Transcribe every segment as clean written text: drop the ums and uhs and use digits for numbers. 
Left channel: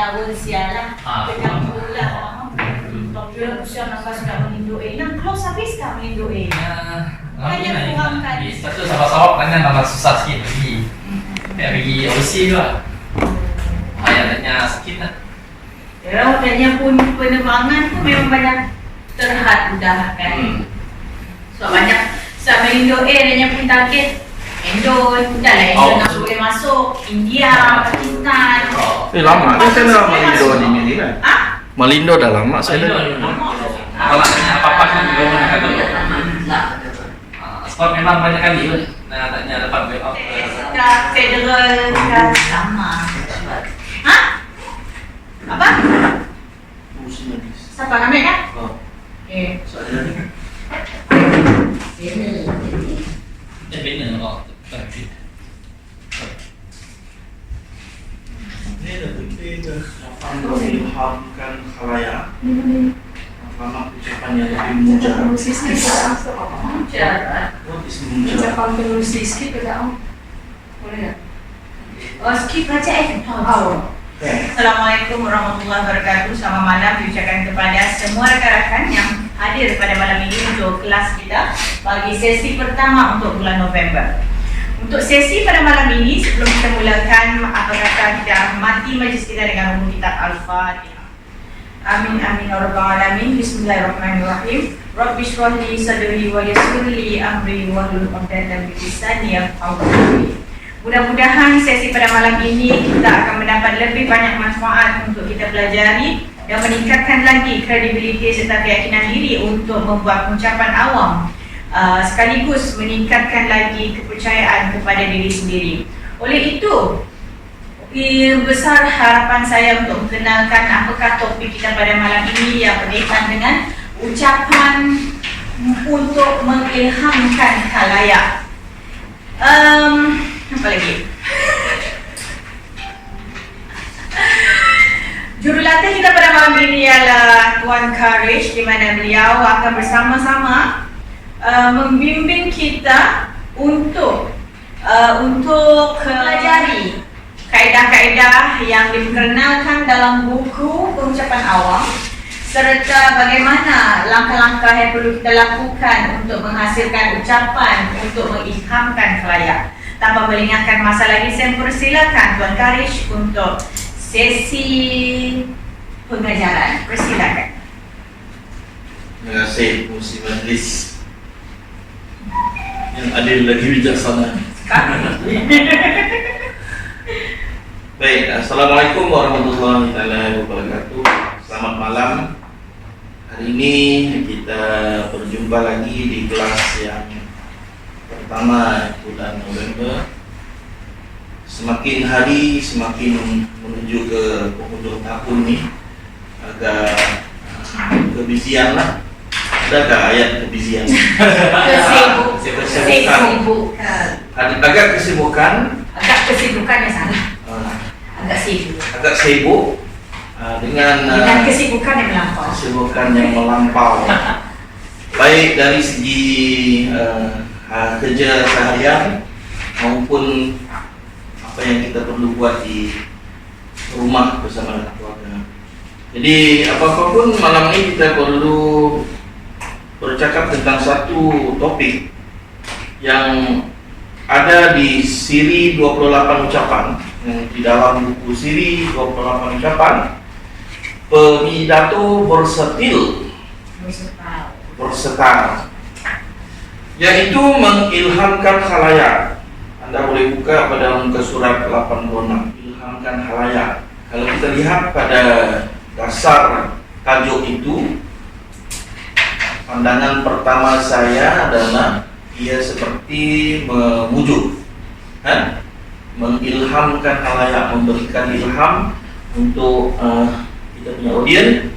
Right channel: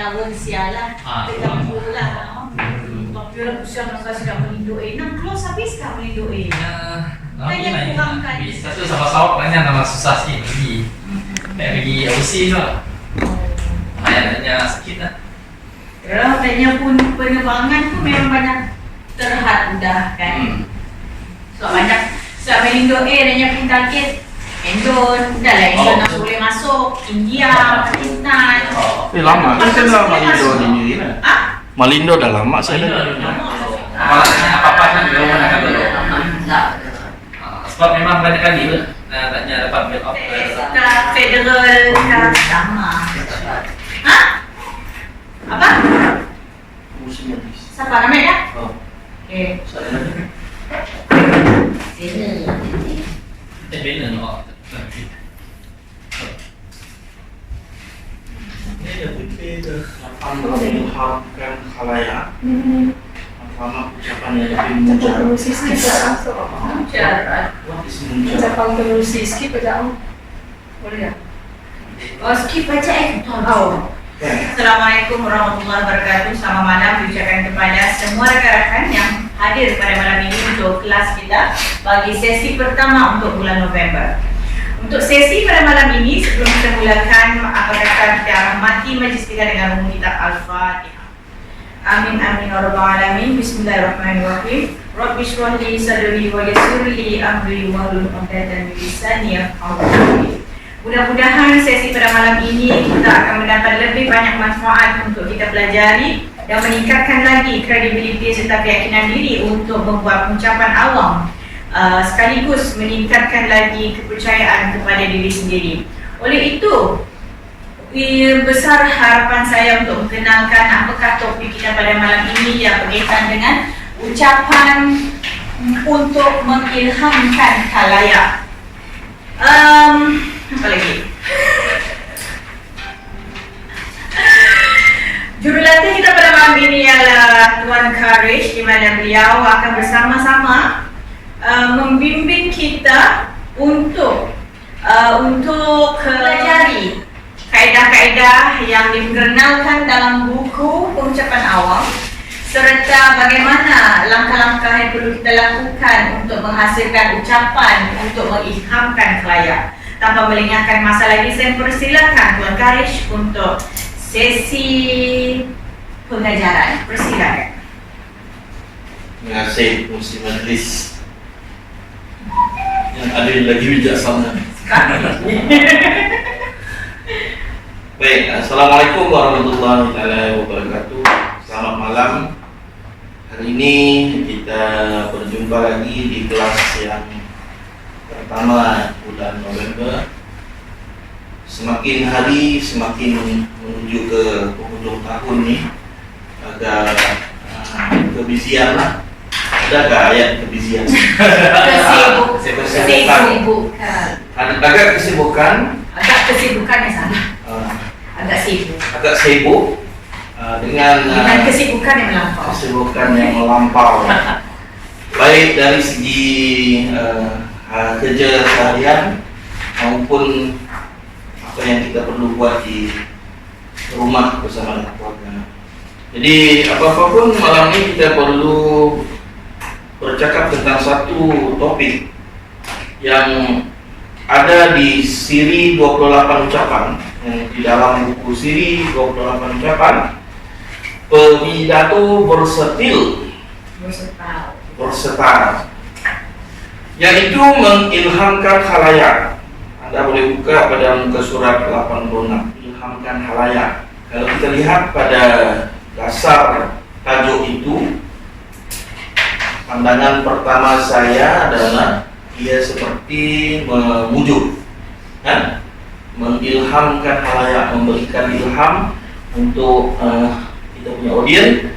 lawan sialan dekat bulan. Pagkira siya sudah melindungi, nang close habis tak melindungi. Banyak kurang kan. Betul sama-sama banyak nama susah sikit pergi overseas juga. Ayahnya sakit lah. Kalau katanya pun penerbangan tu memang banyak terhad dah kan. So banyak sama Indo adanya pun target Indon, dah lah Indon nak boleh masuk, India, Pakistan. Lama kan saya dah Malindo ni kan? Malindo dah lama saya dah. Apa-apa kan juga nak kata dulu. Sebab memang banyak kali pun nak tanya dapat backup. Federal dah sama. Apa? Siapa namanya kan? Okay. Benar kok. Ini dah kita akan mengilhamkan khalayak. Lama ucapannya lebih mujar. What is mujar? skip aja. Boleh ya? Oh, skip aja Assalamualaikum warahmatullahi wabarakatuh. Selamat malam diucapkan kepada semua rakan-rakan yang hadir pada malam ini untuk kelas kita bagi sesi pertama untuk bulan November. Untuk sesi pada malam ini, sebelum kita mulakan, apa kata kita rahmati majlis kita dengan umum kitab Al-Fatihah. Amin amin ya rabbal alamin. Bismillahirrahmanirrahim. Rabbi shrah li sadri wa yassir li amri wahlul 'uqdatam min lisani yafqahu qawli. Mudah-mudahan sesi pada malam ini kita akan mendapat lebih banyak manfaat untuk kita pelajari dan meningkatkan lagi kredibiliti serta keyakinan diri untuk membuat ucapan awam, sekaligus meningkatkan lagi kepercayaan kepada diri sendiri. Oleh itu, besar harapan saya untuk mengenalkan apakah topik kita pada malam ini yang berkaitan dengan ucapan untuk mengilhamkan khalayak. Apa lagi? Jurulatih kita pada malam ini ialah Tuan Karish, di mana beliau akan bersama-sama membimbing kita untuk pelajari kaedah-kaedah yang diperkenalkan dalam buku pengucapan awam serta bagaimana langkah-langkah yang perlu kita lakukan untuk menghasilkan ucapan untuk mengilhamkan khalayak. Tanpa melengahkan masa lagi, saya persilakan Tuan Karish untuk sesi pengajaran. Persilakan. Terima kasih Muslim Majlis yang adil lagi bijaksana. Baik, Assalamualaikum warahmatullahi wabarakatuh. Selamat malam. Hari ini kita berjumpa lagi di kelas yang pertama bulan November. Semakin hari semakin menuju ke penghujung tahun nih, agak kebizian lah. Adakah ayat kebizian? Agak kesibukan yang salah. Agak sibuk dengan kesibukan yang melampau. Baik dari segi kerja seharian maupun apa yang kita perlu buat di rumah bersama dengan keluarga. Jadi apapun malam ini kita perlu bercakap tentang satu topik yang ada di siri 28 ucapan, di dalam buku siri 28 ucapan, Pidato Versatile, yaitu mengilhamkan khalayak. Anda boleh buka pada muka surat 86, ilhamkan khalayak. Kalau kita lihat pada dasar tajuk itu, pandangan pertama saya adalah ia seperti memujuk, mengilhamkan khalayak, memberikan ilham untuk kita punya audiens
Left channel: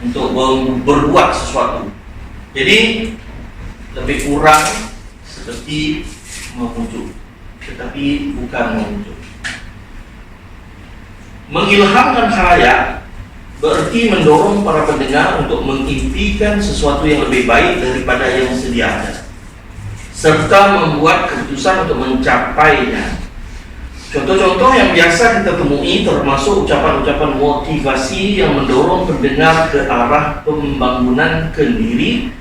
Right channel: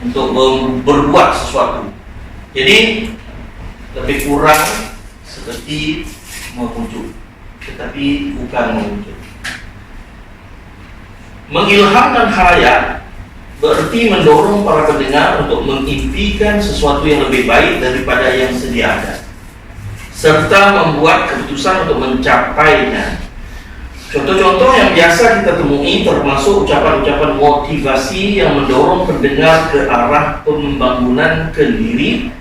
untuk berbuat sesuatu. Jadi lebih kurang seperti memujuk, tetapi bukan memujuk. Mengilhamkan khalayak berarti mendorong para pendengar untuk mengimpikan sesuatu yang lebih baik daripada yang sedia ada, serta membuat keputusan untuk mencapainya. Contoh-contoh yang biasa kita temui termasuk ucapan-ucapan motivasi yang mendorong pendengar ke arah pembangunan kendiri,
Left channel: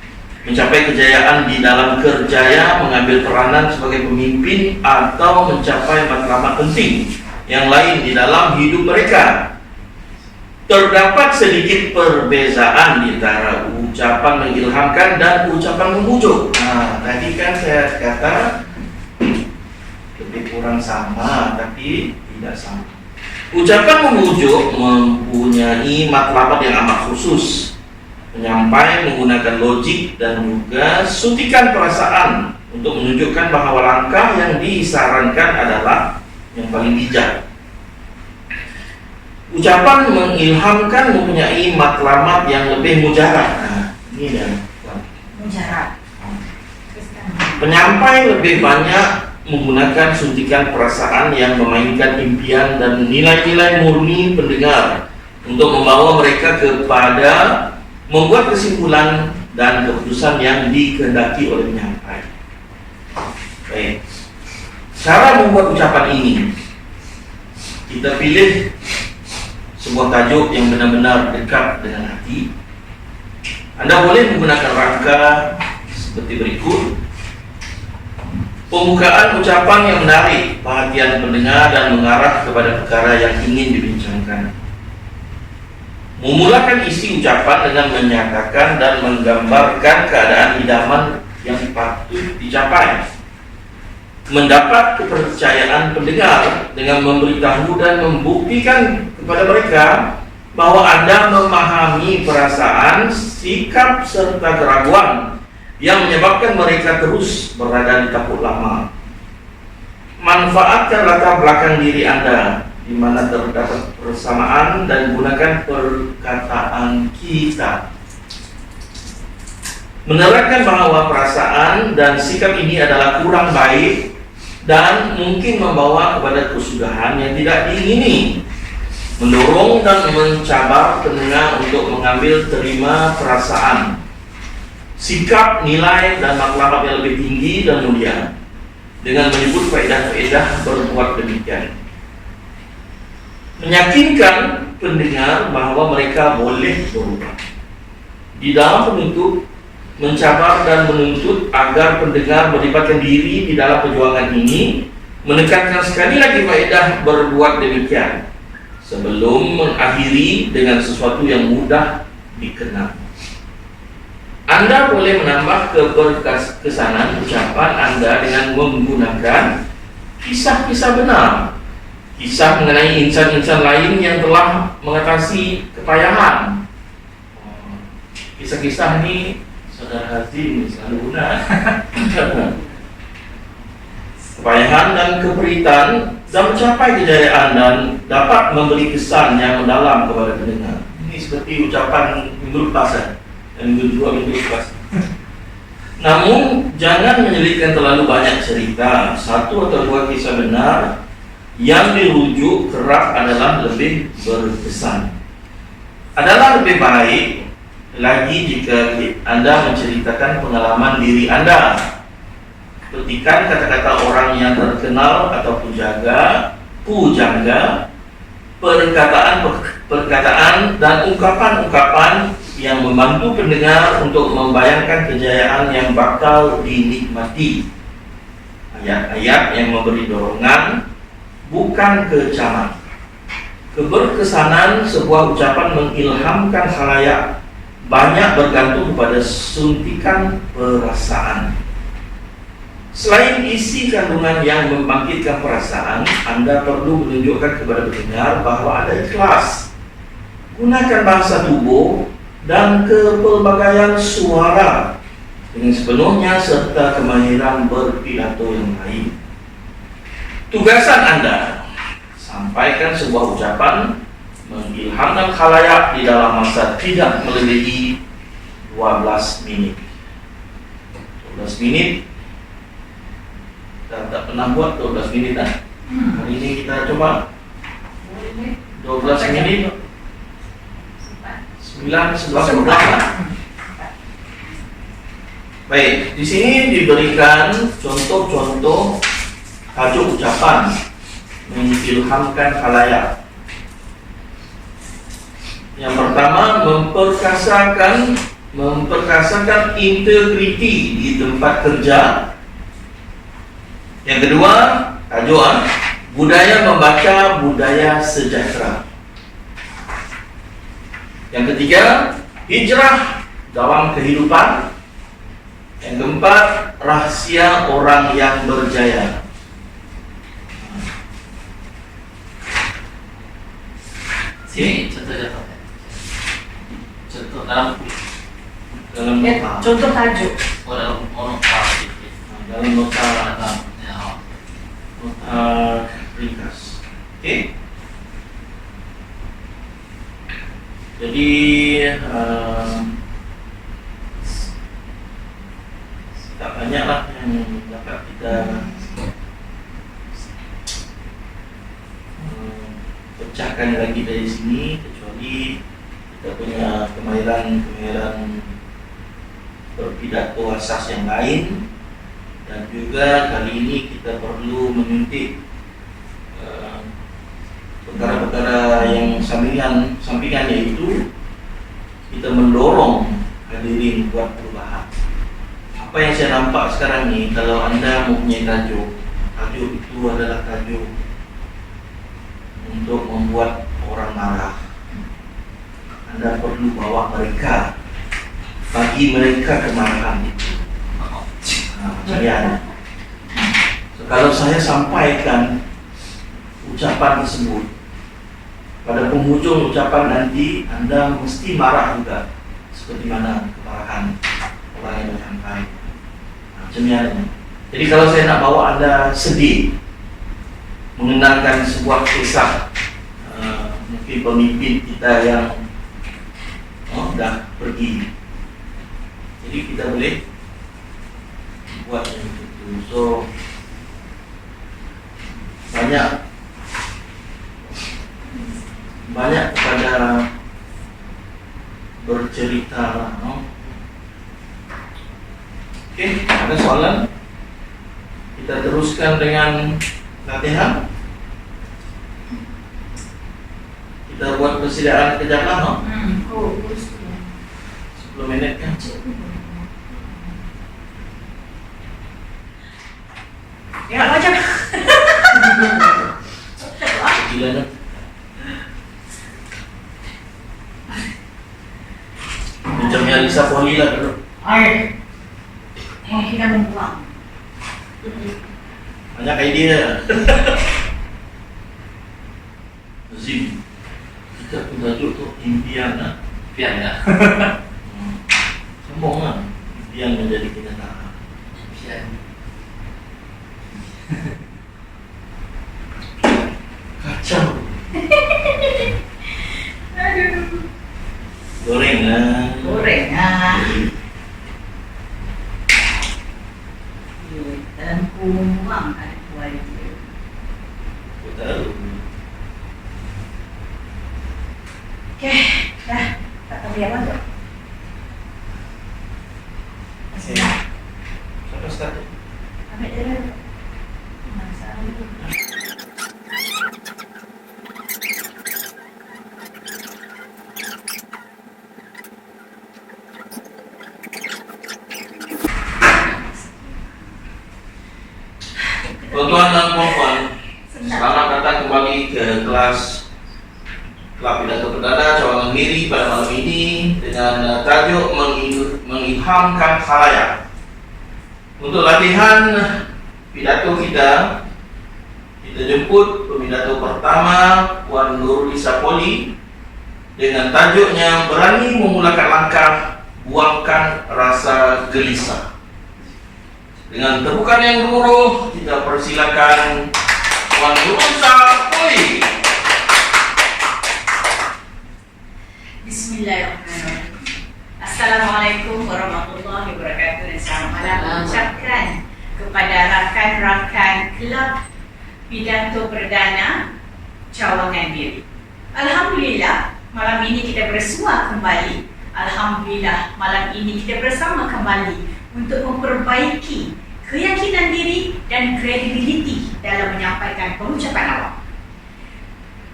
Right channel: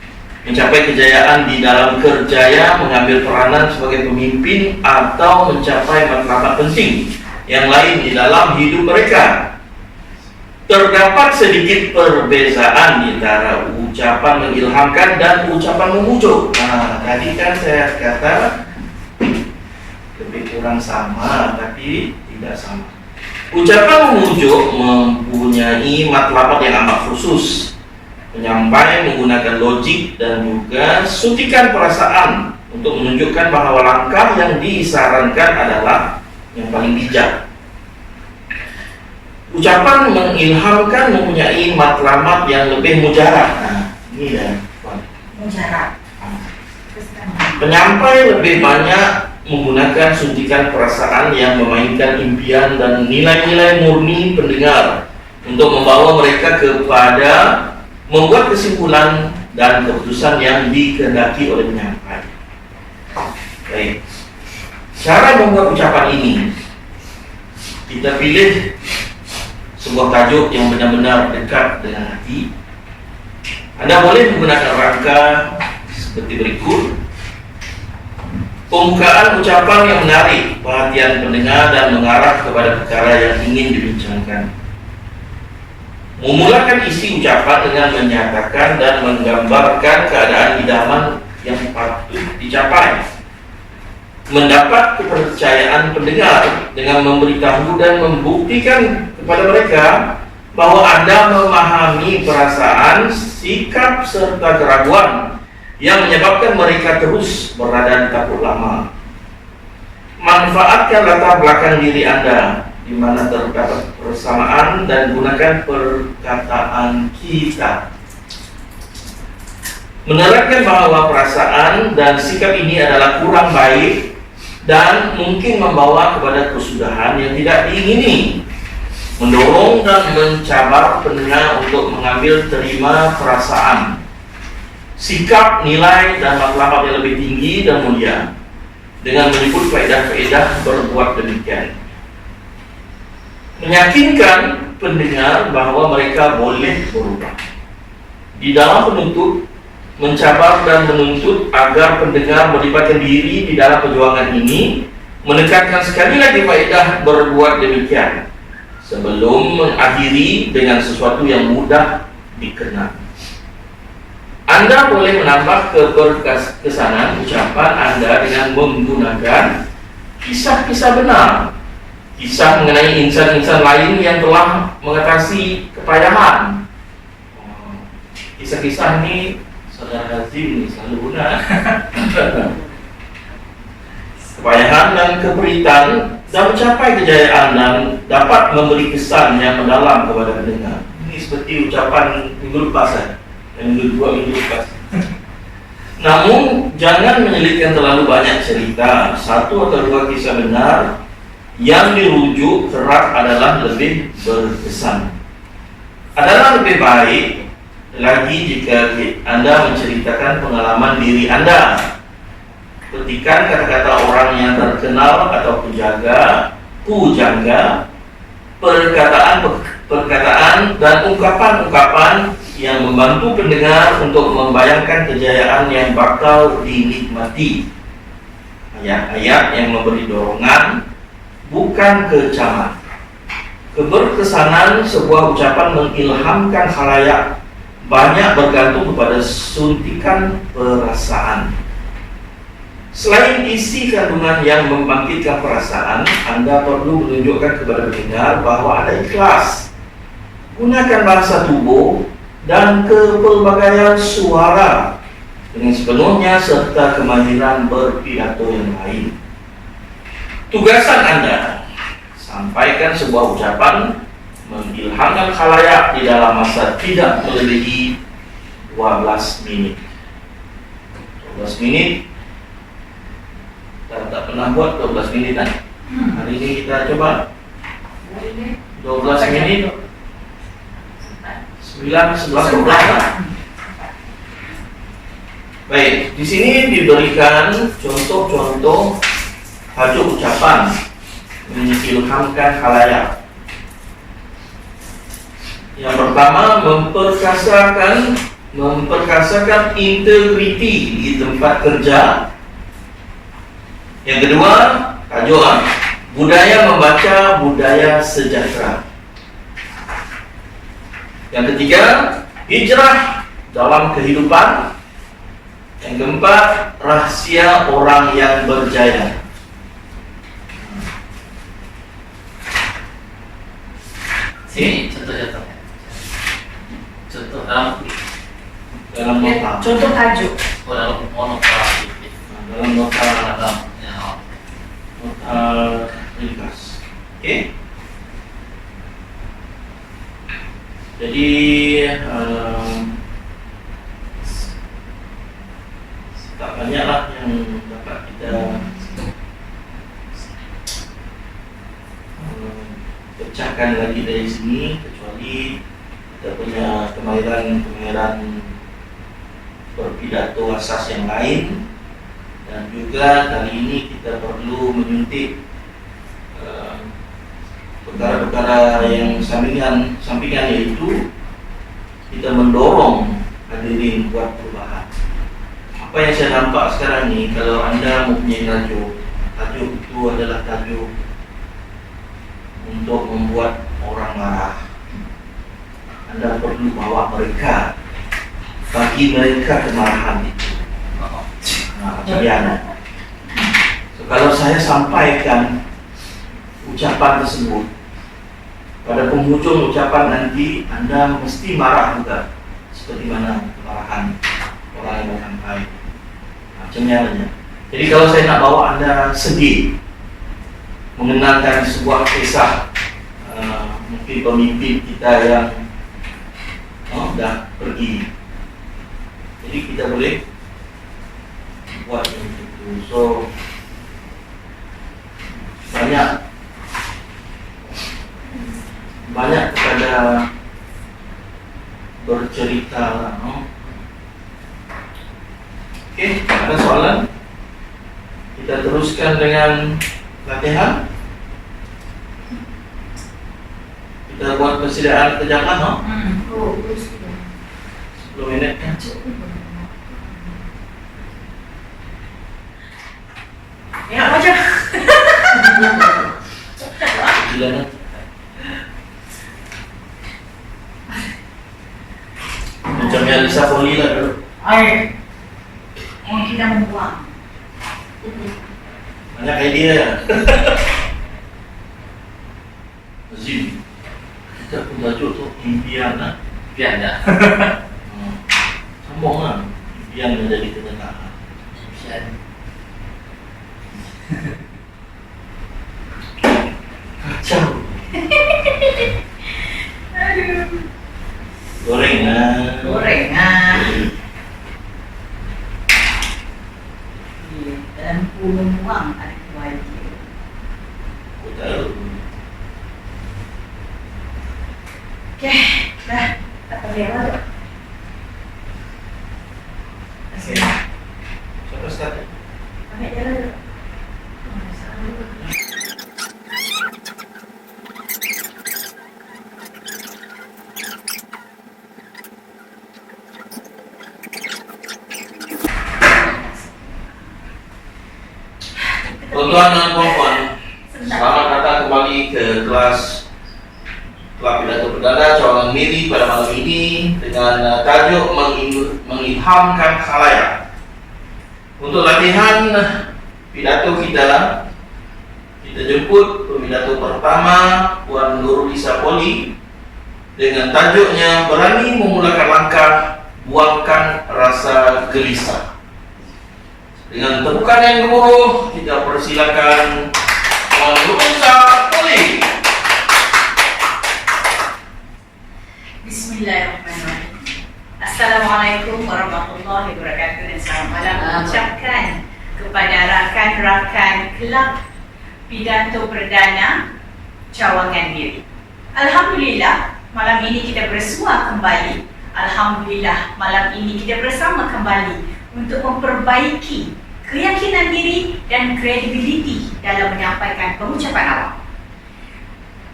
mencapai kejayaan di dalam kerjaya, mengambil peranan sebagai pemimpin, atau mencapai matlamat penting yang lain di dalam hidup mereka. Terdapat sedikit perbezaan di antara ucapan mengilhamkan dan ucapan memujuk. Nah, tadi kan saya kata lebih kurang sama, tapi tidak sama. Ucapan memujuk mempunyai matlamat yang amat khusus. Penyampai menggunakan logik dan juga suntikan perasaan untuk menunjukkan bahwa langkah yang disarankan adalah yang paling bijak. Ucapan mengilhamkan mempunyai matlamat yang lebih mujarab. Nah, ini dah. Mujarab. Penyampai lebih banyak menggunakan suntikan perasaan yang memainkan impian dan nilai-nilai murni pendengar untuk membawa mereka kepada membuat kesimpulan dan keputusan yang dikehendaki oleh penyampai. Baik. Cara membuat ucapan ini, kita pilih sebuah tajuk yang benar-benar dekat dengan hati. Anda boleh menggunakan rangka seperti berikut. Pembukaan ucapan yang menarik perhatian pendengar dan mengarah kepada perkara yang ingin dibincangkan. Memulakan isi ucapan dengan menyatakan dan menggambarkan keadaan idaman yang patut dicapai. Mendapat kepercayaan pendengar dengan memberitahu dan membuktikan kepada mereka bahwa Anda memahami perasaan, sikap, serta keraguan yang menyebabkan mereka terus berada di kapuk lama. Manfaatkan latar belakang diri Anda di mana terdapat persamaan dan gunakan perkataan kita. Menerangkan bahwa perasaan dan sikap ini adalah kurang baik dan mungkin membawa kepada kesudahan yang tidak diingini. Mendorong dan mencabar pendengar untuk mengambil terima perasaan, sikap, nilai, dan matlamat yang lebih tinggi dan mulia dengan menyebut faedah-faedah berbuat demikian. Meyakinkan pendengar bahwa mereka boleh berubah. Di dalam penuntut, mencabar dan menuntut agar pendengar melibatkan diri di dalam perjuangan ini, menekankan sekali lagi faedah berbuat demikian sebelum mengakhiri dengan sesuatu yang mudah dikenal. Anda boleh menambah keberkesanan ucapan Anda dengan menggunakan kisah-kisah benar, kisah mengenai insan-insan lain yang telah mengatasi kepayahan. Kisah-kisah ini Saudara Hazim selalu guna. Kepayahan dan keperitan dan mencapai kejayaan dan dapat memberi kesan yang mendalam kepada pendengar. Ini seperti ucapan minggu lepas minggu lepas. Namun jangan menyelitkan terlalu banyak cerita. Satu atau dua kisah benar yang dirujuk kerap adalah lebih berkesan. Adalah lebih baik lagi jika Anda menceritakan pengalaman diri Anda. Petikan kata-kata orang yang terkenal atau pujangga, perkataan dan ungkapan-ungkapan yang membantu pendengar untuk membayangkan kejayaan yang bakal dinikmati. Ayat-ayat yang memberi dorongan, bukan kecaman. Keberkesanan sebuah ucapan mengilhamkan khalayak banyak bergantung kepada suntikan perasaan. Selain isi kandungan yang membangkitkan perasaan, Anda perlu menunjukkan kepada pendengar bahwa Anda ikhlas. Gunakan bahasa tubuh dan kepelbagaian suara dengan sepenuhnya serta kemahiran berpidato yang lain. Tugasan Anda, sampaikan sebuah ucapan mengilhamkan khalayak di dalam masa tidak melebihi 12 menit. 12 menit. Kita tak pernah buat 12 menit kan? Hari ini kita coba 12 menit. 9, 11, 12. Baik, di sini diberikan contoh-contoh tajuk ucapan mengilhamkan khalayak. Yang pertama, memperkasakan integriti di tempat kerja. Yang kedua, tajuk budaya membaca, budaya sejahtera. Yang ketiga, hijrah dalam kehidupan. Yang keempat, rahasia orang yang berjaya. Sini contoh-contohnya. Contoh dalam nota. Contoh tajuk. dalam nota. Dalam nota Ya, oh. nota ringkas. Oke. Jadi tak banyaklah yang dapat kita pecahkan lagi dari sini, kecuali kita punya kemahiran berpidato asas yang lain. Dan juga kali ini kita perlu menyuntik perkara-perkara yang sampingan, yaitu kita mendorong hadirin buat perubahan. Apa yang saya nampak sekarang ni, kalau anda mempunyai tajuk itu adalah tajuk untuk membuat orang marah, anda perlu bawa mereka, bagi mereka kemarahan itu. Macam mana? So, kalau saya sampaikan ucapan tersebut, pada penghujung ucapan nanti anda mesti marah juga, seperti mana kemarahan orang yang dah sampai. Macam mana? Jadi kalau saya nak bawa anda sedih, mengenangkan sebuah kisah mungkin pemimpin kita yang dah pergi, jadi kita boleh buat yang itu. So banyak kepada bercerita lah, Oke, ada soalan? Kita teruskan dengan latihan. Kita buat persediaan kejap lah, 10 minit kan? Ya macam Gila kan? Macam yang Lisa Poli lah dulu. kita membuang. Banyak idea ya. Azim, kita pun tajuk tu impian lah. Pian ya. Sombong lah. Impian menjadi kenyataan. Pian. Kacau. Aduh. Gorengan. Lampu membuang ada kuali. Aku tahu. Okey, dah. Tak perlu apa tu? Bismillah. Siapa start? Ambil dia lah tu. Salam dulu. Tuan-tuan dan puan-puan, selamat datang kembali ke kelas pidato perdana cawangan Miri pada malam ini dengan tajuk mengilhamkan khalayak. Untuk latihan pidato kita jemput pidato pertama Puan Nurulisa Poli dengan tajuknya berani memulakan langkah, buangkan rasa gelisah. Dengan tepukan yang gemuruh, kita persilakan Puan Nurulisa Poli. Bismillahirrahmanirrahim. Assalamualaikum warahmatullahi wabarakatuh dan selamat malam ucapkan kepada rakan-rakan Kelab Pidato Perdana Cawangan Miri. Alhamdulillah, malam ini kita bersua kembali. Alhamdulillah, malam ini kita bersama kembali untuk memperbaiki keyakinan diri dan kredibiliti dalam menyampaikan pengucapan awam.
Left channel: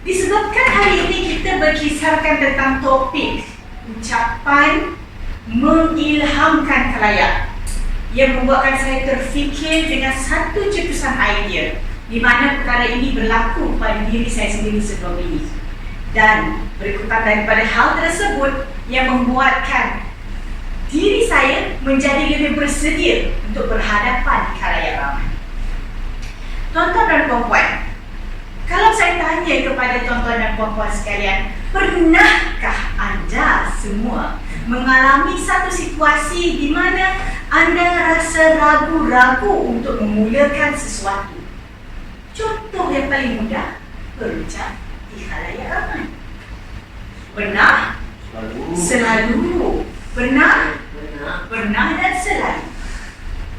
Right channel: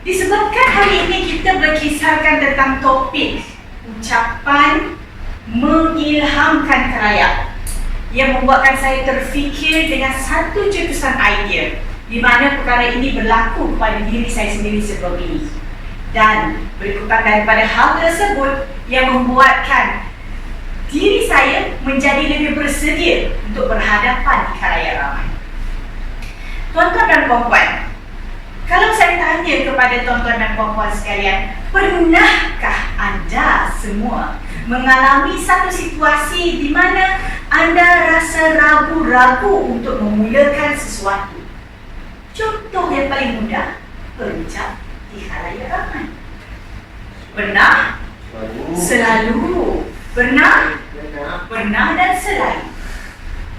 Disebabkan hari ini kita berkisarkan tentang topik ucapan mengilhamkan khalayak yang membuatkan saya terfikir dengan satu cetusan idea di mana perkara ini berlaku pada diri saya sendiri sebelum ini, dan berikutan daripada hal tersebut yang membuatkan diri saya menjadi lebih bersedia untuk berhadapan di khalayak ramai. Tuan-tuan dan puan-puan, kalau saya tanya kepada tuan-tuan dan puan-puan sekalian, pernahkah anda semua mengalami satu situasi di mana anda rasa ragu-ragu untuk memulakan sesuatu? Contoh yang paling mudah, berucap di khalayak ramai. Pernah? Selalu. Pernah? Pernah dan selalu.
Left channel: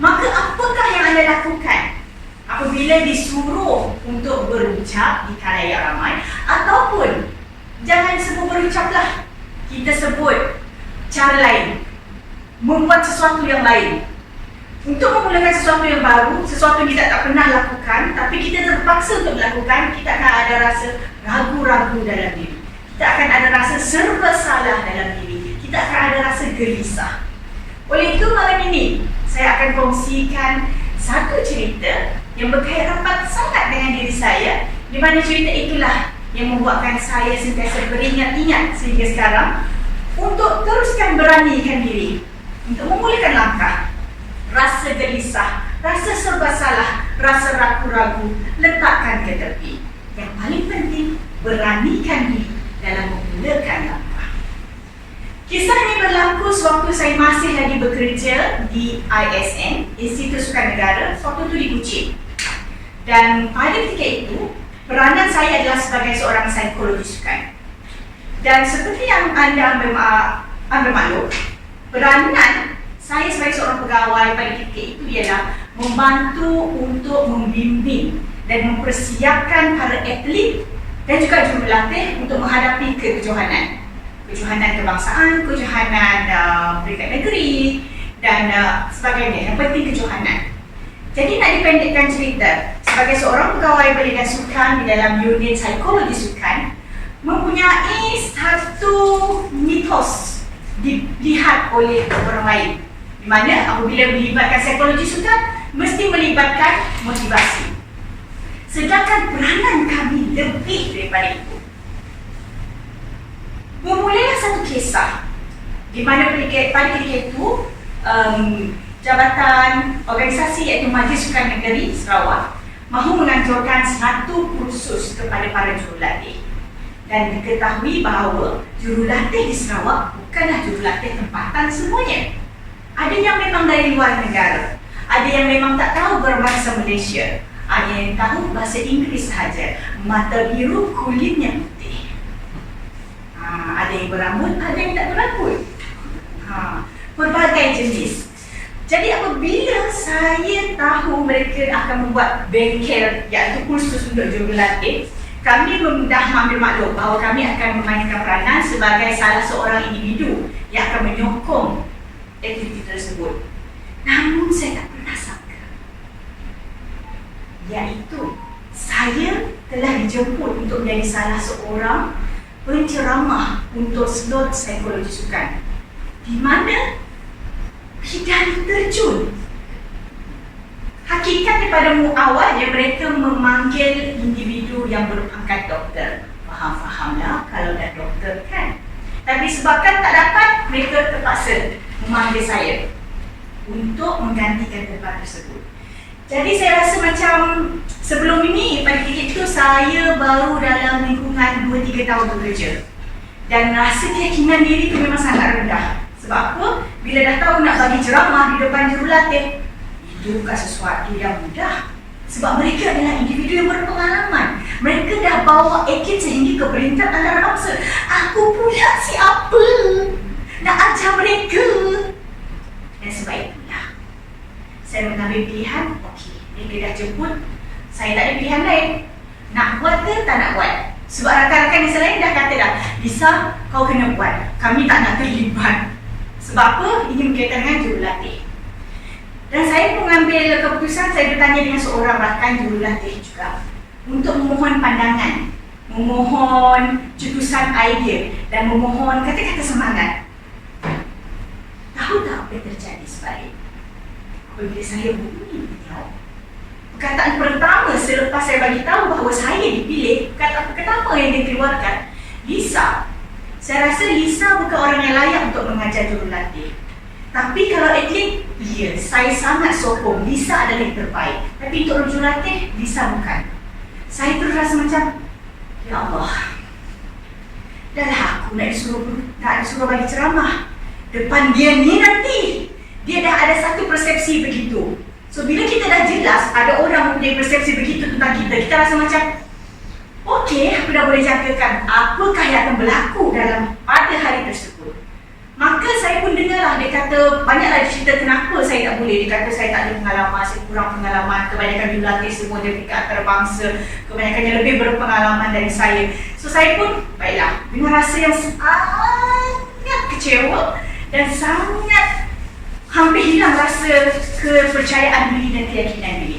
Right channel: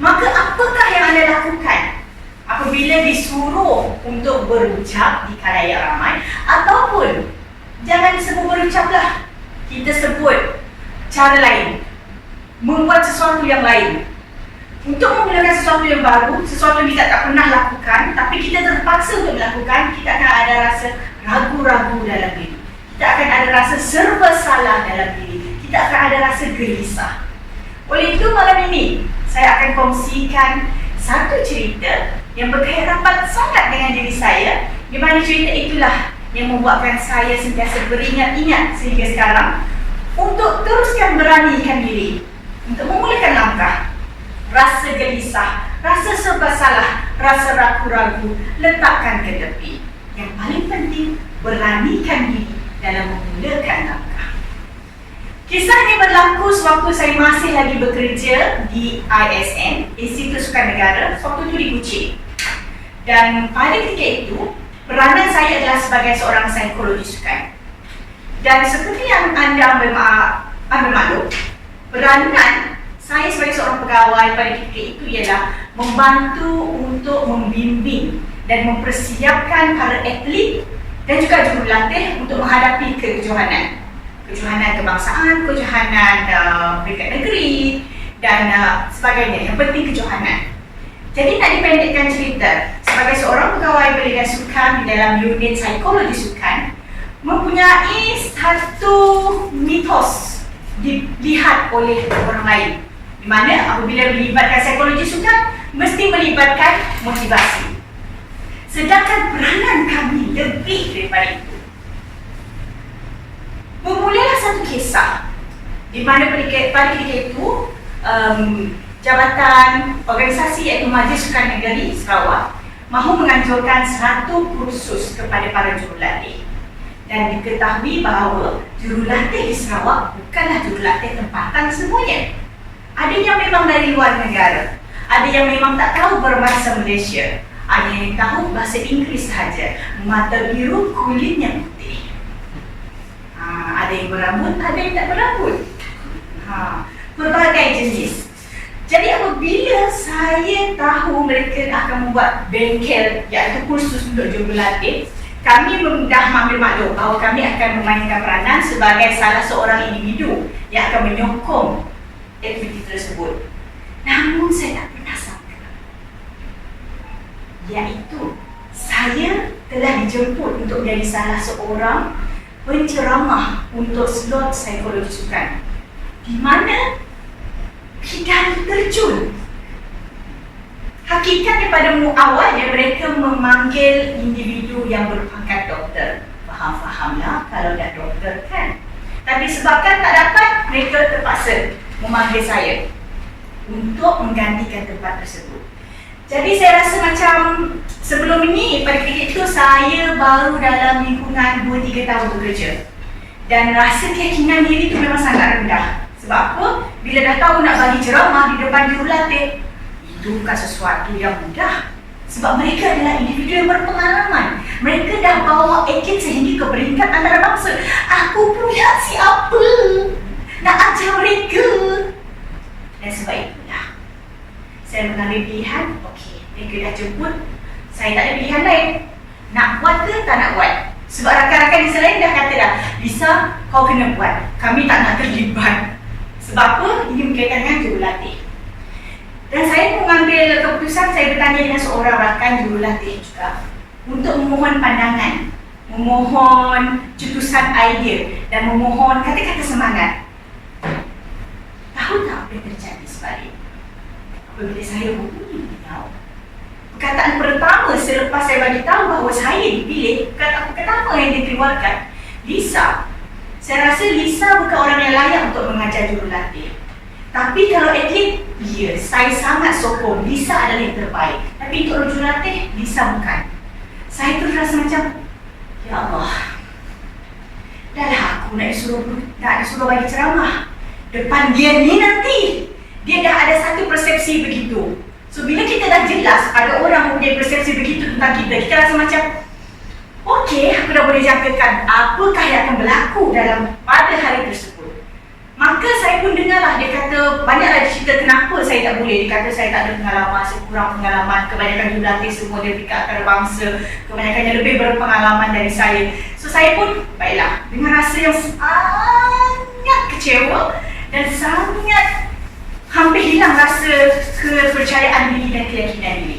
Maka apakah yang anda lakukan apabila disuruh untuk berucap di khalayak ramai? Ataupun jangan sebut berucaplah, kita sebut cara lain, membuat sesuatu yang lain. Untuk memulakan sesuatu yang baru, sesuatu yang kita tak pernah lakukan, tapi kita terpaksa untuk melakukan, kita akan ada rasa ragu-ragu dalam diri. Kita akan ada rasa serba salah dalam diri. Kita akan ada rasa gelisah. Oleh itu malam ini, saya akan kongsikan satu cerita yang berkait rapat sangat dengan diri saya, di mana cerita itulah yang membuatkan saya sentiasa beringat-ingat sehingga sekarang untuk teruskan beranikan diri untuk memulakan langkah. Rasa gelisah, rasa serba salah, rasa ragu-ragu, letakkan ke tepi. Yang paling penting, beranikan diri dalam memulakan langkah. Kisah ini berlaku sewaktu saya masih lagi bekerja di ISN, Institut Sukan Negara, waktu itu di Kuching. Dan pada ketika itu, peranan saya adalah sebagai seorang psikologi sukan. Dan seperti yang anda ambil maklum, peranan saya sebagai seorang pegawai pada ketika itu ialah membantu untuk membimbing dan mempersiapkan para atlet dan juga jurulatih untuk menghadapi kejohanan. Kejohanan kebangsaan, kejohanan peringkat negeri dan sebagainya. Yang penting kejohanan. Jadi nak dipendekkan cerita, sebagai seorang pegawai Balai Sukan di dalam unit psikologi sukan, mempunyai satu mitos dilihat oleh orang lain, di mana apabila melibatkan psikologi sukan mesti melibatkan motivasi. Sedangkan peranan kami lebih daripada itu. Bermulalah satu kisah di mana pada ketika itu jabatan organisasi iaitu Majlis Sukan Negeri Sarawak mahu menganjurkan satu kursus kepada para jurulatih. Dan diketahui bahawa jurulatih di Sarawak bukanlah jurulatih tempatan semuanya. Ada yang memang dari luar negara, ada yang memang tak tahu berbahasa Malaysia, ada yang tahu bahasa Inggeris sahaja, mata biru, kulitnya putih. Ada yang berambut, ada yang tak berambut. Berbagai jenis. Jadi apabila saya tahu mereka akan membuat bengkel iaitu kursus untuk jurulatih, kami dah mengambil maklum bahawa kami akan memainkan peranan sebagai salah seorang individu yang akan menyokong aktiviti tersebut. Namun saya tak pernah sangka, iaitu saya telah dijemput untuk menjadi salah seorang penceramah untuk slot psikologi sukan, di mana bidang terjun. Hakikatnya pada awalnya mereka memanggil individu yang berpangkat doktor. Faham-fahamlah kalau dah doktor kan. Tapi sebabkan tak dapat, mereka terpaksa memanggil saya untuk menggantikan tempat tersebut. Jadi saya rasa macam sebelum ini, pada ketika itu saya baru dalam lingkungan 2-3 tahun bekerja. Dan rasa keyakinan diri itu memang sangat rendah. Sebab apa? Bila dah tahu nak bagi ceramah di depan jurulatih, itu bukan sesuatu yang mudah. Sebab mereka adalah individu yang berpengalaman. Mereka dah bawa akid sehingga ke peringkat antarabangsa. Aku pula siapa nak ajar mereka? Dan sebab itulah saya mengambil pilihan, okey, mereka dah jemput, saya tak ada pilihan lain. Nak buat ke tak nak buat? Sebab rakan-rakan yang selain dah kata dah, Lisa, kau kena buat, kami tak nak terlibat. Sebab apa? Ini berkaitan dengan jurulatih. Dan saya mengambil keputusan, saya bertanya dengan seorang rakan jurulatih juga untuk memohon pandangan memohon cetusan idea, dan memohon kata-kata semangat. Tahu tak apa yang terjadi sebalik? Apabila saya hubungi beliau, perkataan pertama selepas saya bagi tahu bahawa saya dipilih, kenapa yang dikeluarkan? Lisa. Saya rasa Lisa bukan orang yang layak untuk mengajar jurulatih. Tapi kalau atlet, ya, saya sangat sokong. Lisa adalah yang terbaik. Tapi untuk jurulatih, Lisa bukan. Saya terus rasa macam, ya Allah, dah lah aku nak disuruh bagi ceramah depan dia ni nanti. Dia dah ada satu persepsi begitu. So bila kita dah jelas ada orang mempunyai persepsi begitu tentang kita, kita rasa macam, okey, aku dah boleh jangkakan apakah yang akan berlaku pada hari tersebut. Maka saya pun dengarlah, dia kata, banyaklah cerita kenapa saya tak boleh. Dia kata saya tak ada pengalaman, saya kurang pengalaman. Kebanyakan jurulatih semua dia tingkat antarabangsa, kebanyakannya lebih berpengalaman dari saya. So saya pun, baiklah, dengan rasa yang sangat kecewa dan sangat hampir hilang rasa kepercayaan diri dan keyakinan diri.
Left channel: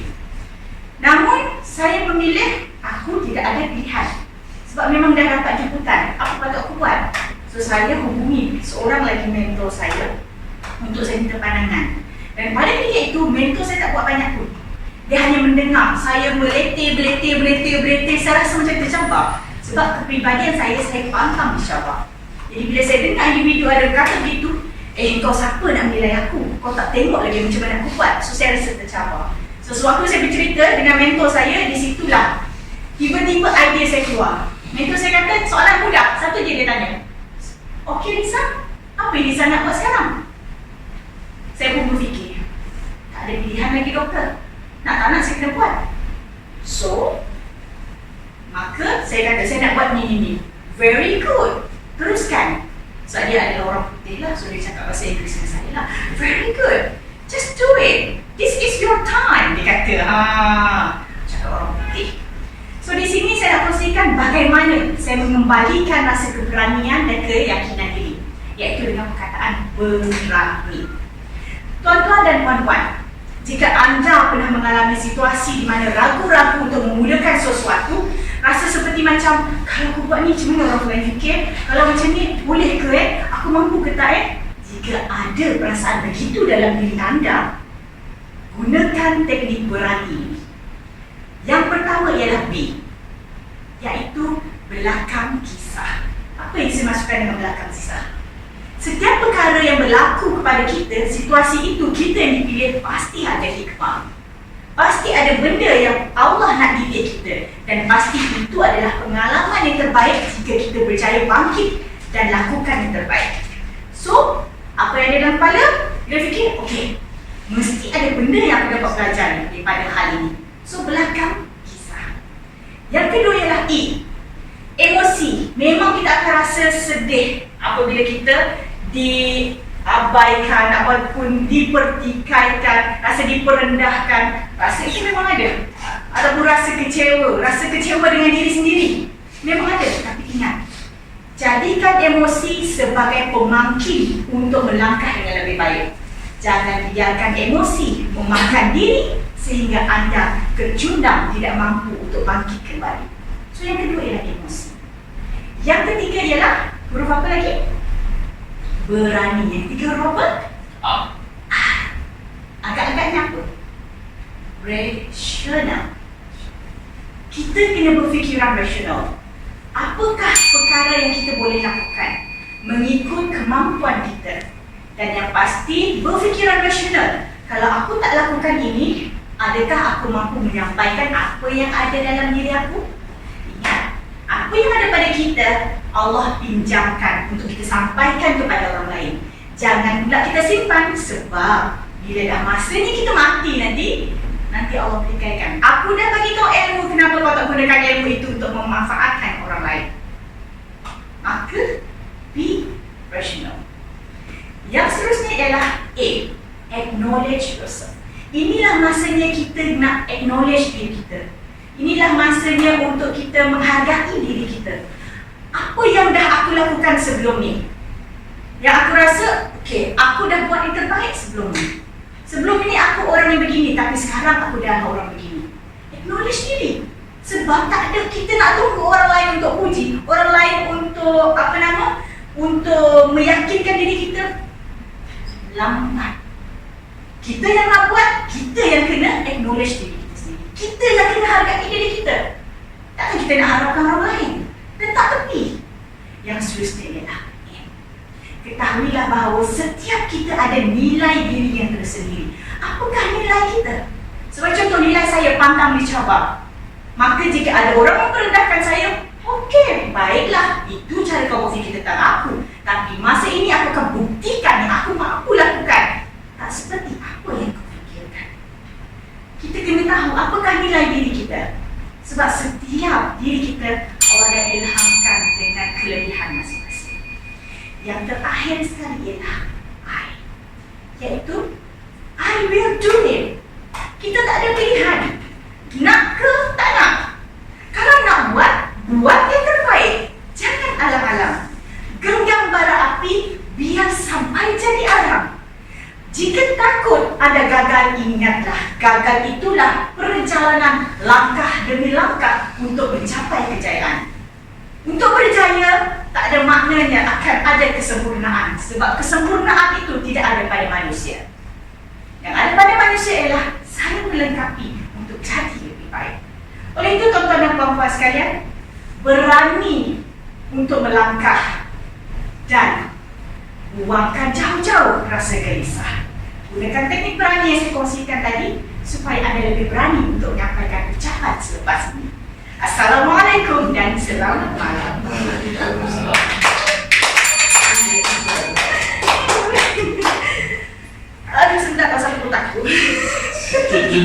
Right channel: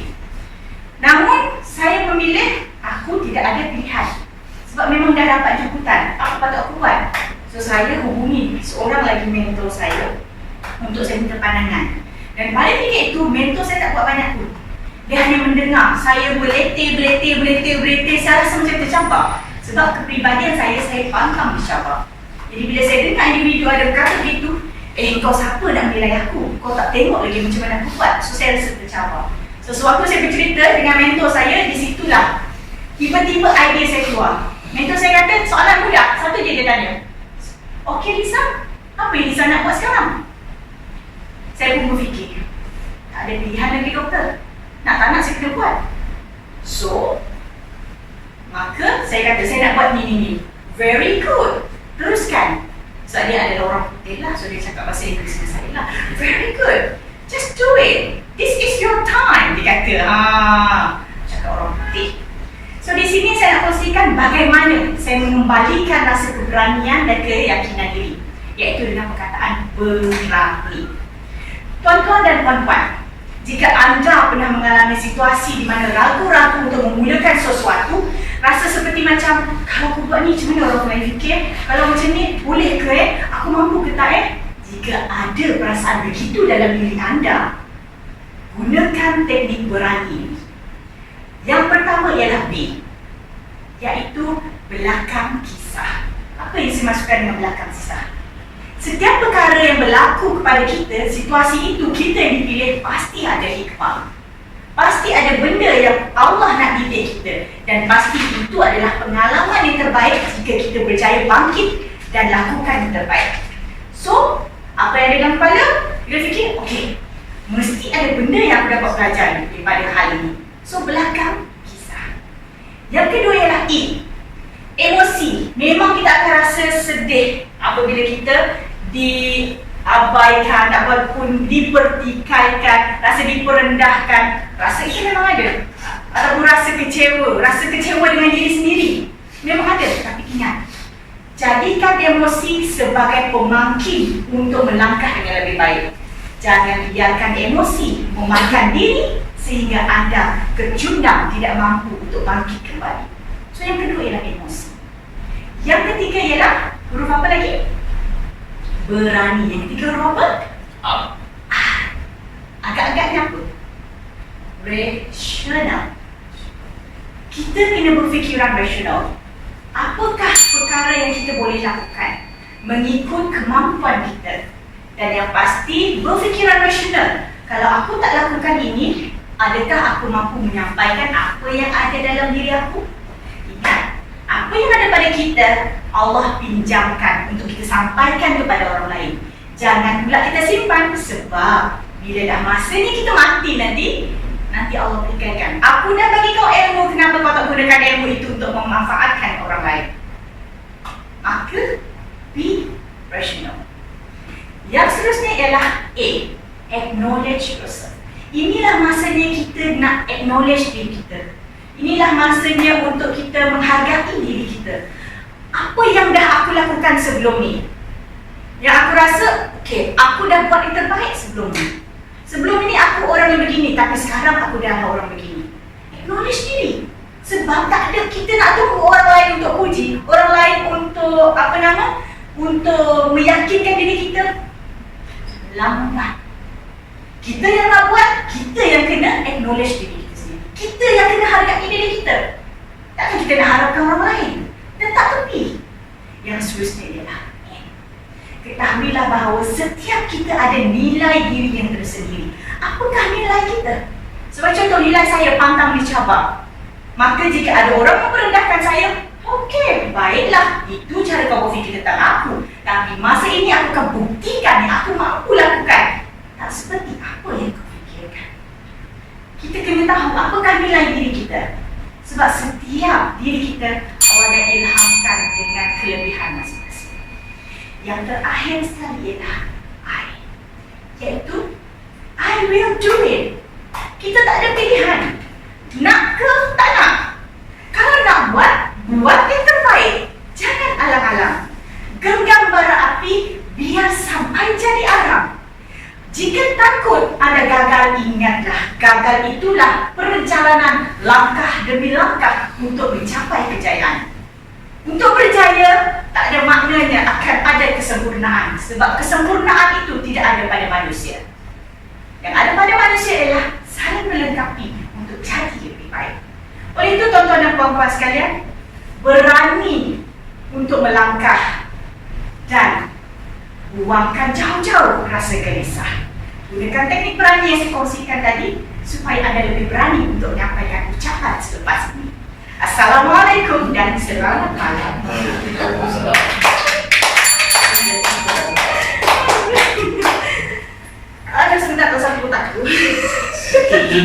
Namun, saya memilih aku tidak ada pilihan. Sebab memang dah dapat jemputan, apa patut aku buat? So, saya hubungi seorang lagi mentor saya untuk saya minta pandangan. Dan pada ketika itu, mentor saya tak buat banyak pun. Dia hanya mendengar saya beletih. Saya rasa macam tercabar. Sebab kepribadian saya pantang dicabar. Jadi bila saya dengar individu ada berkata begitu, kau siapa nak menilai aku? Kau tak tengok lagi macam mana aku buat? So saya rasa tercabar. So sewaktu saya bercerita dengan mentor saya, di situlah tiba-tiba idea saya keluar. Mentor saya kata, soalan mudah. Satu je dia tanya, okey Lisa, apa yang Lisa nak buat sekarang? Saya pun berfikir, tak ada pilihan lagi doktor. Nak tak nak saya kena buat. So maka saya kata, saya nak buat ni. Very good, teruskan. Sebab dia adalah orang putih lah, so dia cakap bahasa Inggeris dengan saya lah. Very good, just do it. This is your time, dia kata. Cakap orang putih. So di sini saya nak kongsikan bagaimana saya mengembalikan rasa keberanian dan keyakinan diri, iaitu dengan perkataan berani. Tuan-tuan dan puan-puan, jika anda pernah mengalami situasi di mana ragu-ragu untuk memulakan sesuatu, rasa seperti macam, kalau aku buat ni macam mana orang lain fikir? Kalau macam ni, boleh ke Aku mampu ke tak Jika ada perasaan begitu dalam diri anda, gunakan teknik berani. Yang pertama ialah B, iaitu belakang kisah. Apa yang saya maksudkan dengan belakang kisah? Setiap perkara yang berlaku kepada kita, situasi itu kita yang dipilih, pasti ada hikmah. Pasti ada benda yang Allah nak didik kita. Dan pasti itu adalah pengalaman yang terbaik jika kita berjaya bangkit dan lakukan yang terbaik. So, apa yang ada dalam kepala? Kita fikir, okey, mesti ada benda yang aku dapat belajar daripada hal ini. So, belakang kisah. Yang kedua ialah E, emosi. Memang kita akan rasa sedih apabila kita diabaikan ataupun dipertikaikan, rasa diperendahkan. Rasa itu memang ada. Ataupun rasa kecewa dengan diri sendiri. Memang ada, tapi ingat, jadikan emosi sebagai pemangkin untuk melangkah dengan lebih baik. Jangan biarkan emosi memakan diri sehingga anda kecundang, tidak mampu untuk bangkit kembali. So yang kedua ialah emosi. Yang ketiga ialah huruf apa lagi? Berani. Yang ketiga huruf apa? Agak-agaknya apa? Rasional. Kita kena berfikiran rasional. Apakah perkara yang kita boleh lakukan mengikut kemampuan kita? Dan yang pasti berfikiran rasional. Kalau aku tak lakukan ini, adakah aku mampu menyampaikan apa yang ada dalam diri aku? Ingat, apa yang ada pada kita, Allah pinjamkan untuk kita sampaikan kepada orang lain. Jangan pula kita simpan, sebab bila dah masanya kita mati nanti Allah beritakan, aku dah bagi kau ilmu, kenapa kau tak gunakan ilmu itu untuk memanfaatkan orang lain? Maka be rational. Yang seterusnya ialah A, acknowledge yourself. Inilah masanya kita nak acknowledge diri kita. Inilah masanya untuk kita menghargai diri kita. Apa yang dah aku lakukan sebelum ni, yang aku rasa, okey, aku dah buat yang terbaik sebelum ni. Sebelum ini aku orang yang begini, tapi sekarang aku dah orang begini. Acknowledge diri. Sebab tak ada, kita nak tunggu orang lain untuk puji, orang lain untuk untuk meyakinkan diri kita. Lambat. Kita yang nak buat, kita yang kena acknowledge diri kita sendiri. Kita yang kena hargai diri kita. Takkan kita nak harapkan orang lain. Dan tak tepi. Yang seterusnya ialah ketahuilah bahawa setiap kita ada nilai diri yang tersendiri. Apakah nilai kita? Sebab contoh, nilai saya pantang dicabar. Maka jika ada orang yang merendahkan saya, okey, baiklah, itu cara kau berfikir tentang aku. Tapi masa ini aku akan buktikan yang aku mampu lakukan. Tak seperti apa yang kau fikirkan. Kita kena tahu apakah nilai diri kita. Sebab setiap diri kita Allah dah ilhamkan dengan kelebihan masing-masing. Yang terakhir sekali ialah I. Iaitu I will do it. Kita tak ada pilihan. Nak ke tak nak. Kalau nak buat, buat yang terbaik. Jangan alang-alang. Genggam bara api biar sampai jadi arang. Jika takut ada gagal, ingatlah gagal itulah perjalanan langkah demi langkah untuk mencapai kejayaan. Untuk berjaya, tak ada maknanya akan ada kesempurnaan. Sebab kesempurnaan itu tidak ada pada manusia. Yang ada pada manusia ialah saling melengkapi untuk jadi lebih baik. Oleh itu, tuan-tuan dan puan-puan sekalian, berani untuk melangkah dan buangkan jauh-jauh rasa gelisah. Gunakan teknik berani yang saya kongsikan tadi supaya anda lebih berani untuk menyampaikan ucapan selepas ini. Assalamualaikum dan selamat malam. Aduh, sebentar pasal otakku.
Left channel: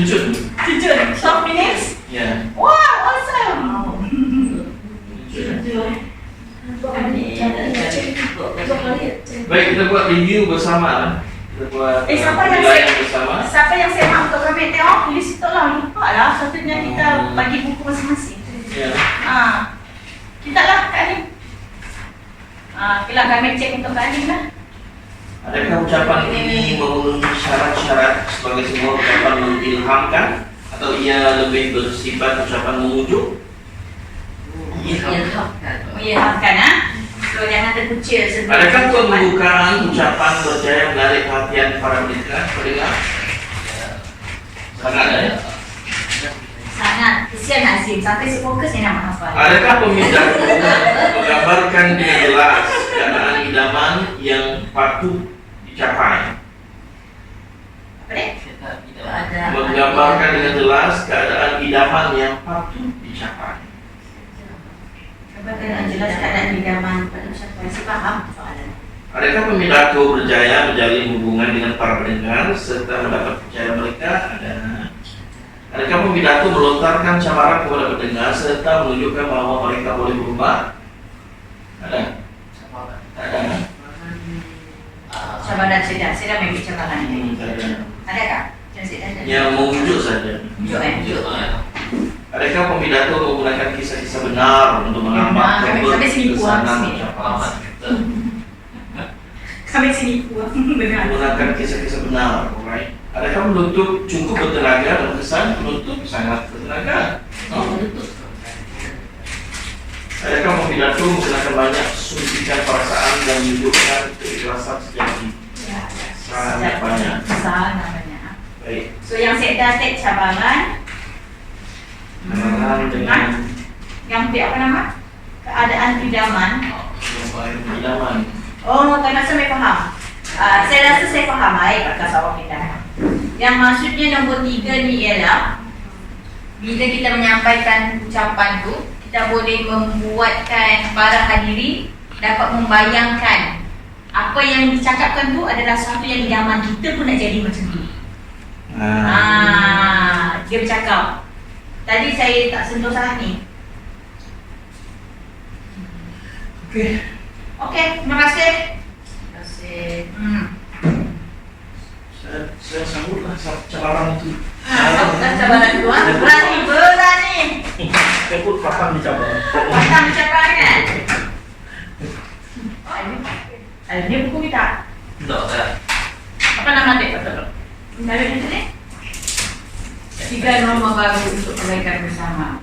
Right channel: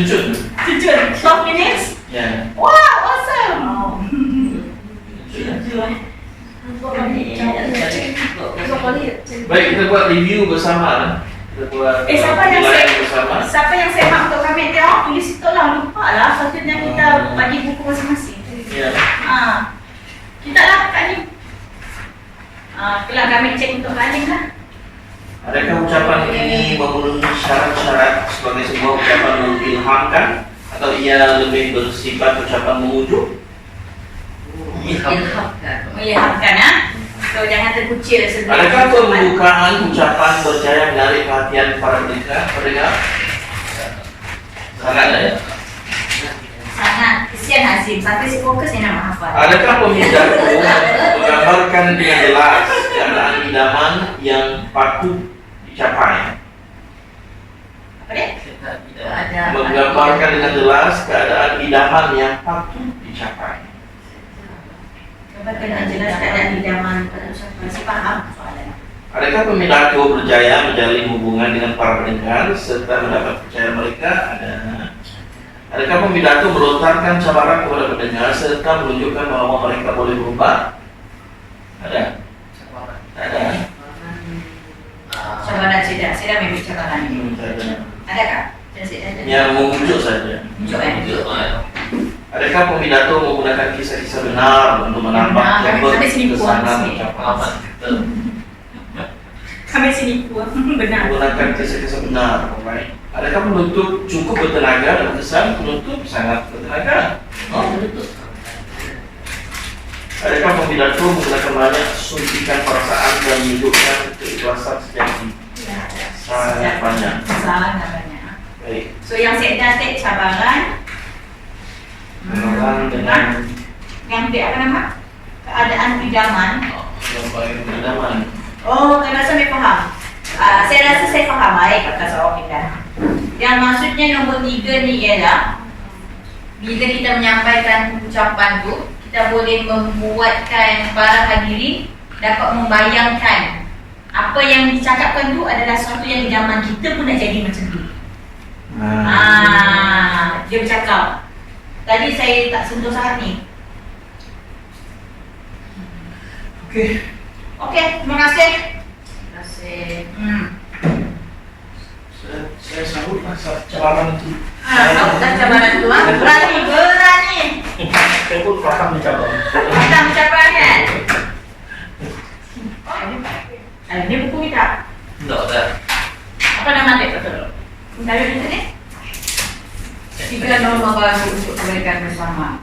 Jun. 12 minutes? Ya. Wow, awesome. Baik, kita buat review bersama. Kita buat siapa yang semak untuk kami tengok, tulis itu lah, lupa lah. Satunya kita bagi buku masing-masing. Ya. Kita lah Kak Anim. Kelah kami cek untuk Kak Anim lah. Adakah ucapan ini memenuhi syarat-syarat sebagai sebuah ucapan mengilhamkan atau ia lebih bersifat ucapan memujuk? Mengilhamkan, So jangan terkucil sebelum. Adakah pembukaan ucapan berjaya menarik perhatian para pendengar? Sangat ya. Sangat. Kesian Azim, sampai si fokus ni nak menghafal. Adakah pemidato menggambarkan dengan jelas keadaan idaman yang patut dicapai? Apa dia? Menggambarkan dengan jelas keadaan idaman yang patut dicapai. Gambarkan dengan jelas keadaan idaman pada ucapan. Si faham soalan. Adakah pemidato berjaya menjalin hubungan dengan para pendengar serta mendapat percaya mereka? Adakah pemidato melontarkan cabaran kepada pendengar serta menunjukkan bahwa mereka boleh berubah? Ada? Ada. Cabaran sedang ambil cabaran ini. Ada. Adakah? Yang memujuk saja. Mujuk. Adakah pemidato menggunakan kisah-kisah benar untuk menambah keberkesanan ucapan? Kami sini puas. Benar. Menggunakan kisah-kisah benar, alright. Adakah penutup cukup bertenaga dan kesan penutup sangat bertenaga? Adakah pemidato menggunakan banyak suntikan perasaan dan menunjukkan keikhlasan sejati? Sangat banyak. Sangat banyak. Baik. So yang saya dah set cabaran. Dengan yang dia apa nama? Keadaan idaman. idaman. Oh, tak rasa saya faham. Saya rasa saya faham. Baik, Kakak Sawah kita. Yang maksudnya nombor 3 ni ialah bila kita menyampaikan ucapan tu, kita boleh membuatkan para hadirin dapat membayangkan apa yang dicakapkan tu adalah sesuatu yang idaman kita pun nak jadi macam tu. Dia bercakap. Tadi saya tak sentuh salah ni. Okey, terima kasih. Terima kasih. Saya sambutlah cabaran itu. Cabaran itu, berani. Saya pun paham di cabaran. Paham cabaran kan? Ini buku kita. Tak. Apa nama dia betul? Nama dia ni? 3 norma baru untuk kebaikan bersama.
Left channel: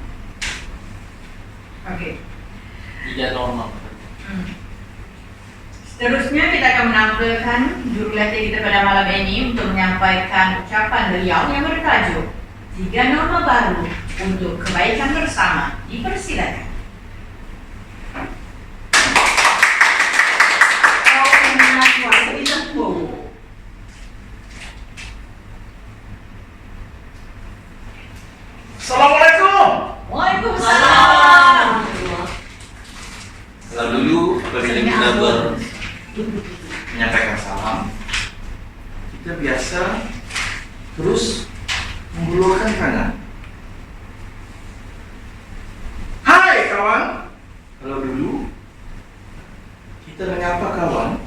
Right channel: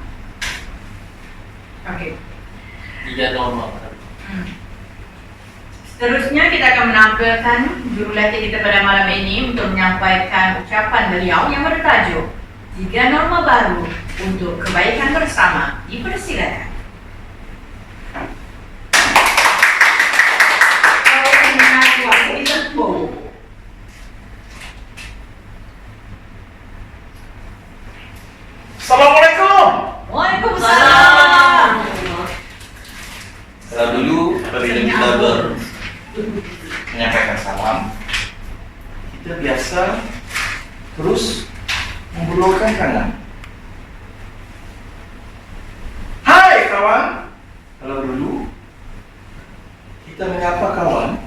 Seterusnya kita akan menampilkan jurulatih kita pada malam ini untuk menyampaikan ucapan beliau yang bertajuk 3 norma baru untuk kebaikan bersama. Dipersilakan. Assalamualaikum. Waalaikumsalam. Kalau dulu apabila kita menyampaikan salam, kita biasa terus mengulurkan tangan. Hai kawan. Kalau dulu kita menyapa kawan,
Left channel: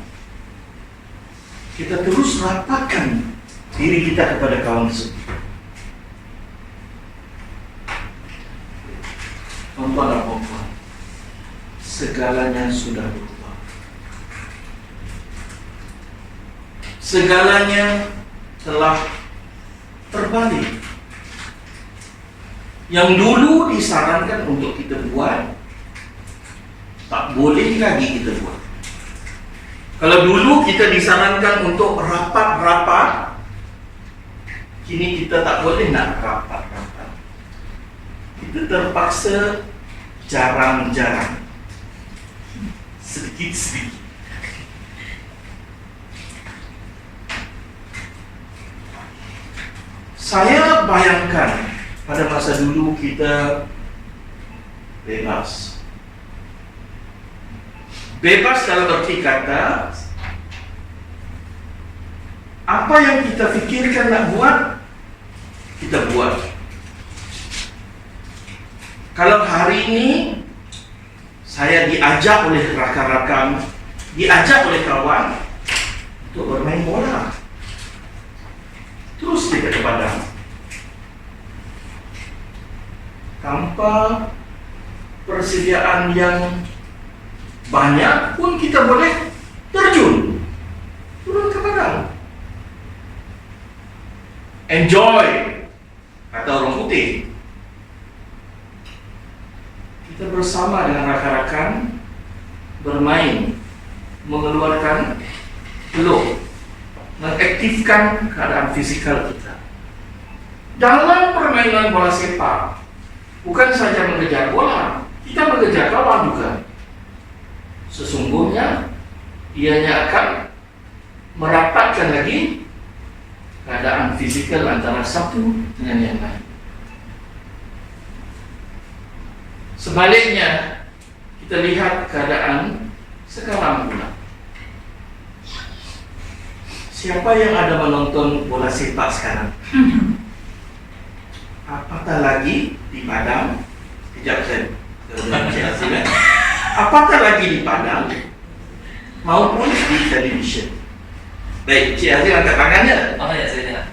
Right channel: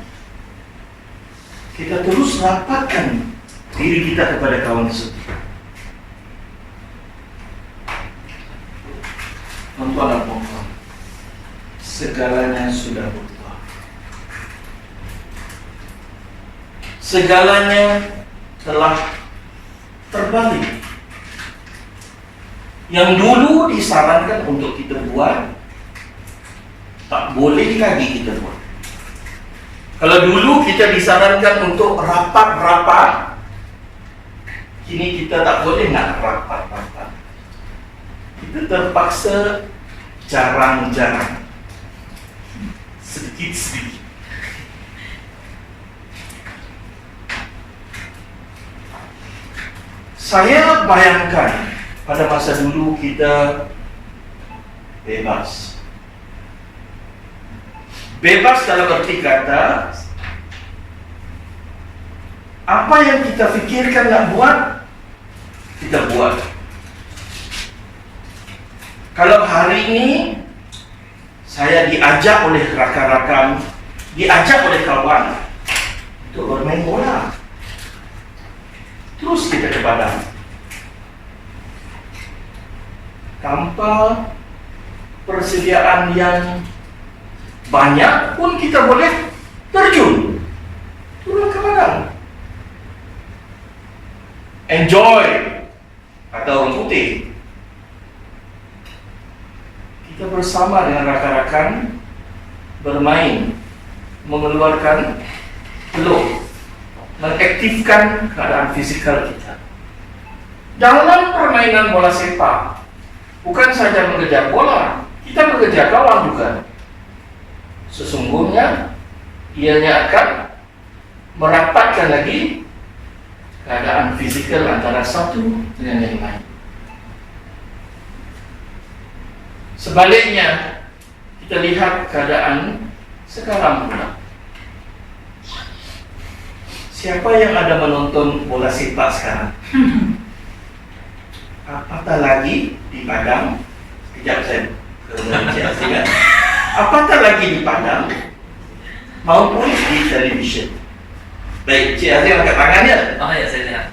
kita terus rapatkan diri kita kepada kawan tersebut. Tuan-tuan dan puan-puan, segalanya sudah berubah. Segalanya telah terbalik. Yang dulu disarankan untuk kita buat, tak boleh lagi kita buat. Kalau dulu kita disarankan untuk rapat-rapat, kini kita tak boleh nak rapat-rapat. Kita terpaksa jarang-jarang, sedikit-sedikit. Saya bayangkan pada masa dulu kita bebas. Bebas dalam arti kata, apa yang kita fikirkan nak buat, kita buat. Kalau hari ini saya diajak oleh rakan-rakan, diajak oleh kawan untuk bermain bola, terus kita ke padang. Tanpa persediaan yang banyak pun kita boleh terjun, turun ke padang. Enjoy, kata orang putih. Kita bersama dengan rakan-rakan bermain, mengeluarkan peluh, mengaktifkan keadaan fisikal kita. Dalam permainan bola sepak, bukan saja mengejar bola, kita mengejar kawan juga. Sesungguhnya ianya akan merapatkan lagi keadaan fisikal antara satu dengan yang lain. Sebaliknya, kita lihat keadaan sekarang pula. Siapa yang ada menonton bola sepak sekarang? Apatah lagi di padang. Kejap saya ke apatah lagi di padang maupun di televisyen. Baik, Cik Azim angkat tangannya. Oh ya, saya lihat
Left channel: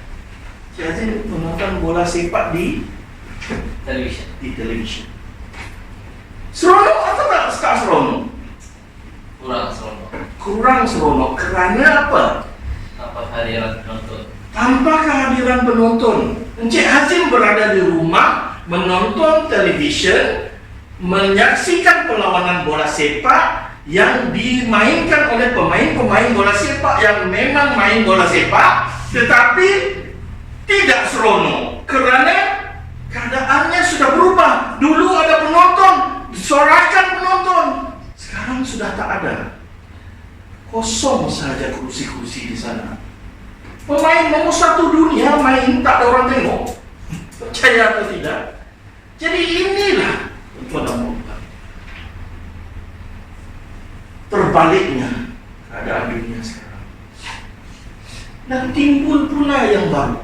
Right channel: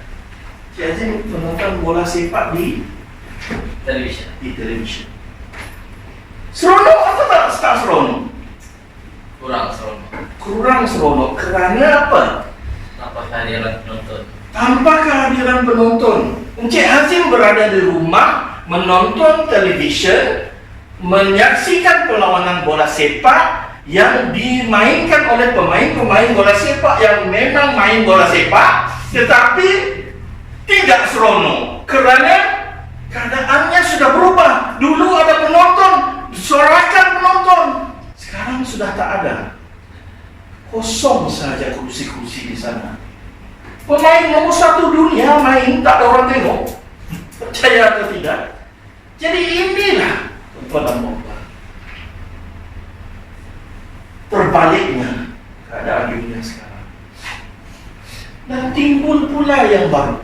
Cik Azim menonton bola sepak di televisyen. televisyen. Seronok atau tak seronok? Kurang seronok. Kurang seronok kerana apa? Tanpa kehadiran penonton. Tanpa kehadiran penonton. Encik Hazim berada di rumah menonton televisyen, menyaksikan perlawanan bola sepak yang dimainkan oleh pemain-pemain bola sepak yang memang main bola sepak, tetapi tidak seronok kerana keadaannya sudah berubah. Dulu ada penonton, disorakan penonton, sekarang sudah tak ada. Kosong saja kursi-kursi di sana. Pemain nomor 1 dunia main, tak ada orang tengok. Percaya atau tidak? Jadi inilah tuan-tuan, terbaliknya keadaan dunia sekarang. Dan timbul pula yang baru.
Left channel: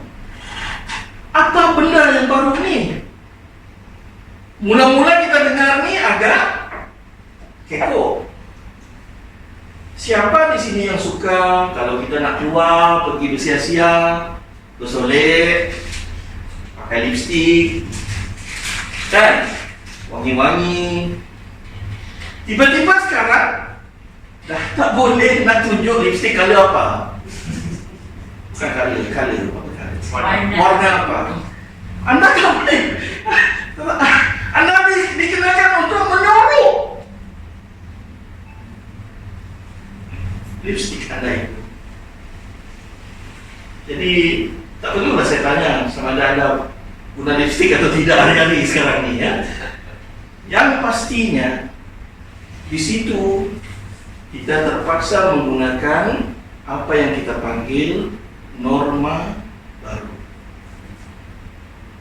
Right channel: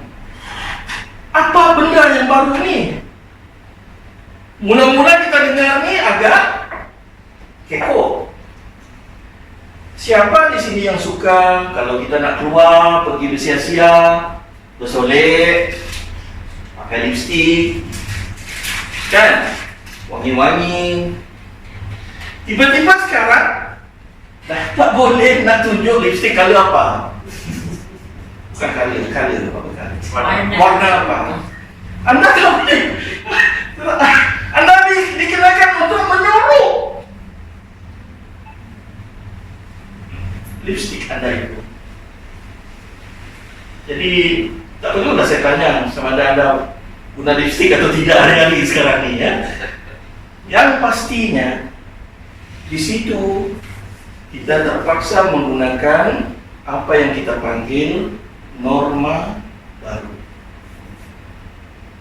Apa benda yang baru ni? Mula-mula kita dengar ni agak keko. Siapa di sini yang suka kalau kita nak keluar, pergi bersia-sia, bersolek, pakai lipstik, kan? Wangi-wangi. Tiba-tiba sekarang dah tak boleh nak tunjuk lipstik color apa. Bukan color apa? Warna apa? Anda tak boleh. Anda dikenakan untuk menyuruh. lipstick Anda itu. Jadi tak perlulah saya tanya sama Anda guna lipstick atau tidak hari-hari sekarang ini ya. Yang pastinya di situ kita terpaksa menggunakan apa yang kita panggil norma baru.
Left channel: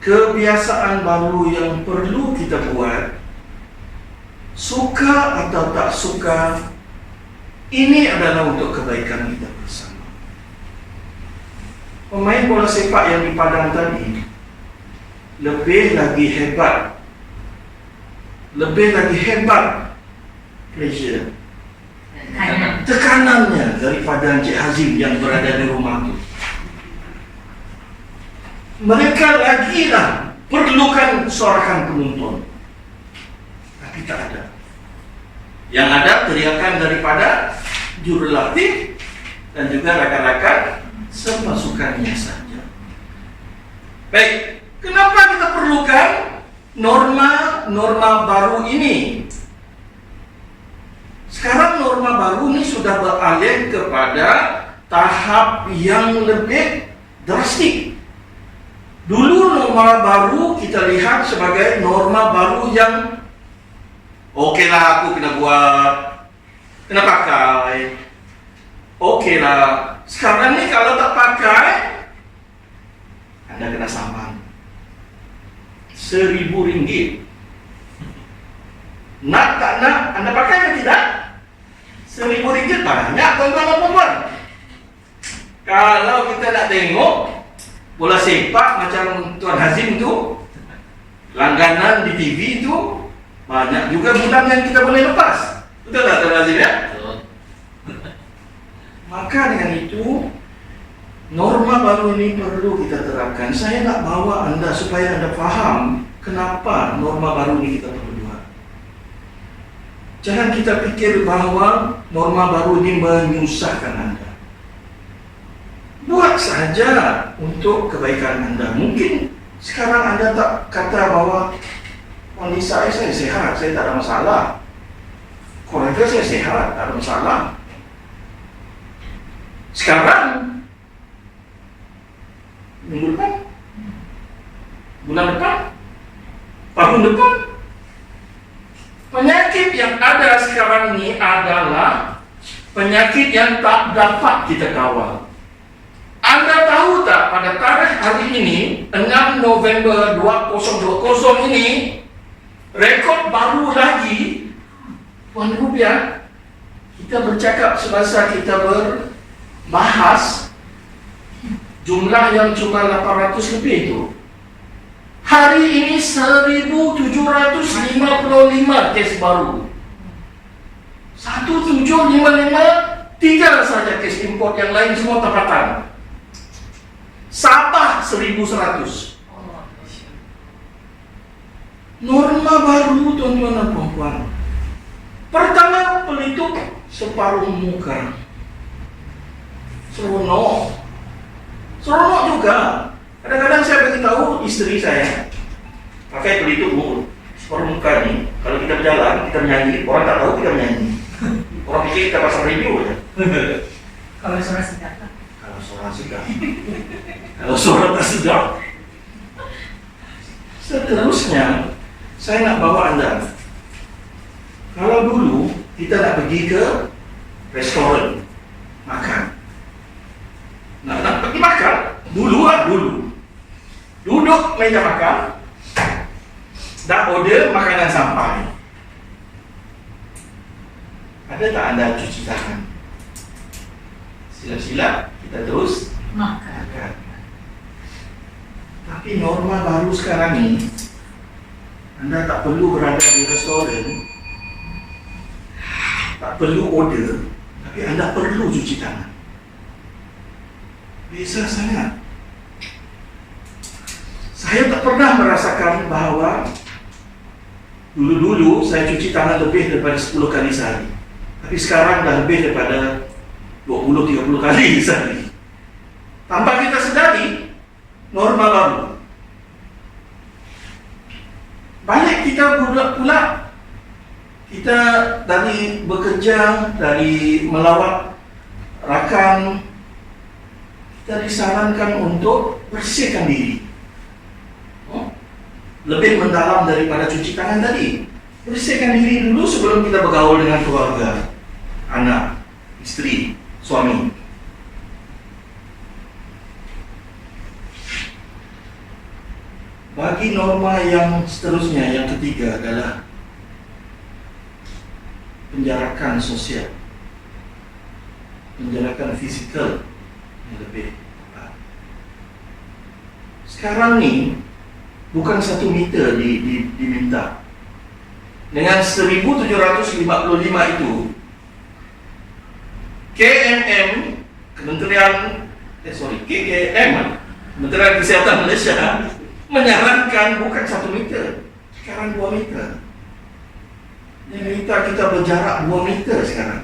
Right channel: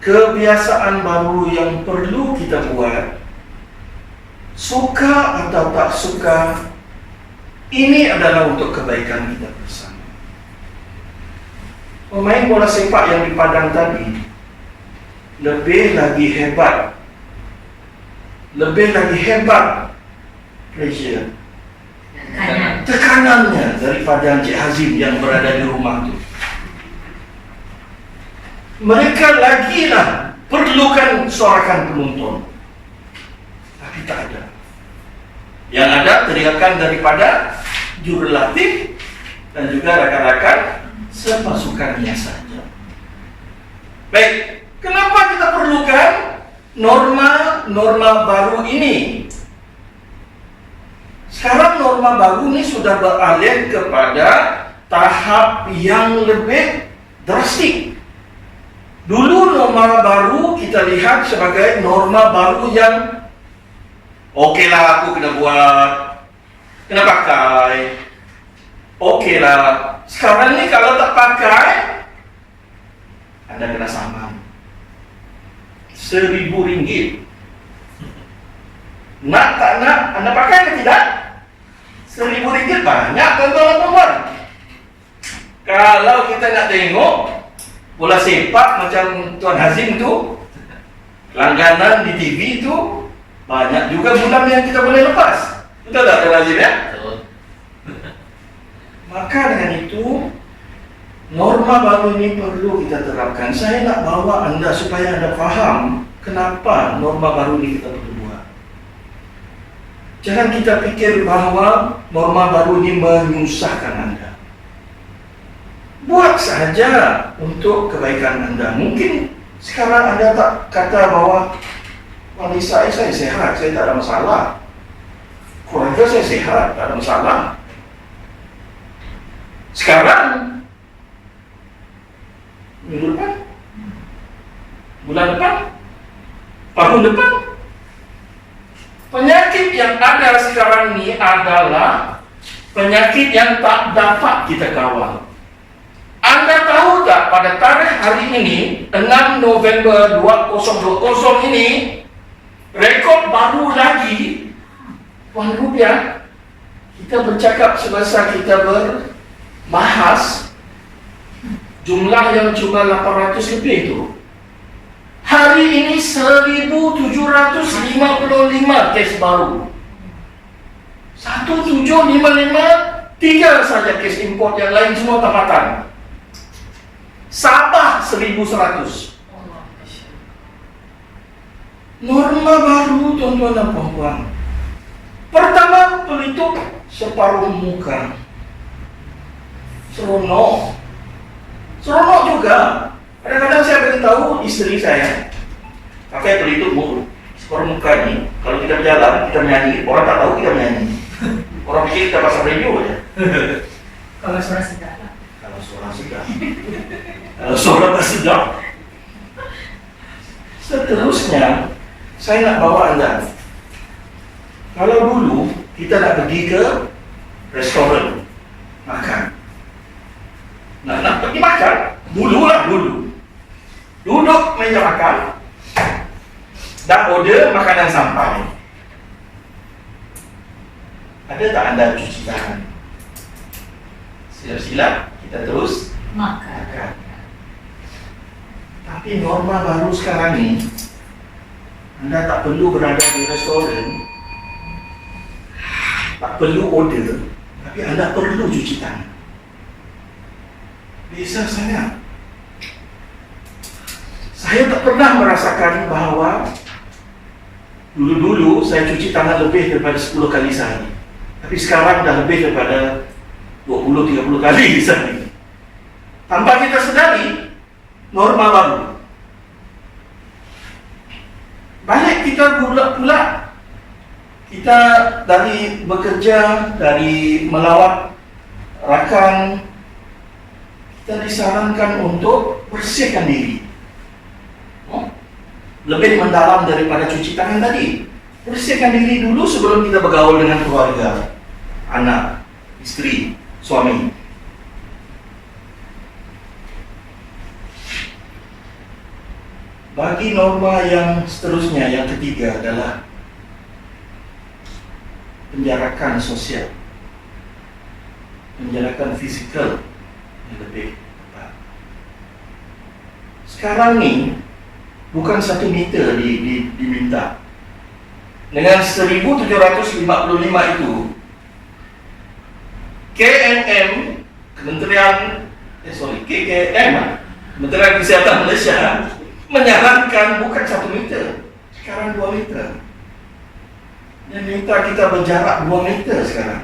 Kebiasaan baru yang perlu kita buat, suka atau tak suka, ini adalah untuk kebaikan kita bersama. Pemain bola sepak yang di Padang tadi lebih lagi hebat pressure, tekanannya daripada Encik Hazim yang berada di rumah itu. Mereka lagilah perlukan sorakan penonton, tapi tak ada. Yang ada teriakan daripada jurulatih dan juga rakan-rakan sepasukannya saja. Baik, kenapa kita perlukan norma baru ini? Sekarang norma baru ini sudah beralih kepada tahap yang lebih drastik. Dulu norma baru kita lihat sebagai norma baru yang okeylah aku kena buat, kena pakai. Okeylah. Sekarang ni kalau tak pakai, Anda kena saman RM1,000. Nak tak nak, Anda pakai ke tidak? RM1,000 banyak tuan-tuan dan puan. Kalau kita nak tengok bola sepak macam Tuan Hazim tu, langganan di TV tu, banyak juga bulan yang kita boleh lepas. Betul tak Tuan Hazim ya? Maka dengan itu, norma baru ini perlu kita terapkan. Saya nak bawa Anda supaya Anda faham kenapa norma baru ini kita perlu buat. Jangan kita pikir bahawa norma baru ini menyusahkan Anda. Buat saja untuk kebaikan Anda. Mungkin sekarang Anda tak kata bahawa wanita saya sehat, saya tak ada masalah. Keluarga saya sehat, tak ada masalah. Sekarang, minggu depan, bulan depan, tahun depan, penyakit yang ada sekarang ini adalah penyakit yang tak dapat kita kawal. Anda tahu tak pada tarikh hari ini 6 November 2020 ini rekod baru lagi Puan Rupiah. Kita bercakap semasa kita berbahas jumlah yang cuma 800 lebih itu. Hari ini 1,755 kes baru. 1,755, 3 saja kes import, yang lain semua tempatan. Sabah 1,100. Norma baru tuan-tuan dan puan-puan. Pertama, pelitup separuh muka. Seronok juga. Kadang-kadang saya beritahu isteri saya, pakai pelitup mulut separuh muka ni. Kalau kita berjalan, kita menyanyi, orang tak tahu kita menyanyi. Orang pikir kita pasang radio ya. Kalau suara sedap. Kalau suara tak sedap. Seterusnya, saya nak bawa Anda. Kalau dulu kita nak pergi ke restoran makan, nak pergi makan, dulu. Duduk meja makan, dah order makanan sampai. Ada tak Anda cuci tangan? Silap-silap kita terus makan. Tapi norma baru sekarang ni, Anda tak perlu berada di restoran, tak perlu order, tapi Anda perlu cuci tangan. Biasa sangat. Saya tak pernah merasakan bahawa dulu saya cuci tangan lebih daripada 10 kali sehari. Tapi sekarang dah lebih daripada 20-30 kali sehari. Tanpa kita sedari, norma baru. Balik kita pula kita dari bekerja, dari melawat rakan, kita disarankan untuk bersihkan diri. Lebih mendalam daripada cuci tangan tadi. Bersihkan diri dulu sebelum kita bergaul dengan keluarga, anak, istri, suami. Bagi norma yang seterusnya, yang ketiga adalah penjarakan sosial, penjarakan fisikal yang lebih tepat. Sekarang nih bukan 1 meter diminta. Dengan 1755 itu KKM, Kementerian Kesehatan Malaysia menyarankan bukan 1 meter, sekarang 2 meter. Dia minta kita berjarak 2 meter sekarang.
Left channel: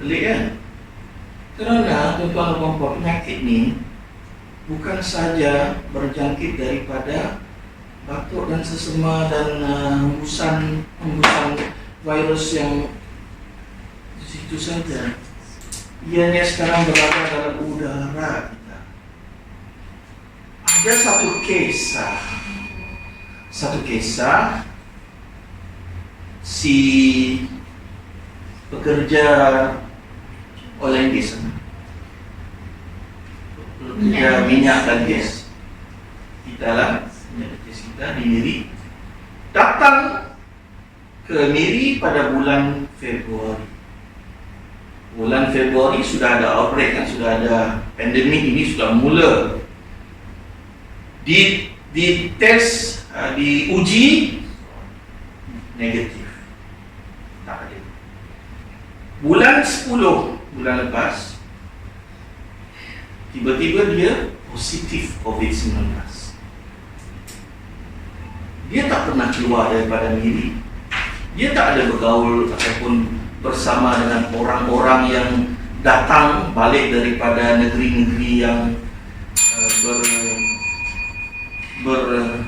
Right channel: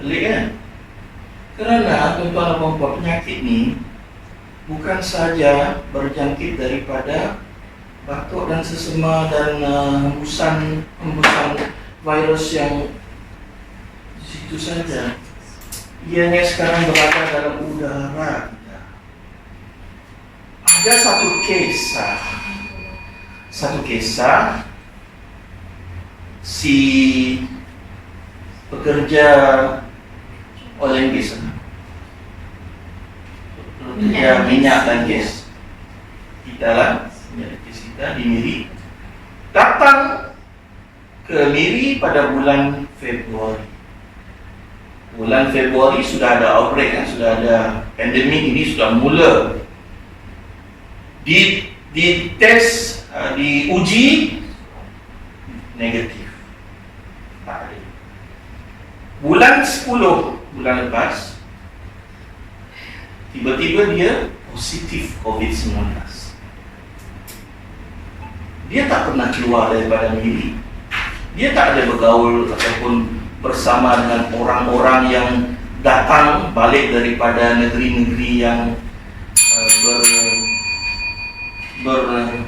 Pelik kan? Kerana tuan-tuan dan puan-puan, penyakit ni bukan saja berjangkit daripada batuk dan sesema dan hembusan virus yang di situ saja. Ianya sekarang berada dalam udara kita. Ada satu kisah si pekerja oil and gas, pekerja minyak dan gas kita lah, minyak gas kita di Miri, datang ke Miri pada bulan Februari. Bulan Februari sudah ada outbreak kan, sudah ada pandemik ini sudah mula. Di tes, diuji negatif. Tak ada. Bulan 10 bulan lepas, tiba-tiba dia positif COVID-19. Dia tak pernah keluar daripada Miri. Dia tak ada bergaul ataupun bersama dengan orang-orang yang datang balik daripada negeri-negeri yang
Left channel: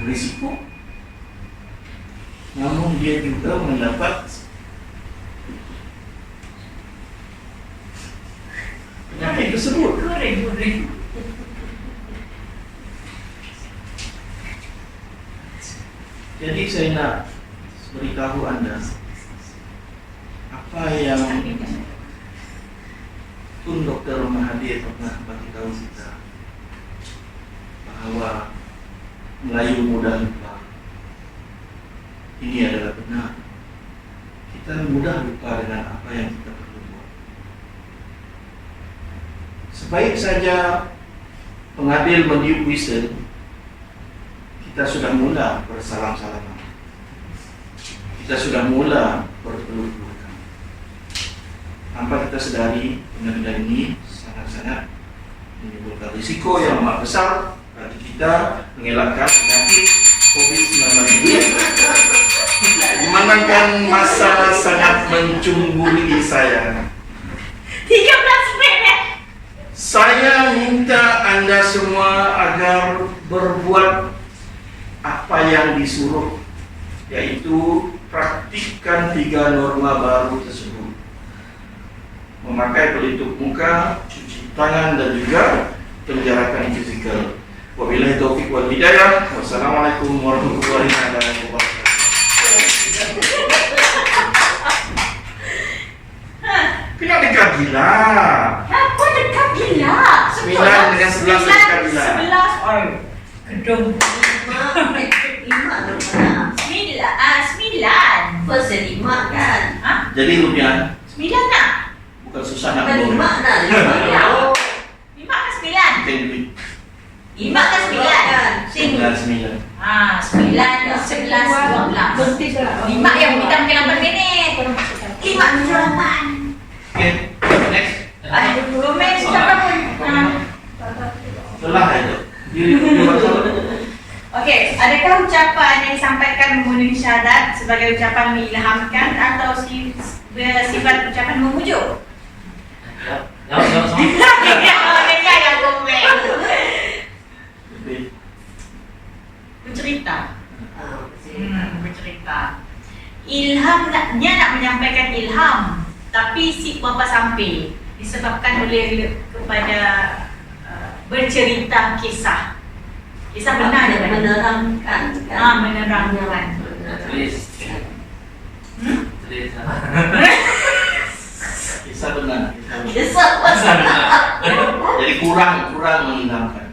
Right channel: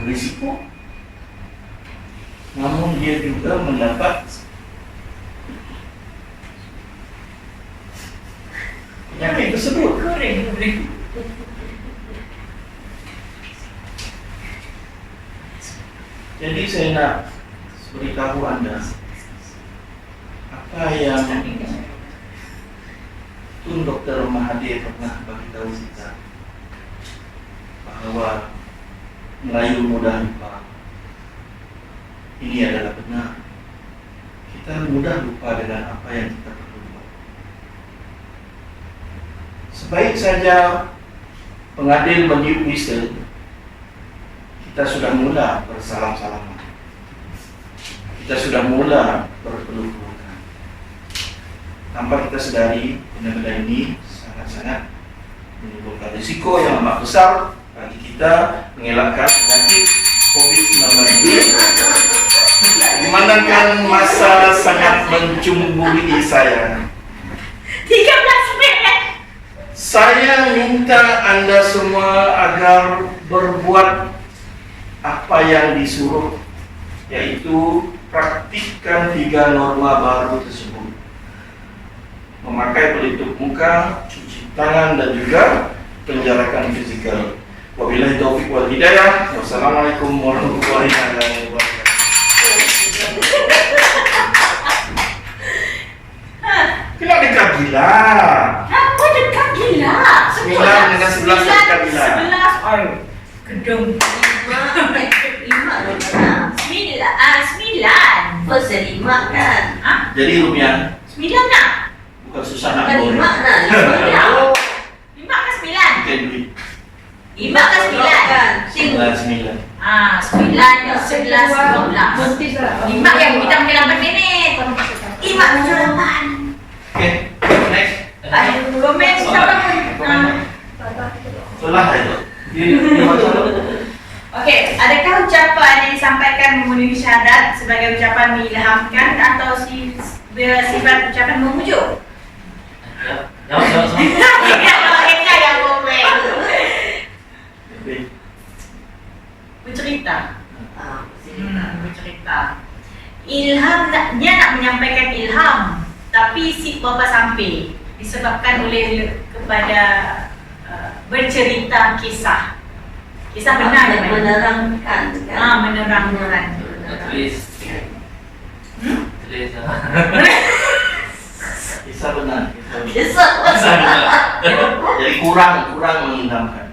berisiko. Namun dia juga mendapat penyakit tersebut. Jadi saya nak beritahu anda apa yang Tun Dr. Mahathir pernah bagi tahu kita, bahawa Melayu mudah lupa. Ini adalah benar. Kita mudah lupa dengan apa yang kita perlu buat. Sebaik saja pengadil meniup whistle, kita sudah mula bersalam-salaman. Kita sudah mula berpeluk-pelukan. Tanpa kita sedari, benda-benda ini sangat-sangat menimbulkan risiko yang amat besar bagi kita mengelakkan penyakit COVID-19 ini. Memandangkan masa sangat mencumbui saya, 13 minit. saya minta anda semua agar berbuat apa yang disuruh, yaitu praktikkan 3 norma baru tersebut: memakai pelitup muka, cuci tangan, dan juga penjarakan fizikal. Wabillahi taufiq wal hidayah. Wassalamualaikum warahmatullahi wabarakatuh. Kena dekat gila. Kenapa dekat gila? 9 dengan 11 dekat gila. 11. Gedung 9. First 5 kan? Jadi rupiah 9 nak? bukan susah nak Kan 5 borong. dah. 5 ke 9? Bukan duit. 5 ke 9? 9. 9, 11, 12. 5 yang kita makin 8 minit. 5 ke 8. Okay, next. Komen siapa pun. Selah aja. Dia baca. Okey, adakah ucapan yang disampaikan memenuhi syahadat sebagai ucapan mengilhamkan atau sifat ucapan memujuk? Jawab. Mereka yang komen. Bercerita. Bercerita. Dia nak menyampaikan ilham, tapi si bapa sampai disebabkan oleh kepada bercerita kisah benar dia menerangkan menerangkan. Tulis. Hmm? Tulis. Kisah benar. Kisah Jadi kurang menentangkan.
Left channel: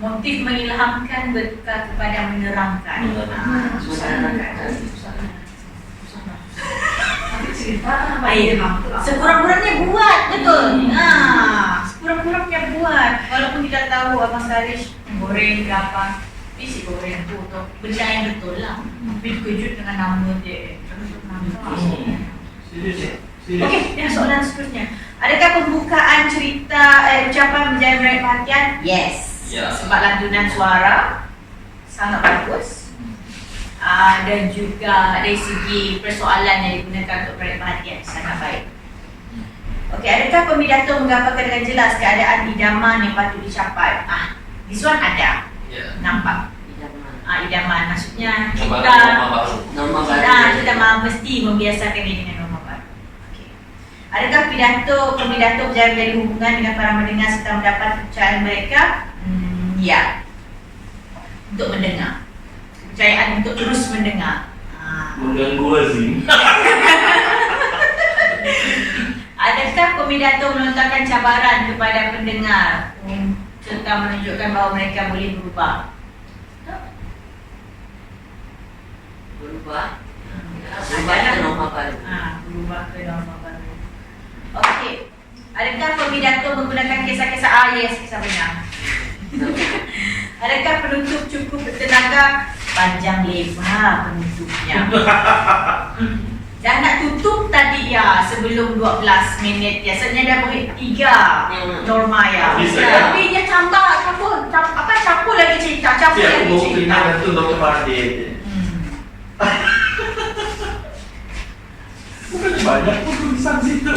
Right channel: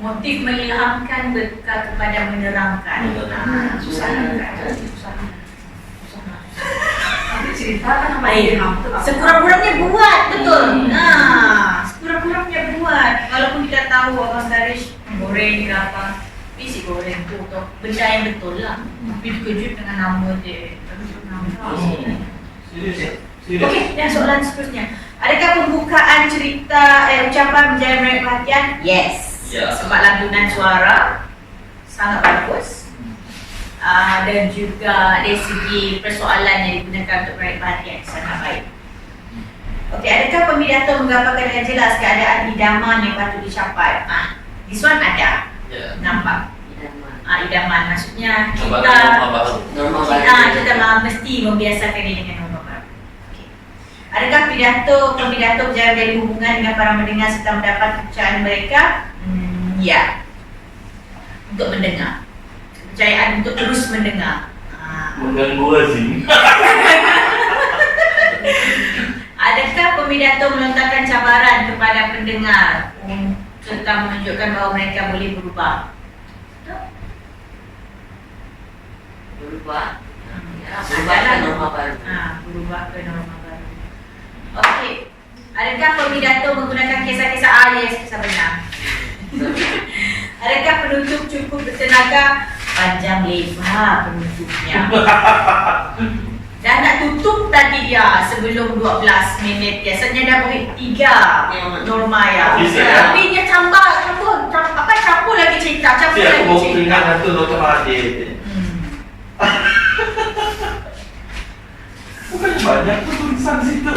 Motif mengilhamkan berkah kepada menerangkan. Susah. Sekurang-kurangnya buat, betul. Sekurang-kurangnya buat. Walaupun kita tahu Abang Sarish goreng ke apa, tapi si goreng tu benda yang betul lah. Tapi terkejut dengan nama dia. Serius. Okey, dan soalan seterusnya. Adakah pembukaan cerita ucapan menjadi menarik perhatian? Yes. Ya. Sebab lantunan suara sangat bagus. Dan juga dari segi persoalan yang digunakan untuk menarik perhatian sangat baik. Okey, adakah pembidato menggambarkan dengan jelas keadaan idaman yang patut dicapai? This one ada. Ya. Nampak? Idaman. Maksudnya Norma kita baru. mesti membiasakan ini dengan norma baru. Okey. Adakah pembidato berjalan dari hubungan dengan para mendengar serta mendapat kepercayaan mereka? Ya. Untuk mendengar. Kepercayaan untuk terus mendengar. Mengganggu lazim. Adakah pembidato melontarkan cabaran kepada pendengar serta menunjukkan bahawa mereka boleh berubah? berubah ke norma baru. Berubah ke norma baru. Okey. Adakah pembidato menggunakan kisah-kisah kisah benar? Adakah penutup cukup bertenaga? Panjang lebar penutupnya. Dah nak tutup tadi ya sebelum 12 minit. Biasanya dah beri 3 norma ya. Tapi dia campur lagi cerita, campur Aku lagi mau cerita. peringat satu Dr. Mahathir. Bukan banyak pun tulisan situ.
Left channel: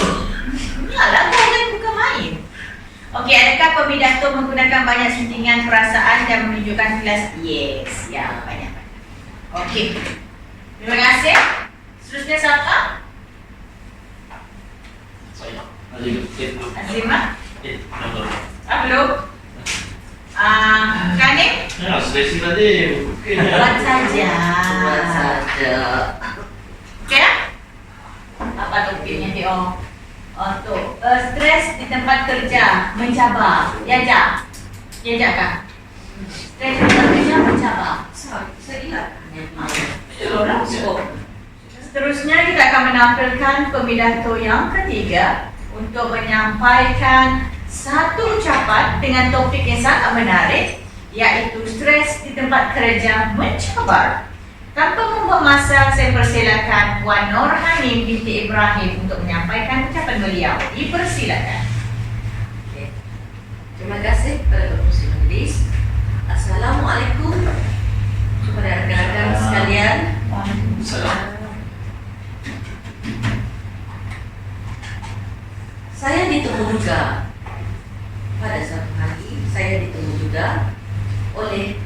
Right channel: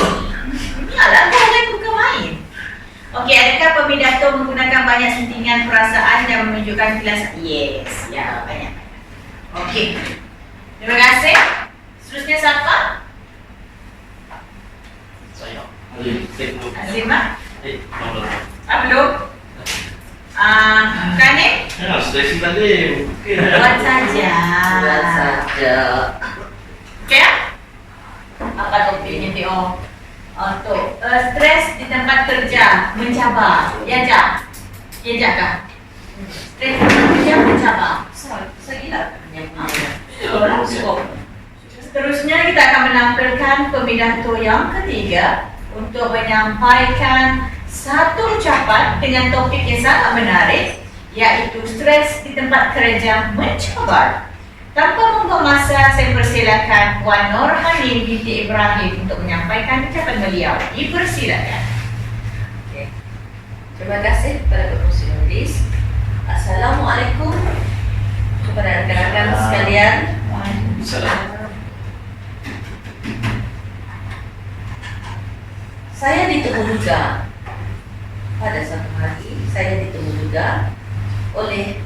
Yalah, jangan buka main. Okey, adakah pembidato menggunakan banyak sentingan perasaan dan menunjukkan kelas? Yes, ya, banyak. Okey. Terima kasih. Seterusnya siapa? Azimah? Belum? Kane? Stresi tadi. Buat saja. Buat saja. Okey ya? Apa topiknya dia? Untuk stres di tempat kerja mencabar. Diajak kah? Stres di tempat kerja mencabar. Segila. Orang cukup. Seterusnya kita akan menampilkan pembidato yang ketiga untuk menyampaikan satu ucapan dengan topik yang sangat menarik, iaitu stres di tempat kerja mencabar. Tanpa membuang masa, saya persilakan Puan Norhanin binti Ibrahim untuk menyampaikan ucapan beliau. Dipersilakan. Okay. Terima kasih kepada Kepengurusi Majlis. Assalamualaikum kepada rakan-rakan sekalian. Saya ditemu juga pada suatu hari, saya ditemu juga oleh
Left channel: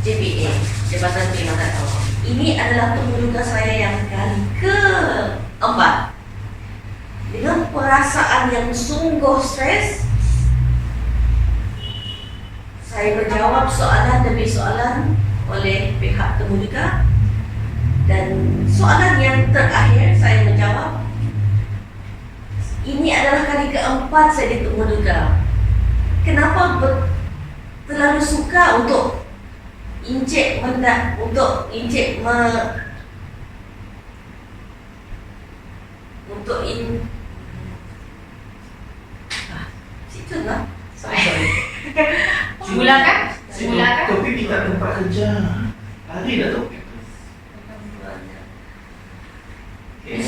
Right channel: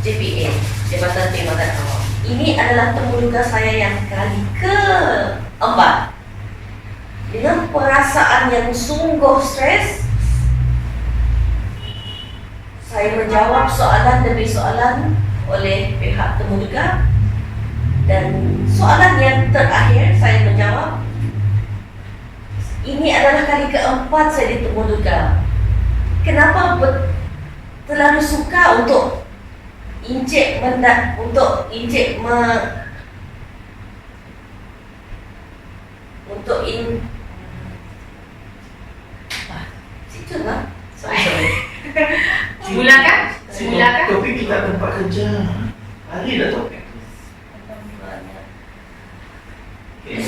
JPA, Jabatan Perkhidmatan Awam. Ini adalah temuduga saya yang kali ke-4. Dengan perasaan yang sungguh stres, saya menjawab soalan demi soalan oleh pihak temuduga. Dan soalan yang terakhir saya menjawab, ini adalah kali ke-4 saya ditemuduga. Kenapa terlalu suka untuk situ lah. Mulakan? Topik kita tempat kerja. Hari dah topik tu.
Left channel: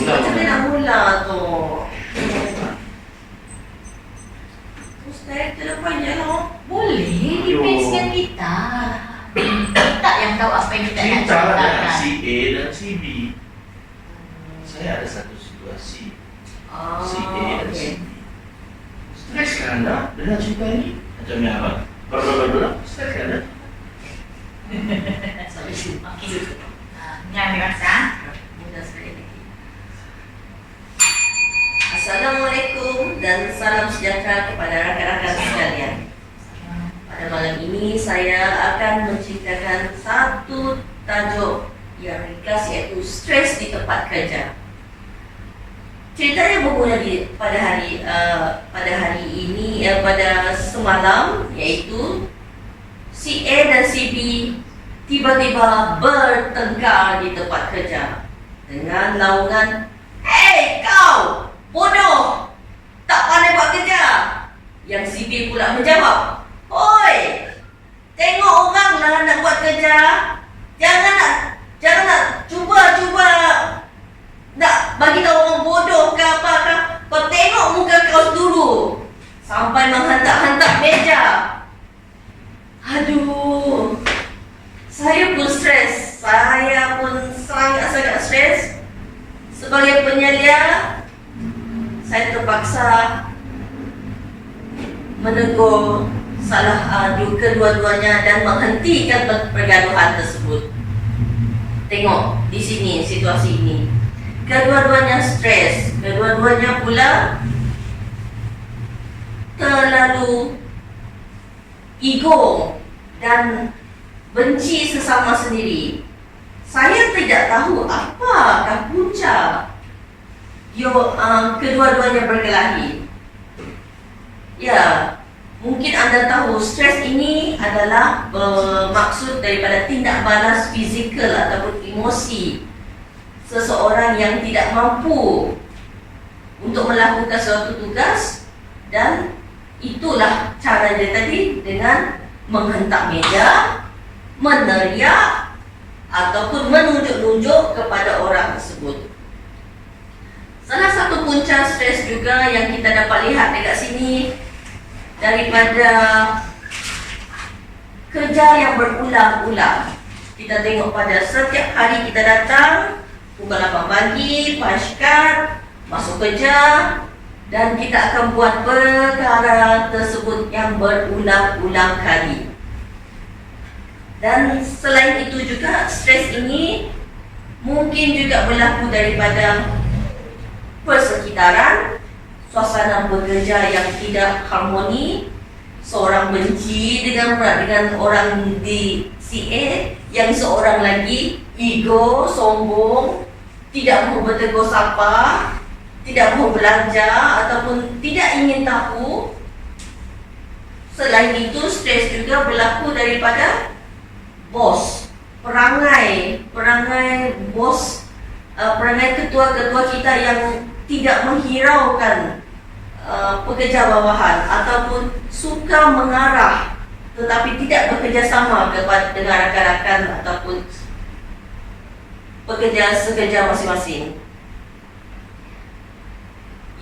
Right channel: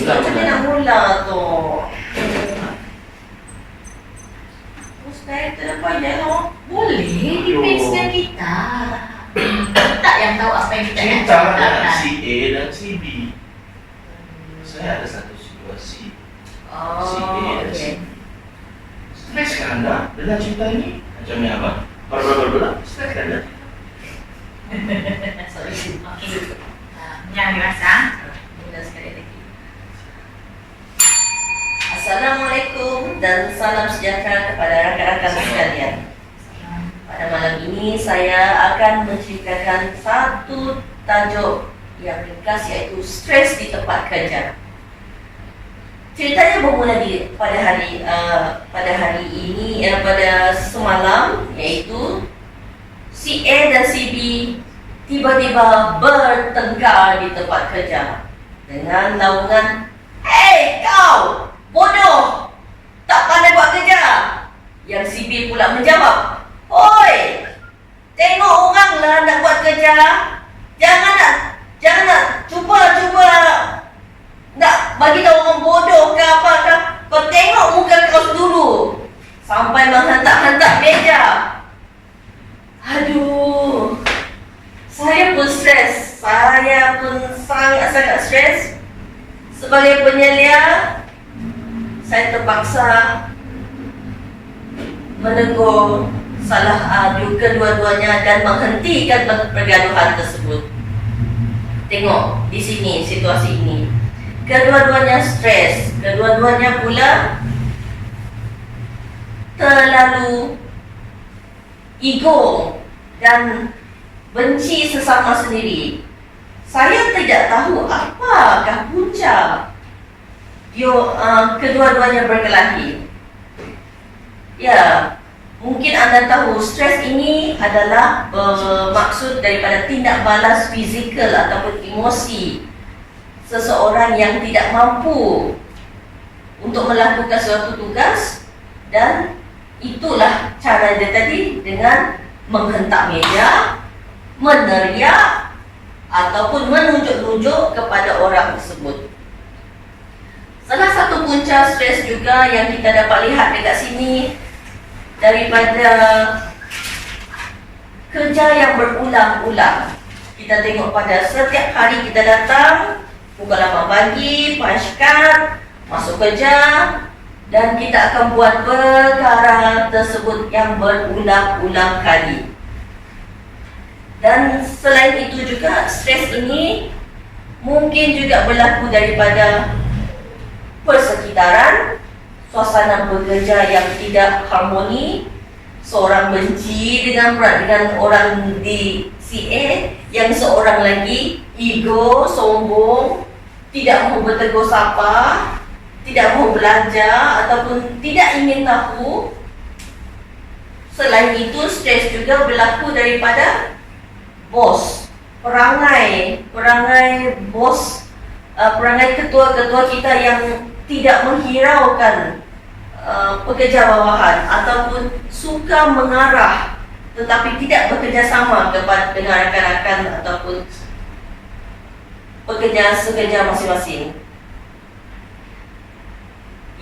Macam mana nak mula tu? Saya terlepas je lah. Boleh, depends dengan kita. Kita yang tahu apa yang kita nak Cerita ada ceritakan. si A dan si B. Saya ada satu situasi. Si A dan si B. Stres kan anda dengan cerita ini? Macam ni apa? Stres kan anda? Sorry. Okey. Yang dirasa. Mudah sekali lagi. Assalamualaikum dan salam sejahtera kepada rakan-rakan sekalian. Pada malam ini saya akan menceritakan satu tajuk yang ringkas, iaitu stres di tempat kerja. Ceritanya bermula pada semalam, iaitu si A dan si B tiba-tiba bertengkar di tempat kerja dengan naungan, "Hei kau, bodoh, tak pandai buat kerja." Yang si B pula menjawab, "Oi, tengok orang lah nak buat kerja. Jangan nak cuba nak bagi tahu orang bodoh ke apa ke. Kau tengok muka kau dulu." Sampai menghantar-hantar meja. Aduh, saya pun stres. Saya pun sangat-sangat stres. Sebagai penyelia, saya terpaksa menegur salah kedua-duanya dan menghentikan pergaduhan tersebut. Tengok di sini situasi ini. Kedua-duanya stres, kedua-duanya pula terlalu ego dan benci sesama sendiri. Saya tidak tahu apakah punca kedua-duanya berkelahi. Ya, mungkin anda tahu stres ini adalah maksud daripada tindak balas fizikal ataupun emosi seseorang yang tidak mampu untuk melakukan suatu tugas, dan itulah cara dia tadi dengan menghentak meja, meneriak ataupun menunjuk-nunjuk kepada orang tersebut. Salah satu punca stres juga yang kita dapat lihat dekat sini daripada kerja yang berulang-ulang. Kita tengok pada setiap hari kita datang pukul 8 pagi, punch card, masuk kerja, dan kita akan buat perkara tersebut yang berulang-ulang kali. Dan selain itu juga, stres ini mungkin juga berlaku daripada persekitaran, suasana bekerja yang tidak harmoni, seorang benci dengan orang di CA, yang seorang lagi ego, sombong, tidak mau bertegur sapa, tidak mau belajar ataupun tidak ingin tahu. Selain itu, stres juga berlaku daripada bos, perangai bos, perangai ketua-ketua kita yang tidak menghiraukan pekerja bawahan ataupun suka mengarah tetapi tidak bekerjasama dengan rakan-rakan ataupun pekerja sekerja masing-masing.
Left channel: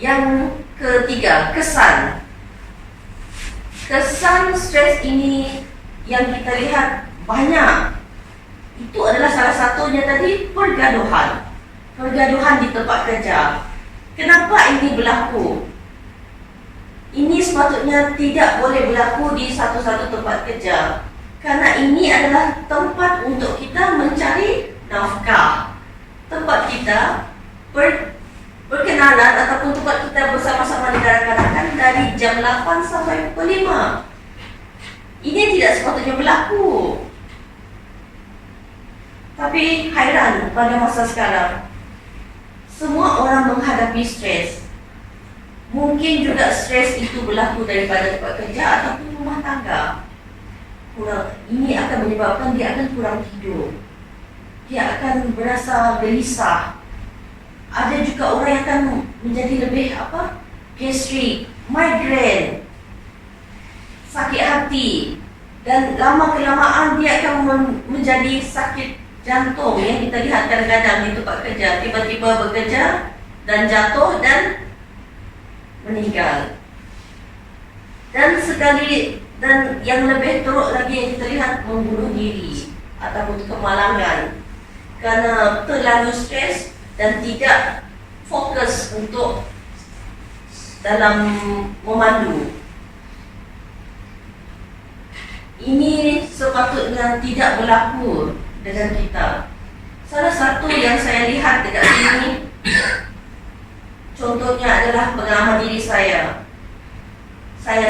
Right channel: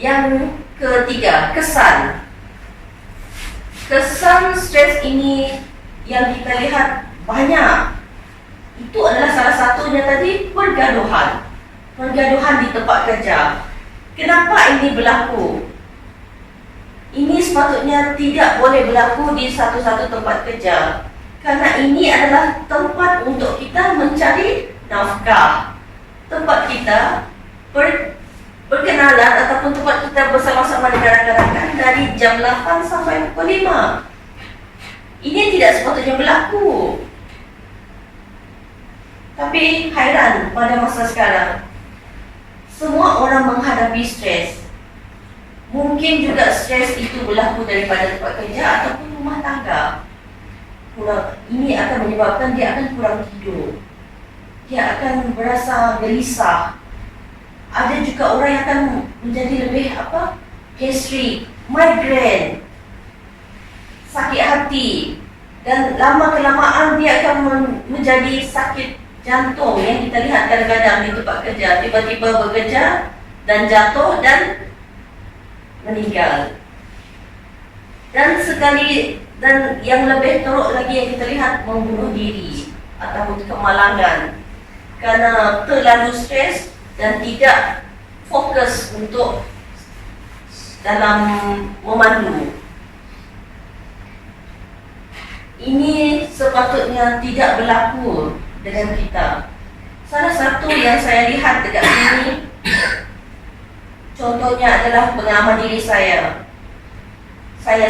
Yang ketiga, kesan stres ini yang kita lihat banyak. Itu adalah salah satunya tadi pergaduhan di tempat kerja. Kenapa ini berlaku? Ini sepatutnya tidak boleh berlaku di satu-satu tempat kerja, karena ini adalah tempat untuk kita mencari nafkah, tempat kita berkenalan ataupun tempat kita bersama-sama dengan rakan-rakan dari jam 8 sampai pukul 5. Ini tidak sepatutnya berlaku. Tapi hairan, pada masa sekarang semua orang menghadapi stres. Mungkin juga stres itu berlaku daripada tempat kerja ataupun rumah tangga. Ini akan menyebabkan dia akan kurang tidur, dia akan berasa gelisah. Ada juga orang yang akan menjadi lebih gastrik, migraine, sakit hati, dan lama-kelamaan dia akan menjadi sakit jantung yang kita lihat kadang-kadang di tempat kerja. Tiba-tiba bekerja dan jatuh dan meninggal. Dan yang lebih teruk lagi yang kita lihat, membunuh diri ataupun kemalangan kerana terlalu stres dan tidak fokus untuk dalam memandu. Ini sepatutnya tidak berlaku dengan kita. Salah satu yang saya lihat dekat sini, contohnya adalah pengalaman diri saya.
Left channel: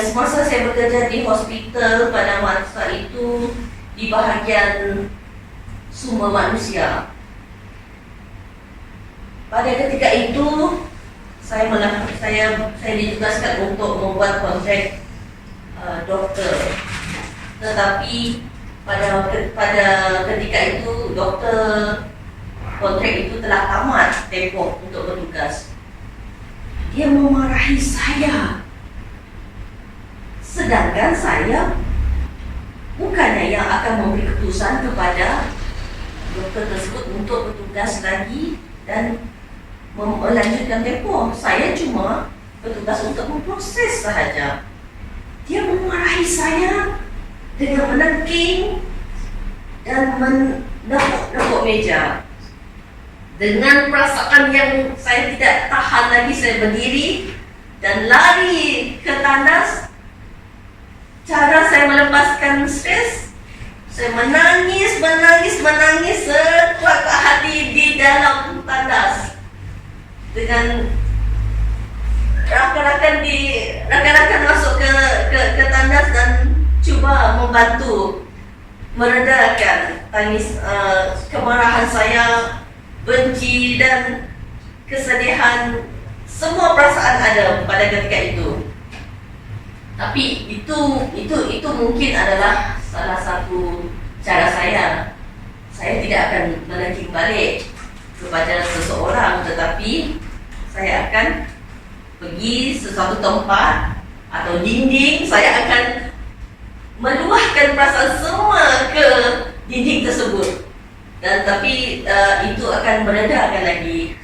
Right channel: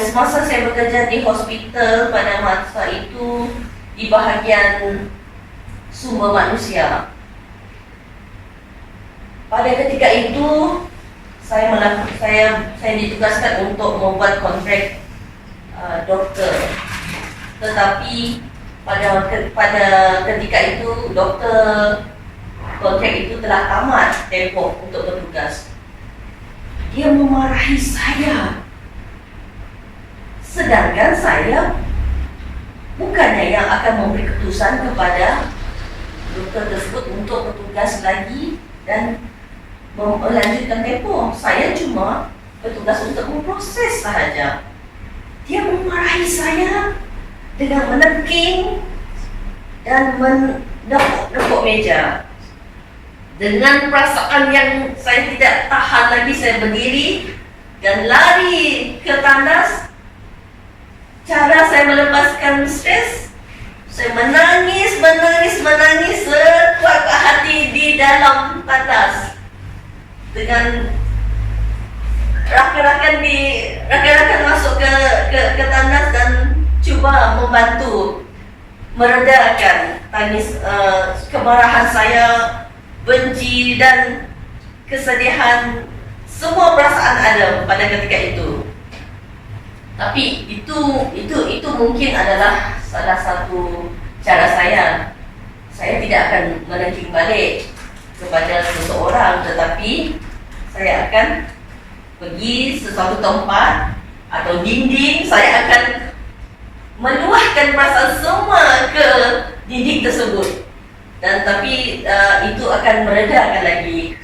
Semasa saya bekerja di hospital pada masa itu di bahagian sumber manusia. Pada ketika itu saya ditugaskan untuk membuat kontrak doktor. Tetapi pada ketika itu doktor kontrak itu telah tamat tempoh untuk bertugas. Dia memarahi saya. Sedangkan saya bukannya yang akan memberi keputusan kepada doktor tersebut untuk bertugas lagi dan melanjutkan tempoh. Saya cuma bertugas untuk memproses sahaja. Dia memarahi saya dengan meneking dan menepuk meja. Dengan perasaan yang saya tidak tahan lagi, saya berdiri dan lari ke tandas. Cara saya melepaskan stres, saya menangis sekuat hati di dalam tandas. Dengan rakan-rakan masuk ke tandas dan cuba membantu meredakan tangis kemarahan saya, benci dan kesedihan. Semua perasaan ada pada ketika itu. Tapi itu mungkin adalah salah satu cara saya. Saya tidak akan menekik balik kepada seseorang, tetapi saya akan pergi sesuatu tempat atau dinding, saya akan meluahkan perasaan semua ke dinding tersebut. Dan tapi itu akan meredakan lagi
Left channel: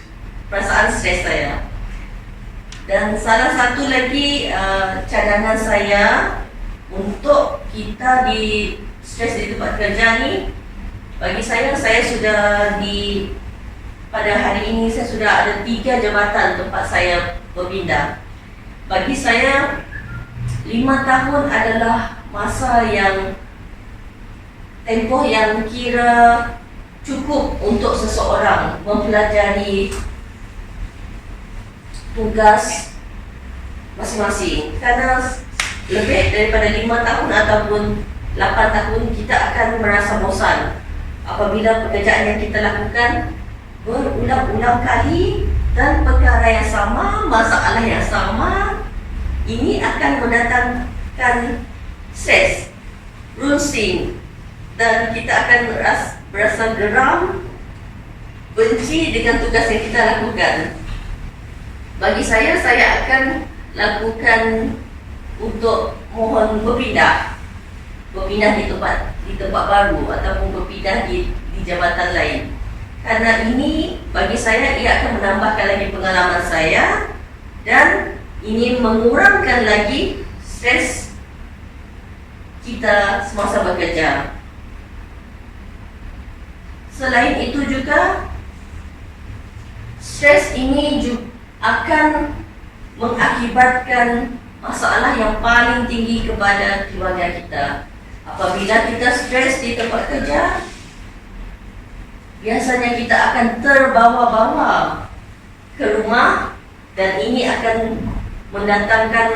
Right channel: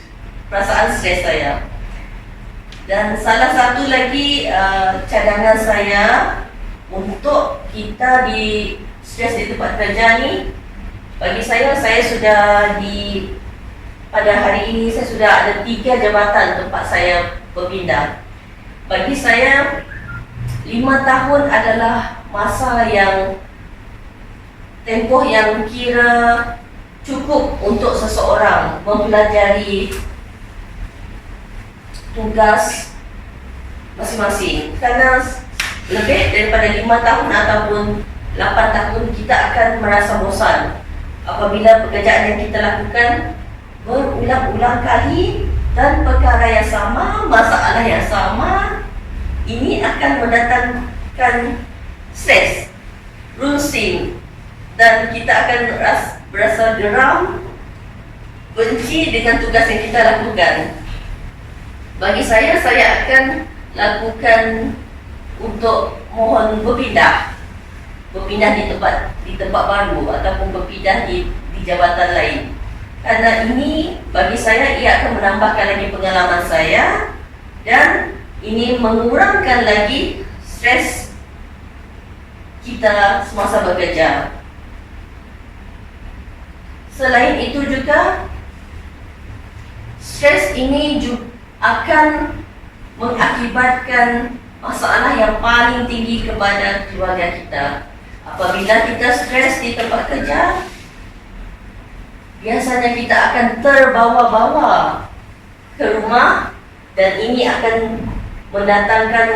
perasaan stres saya. Dan salah satu lagi cadangan saya untuk kita di stres di tempat kerja ni, bagi saya sudah pada hari ini saya sudah ada 3 jabatan tempat saya berpindah. Bagi saya 5 tahun adalah masa yang tempoh yang kira cukup untuk seseorang mempelajari tugas masing-masing. Karena lebih daripada 5 tahun ataupun 8 tahun kita akan merasa bosan apabila pekerjaan yang kita lakukan berulang-ulang kali dan perkara yang sama, masalah yang sama. Ini akan mendatangkan stres, runsing, dan kita akan berasa geram, benci dengan tugas yang kita lakukan. Bagi saya akan lakukan untuk mohon berpindah di tempat baru ataupun berpindah di jabatan lain. Karena ini bagi saya ia akan menambahkan lagi pengalaman saya dan ini mengurangkan lagi stres kita semasa bekerja. Selain itu juga stres ini juga akan mengakibatkan masalah yang paling tinggi kepada keluarga kita. Apabila kita stres di tempat kerja, biasanya kita akan terbawa-bawa ke rumah dan ini akan mendatangkan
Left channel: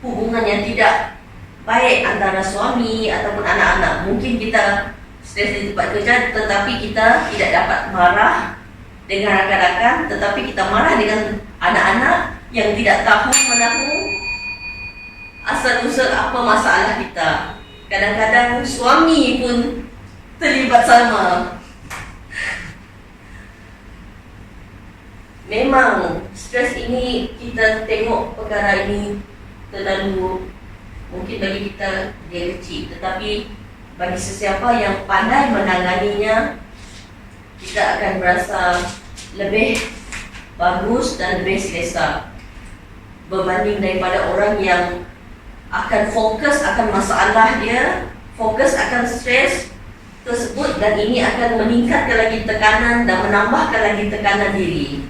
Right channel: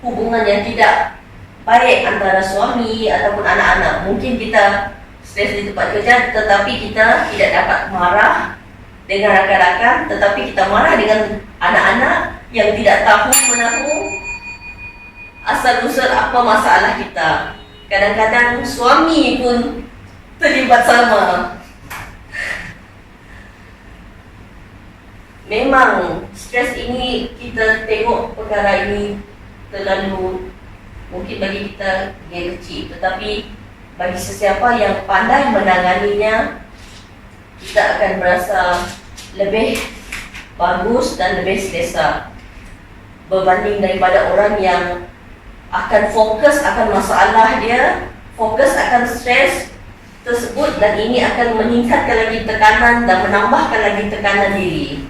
hubungan yang tidak baik antara suami ataupun anak-anak. Mungkin kita stres di tempat kerja tetapi kita tidak dapat marah dengan rakan-rakan, tetapi kita marah dengan anak-anak yang tidak tahu menahu asal-usul apa masalah kita. Kadang-kadang suami pun terlibat sama. Memang stres ini kita tengok perkara ini terlalu mungkin bagi kita dia kecil, tetapi bagi sesiapa yang pandai menanganinya, kita akan berasa lebih bagus dan lebih selesa berbanding daripada orang yang akan fokus akan masalah dia, fokus akan stres tersebut, dan ini akan meningkatkan lagi tekanan dan menambahkan lagi tekanan diri.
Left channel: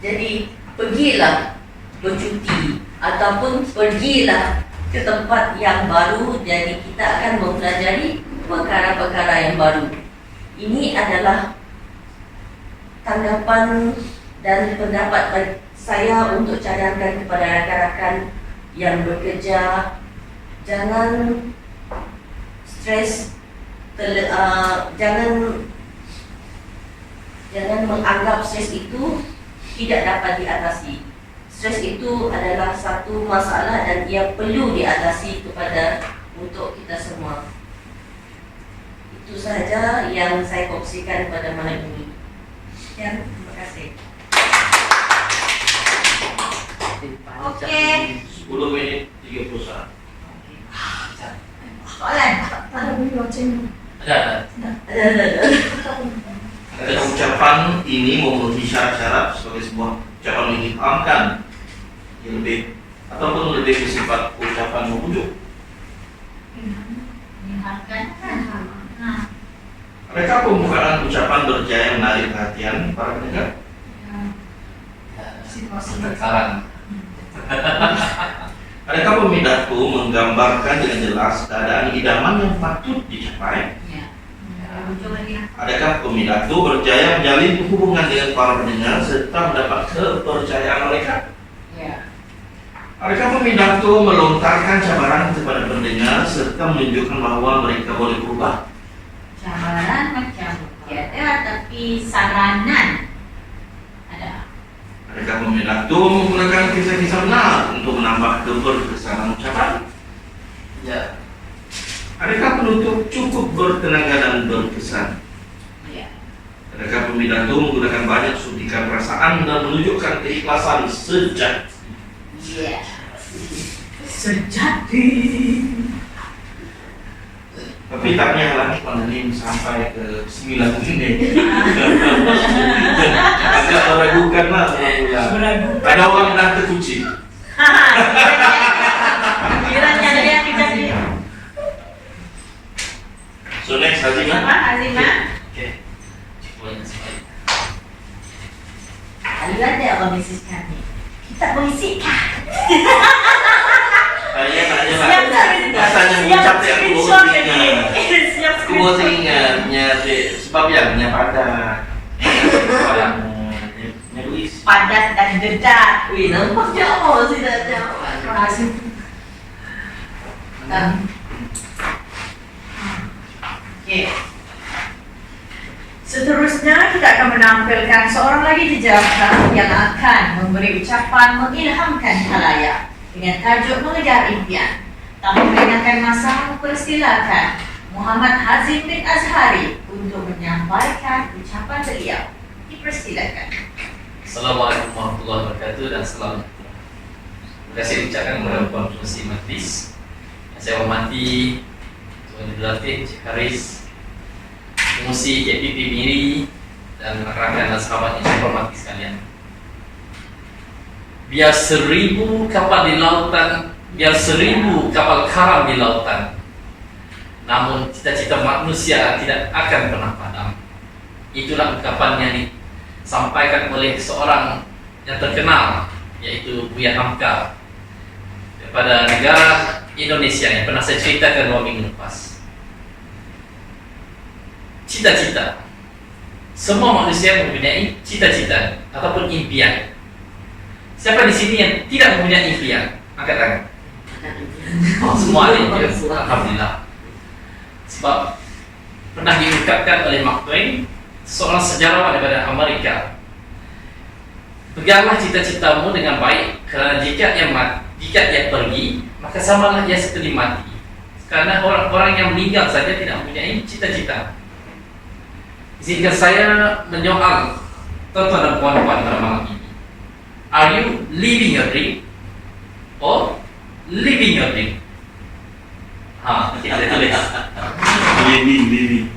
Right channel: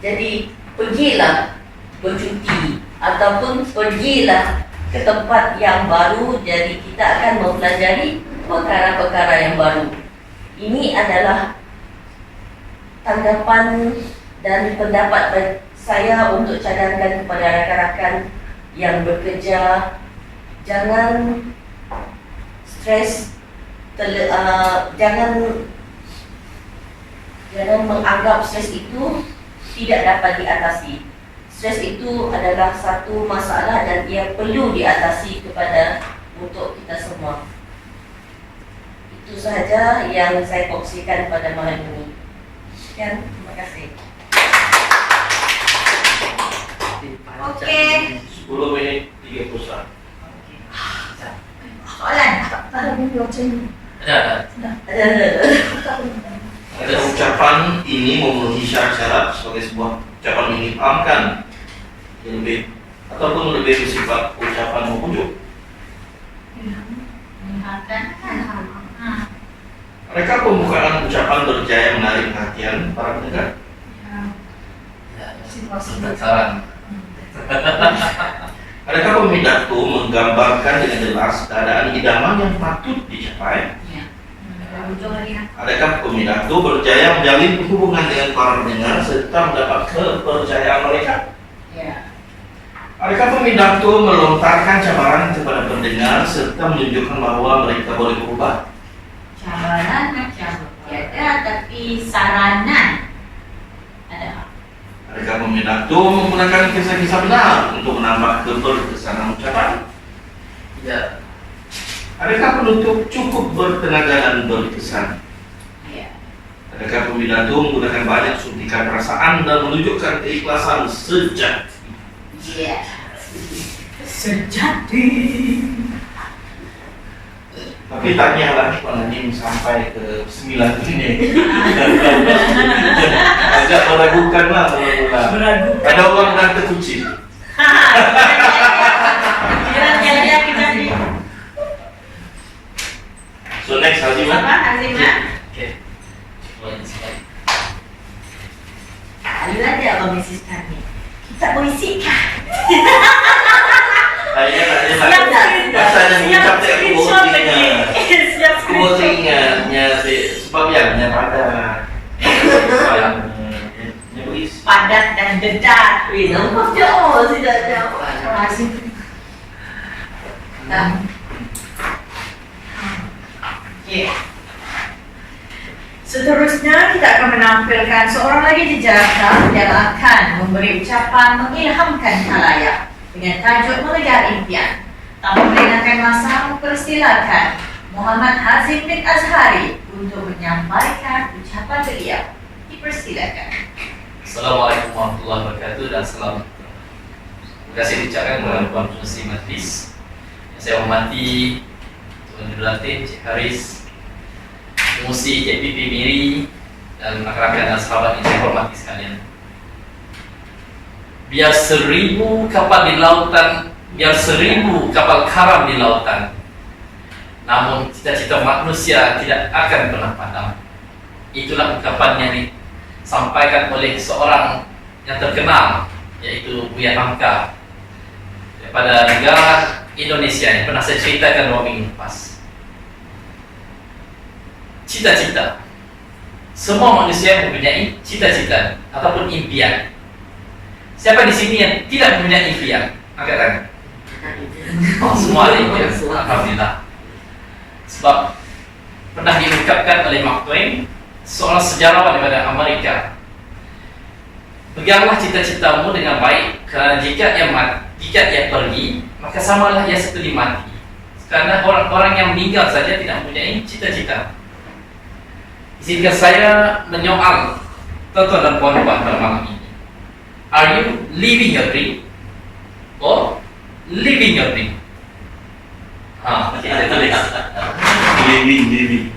Jadi pergilah bercuti ataupun pergilah ke tempat yang baru. Jadi kita akan mempelajari perkara-perkara yang baru. Ini adalah tanggapan dan pendapat saya untuk cadangkan kepada rakan-rakan yang bekerja. Jangan stres, jangan menganggap stres itu tidak dapat diatasi. Stres itu adalah satu masalah dan ia perlu diatasi untuk kita semua. Itu sahaja yang saya kongsikan pada malam ini. Sekian, terima kasih. Okey. 10 minit 31. Soalan? Ada. Ada ucapan ini memenuhi syarat-syarat sebagai sebuah ucapan menyimpangkan yang lebih ataupun lebih bersifat ucapan mengujuk. Menyimpangkan kan? Adakah pembukaan ucapan berjaya menarik perhatian para pendengar? Sekarang. Adakah pidato menggambarkan dengan jelas keadaan idaman yang patut dicapai? Ya. Ujung lagi. Adakah pidato berjaya menjalin hubungan dengan para pendengar serta mendapat kepercayaan mereka? Ya. Adakah pidato melontarkan cabaran kepada pendengar serta menunjukkan bahwa mereka boleh berubah? Cabaran macam tiada, tapi saranan ada. Adakah pidato menggunakan kisah-kisah benar untuk menambah keberkesanan ucapan? Ya. Adakah penutup cukup bertenaga dan berkesan? Ya. Adakah pidato menggunakan banyak suntikan perasaan dan menunjukkan keikhlasan sejati? Ya. Sejati. Tapi taknya lagi pandemi sampai ke 9 ini. Agak meragukan lah mula-mula. Ada orang dah terkunci. Kiranya dia kita ni. So next Hazimah. Hazimah. Okey. Boleh sekali. Aliran dia abang Mrs. kami. Kita puisi kah? Saya nak je Siap lah. dah. Rasanya Siap mengucap tak aku screenshot baru lagi. ingat. Siap Aku baru screenshot. ingatnya sebab yang pada Padat dan dedat. Wih, nampak jauh sih dah jauh. Azim. Okey. Seterusnya kita akan menampilkan seorang lagi jejaka yang akan memberi ucapan mengilhamkan khalayak dengan tajuk mengejar impian. Tanpa melengahkan masa, mempersilakan Muhammad Hazim bin Azhari untuk menyampaikan ucapan beliau. Dipersilakan. Assalamualaikum warahmatullahi wabarakatuh dan salam. Terima kasih diucapkan kepada Puan Pengerusi Majlis yang saya hormati Tuan Abdul Latif, Cik Haris, Pengerusi KPP Miri dan rakan-rakan dan sahabat yang saya hormati sekalian. Biar 1000 kapal di lautan, biar 1000 kapal karam di lautan, namun cita-cita manusia tidak akan pernah padam. Itulah ungkapan yang disampaikan oleh seorang yang terkenal, yaitu Buya Hamka daripada negara Indonesia yang pernah saya ceritakan 2 minggu lepas. Cita-cita. Semua manusia mempunyai cita-cita ataupun impian. Siapa di sini yang tidak mempunyai impian? Angkat tangan. Oh, semua ada impian. Alhamdulillah. Sebab pernah diungkapkan oleh Mark Twain, seorang sejarawan daripada Amerika, peganglah cita-citamu dengan baik, kerana jika ia pergi, maka samalah ia seperti mati. Karena orang-orang yang meninggal saja tidak mempunyai cita-cita. Izinkan saya menyoal tuan-tuan dan puan-puan pada malam ini. Are you living your dream or living your dream? Kita tulis. Living.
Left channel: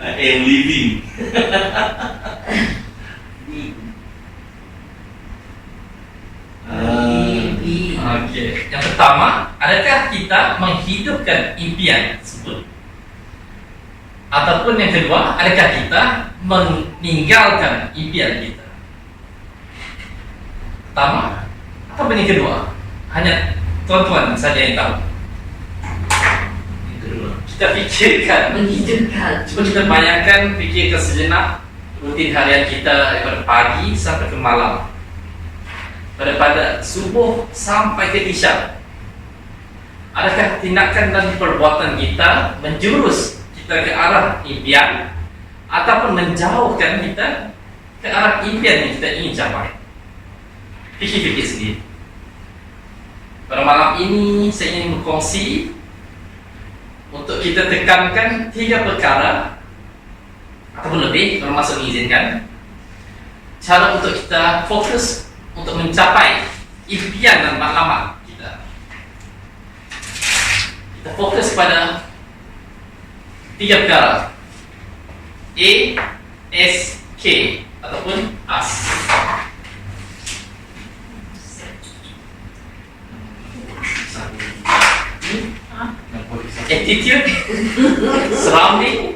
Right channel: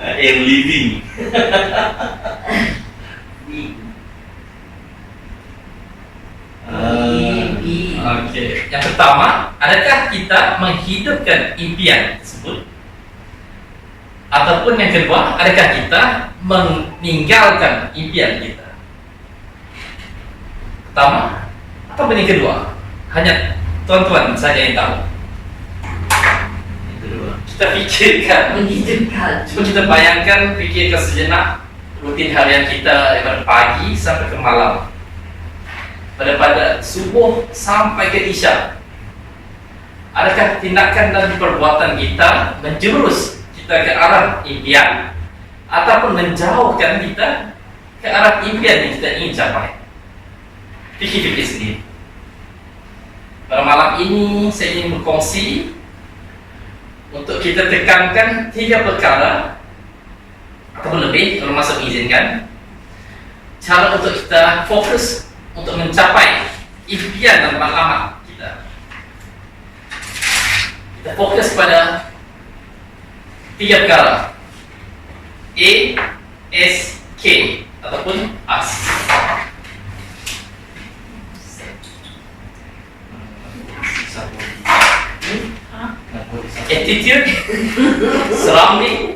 I am living. Okey. Yang pertama, adakah kita menghidupkan impian tersebut? Ataupun yang kedua, adakah kita meninggalkan impian kita? Pertama, apa yang kedua? Hanya tuan-tuan saja yang tahu. Yang kedua. Kita kita fikirkan, cuba kita bayangkan, fikirkan sejenak rutin harian kita daripada pagi sampai ke malam, pada subuh sampai ke isyak. Adakah tindakan dan perbuatan kita menjurus kita ke arah impian ataupun menjauhkan kita ke arah impian yang kita ingin capai? Fikir-fikir sendiri. Pada malam ini saya ingin berkongsi untuk kita tekankan 3 perkara ataupun lebih kalau masa mengizinkan, cara untuk kita fokus untuk mencapai impian dan matlamat kita. Kita fokus pada 3 perkara: A, S, K ataupun AS. Attitude, surrounding,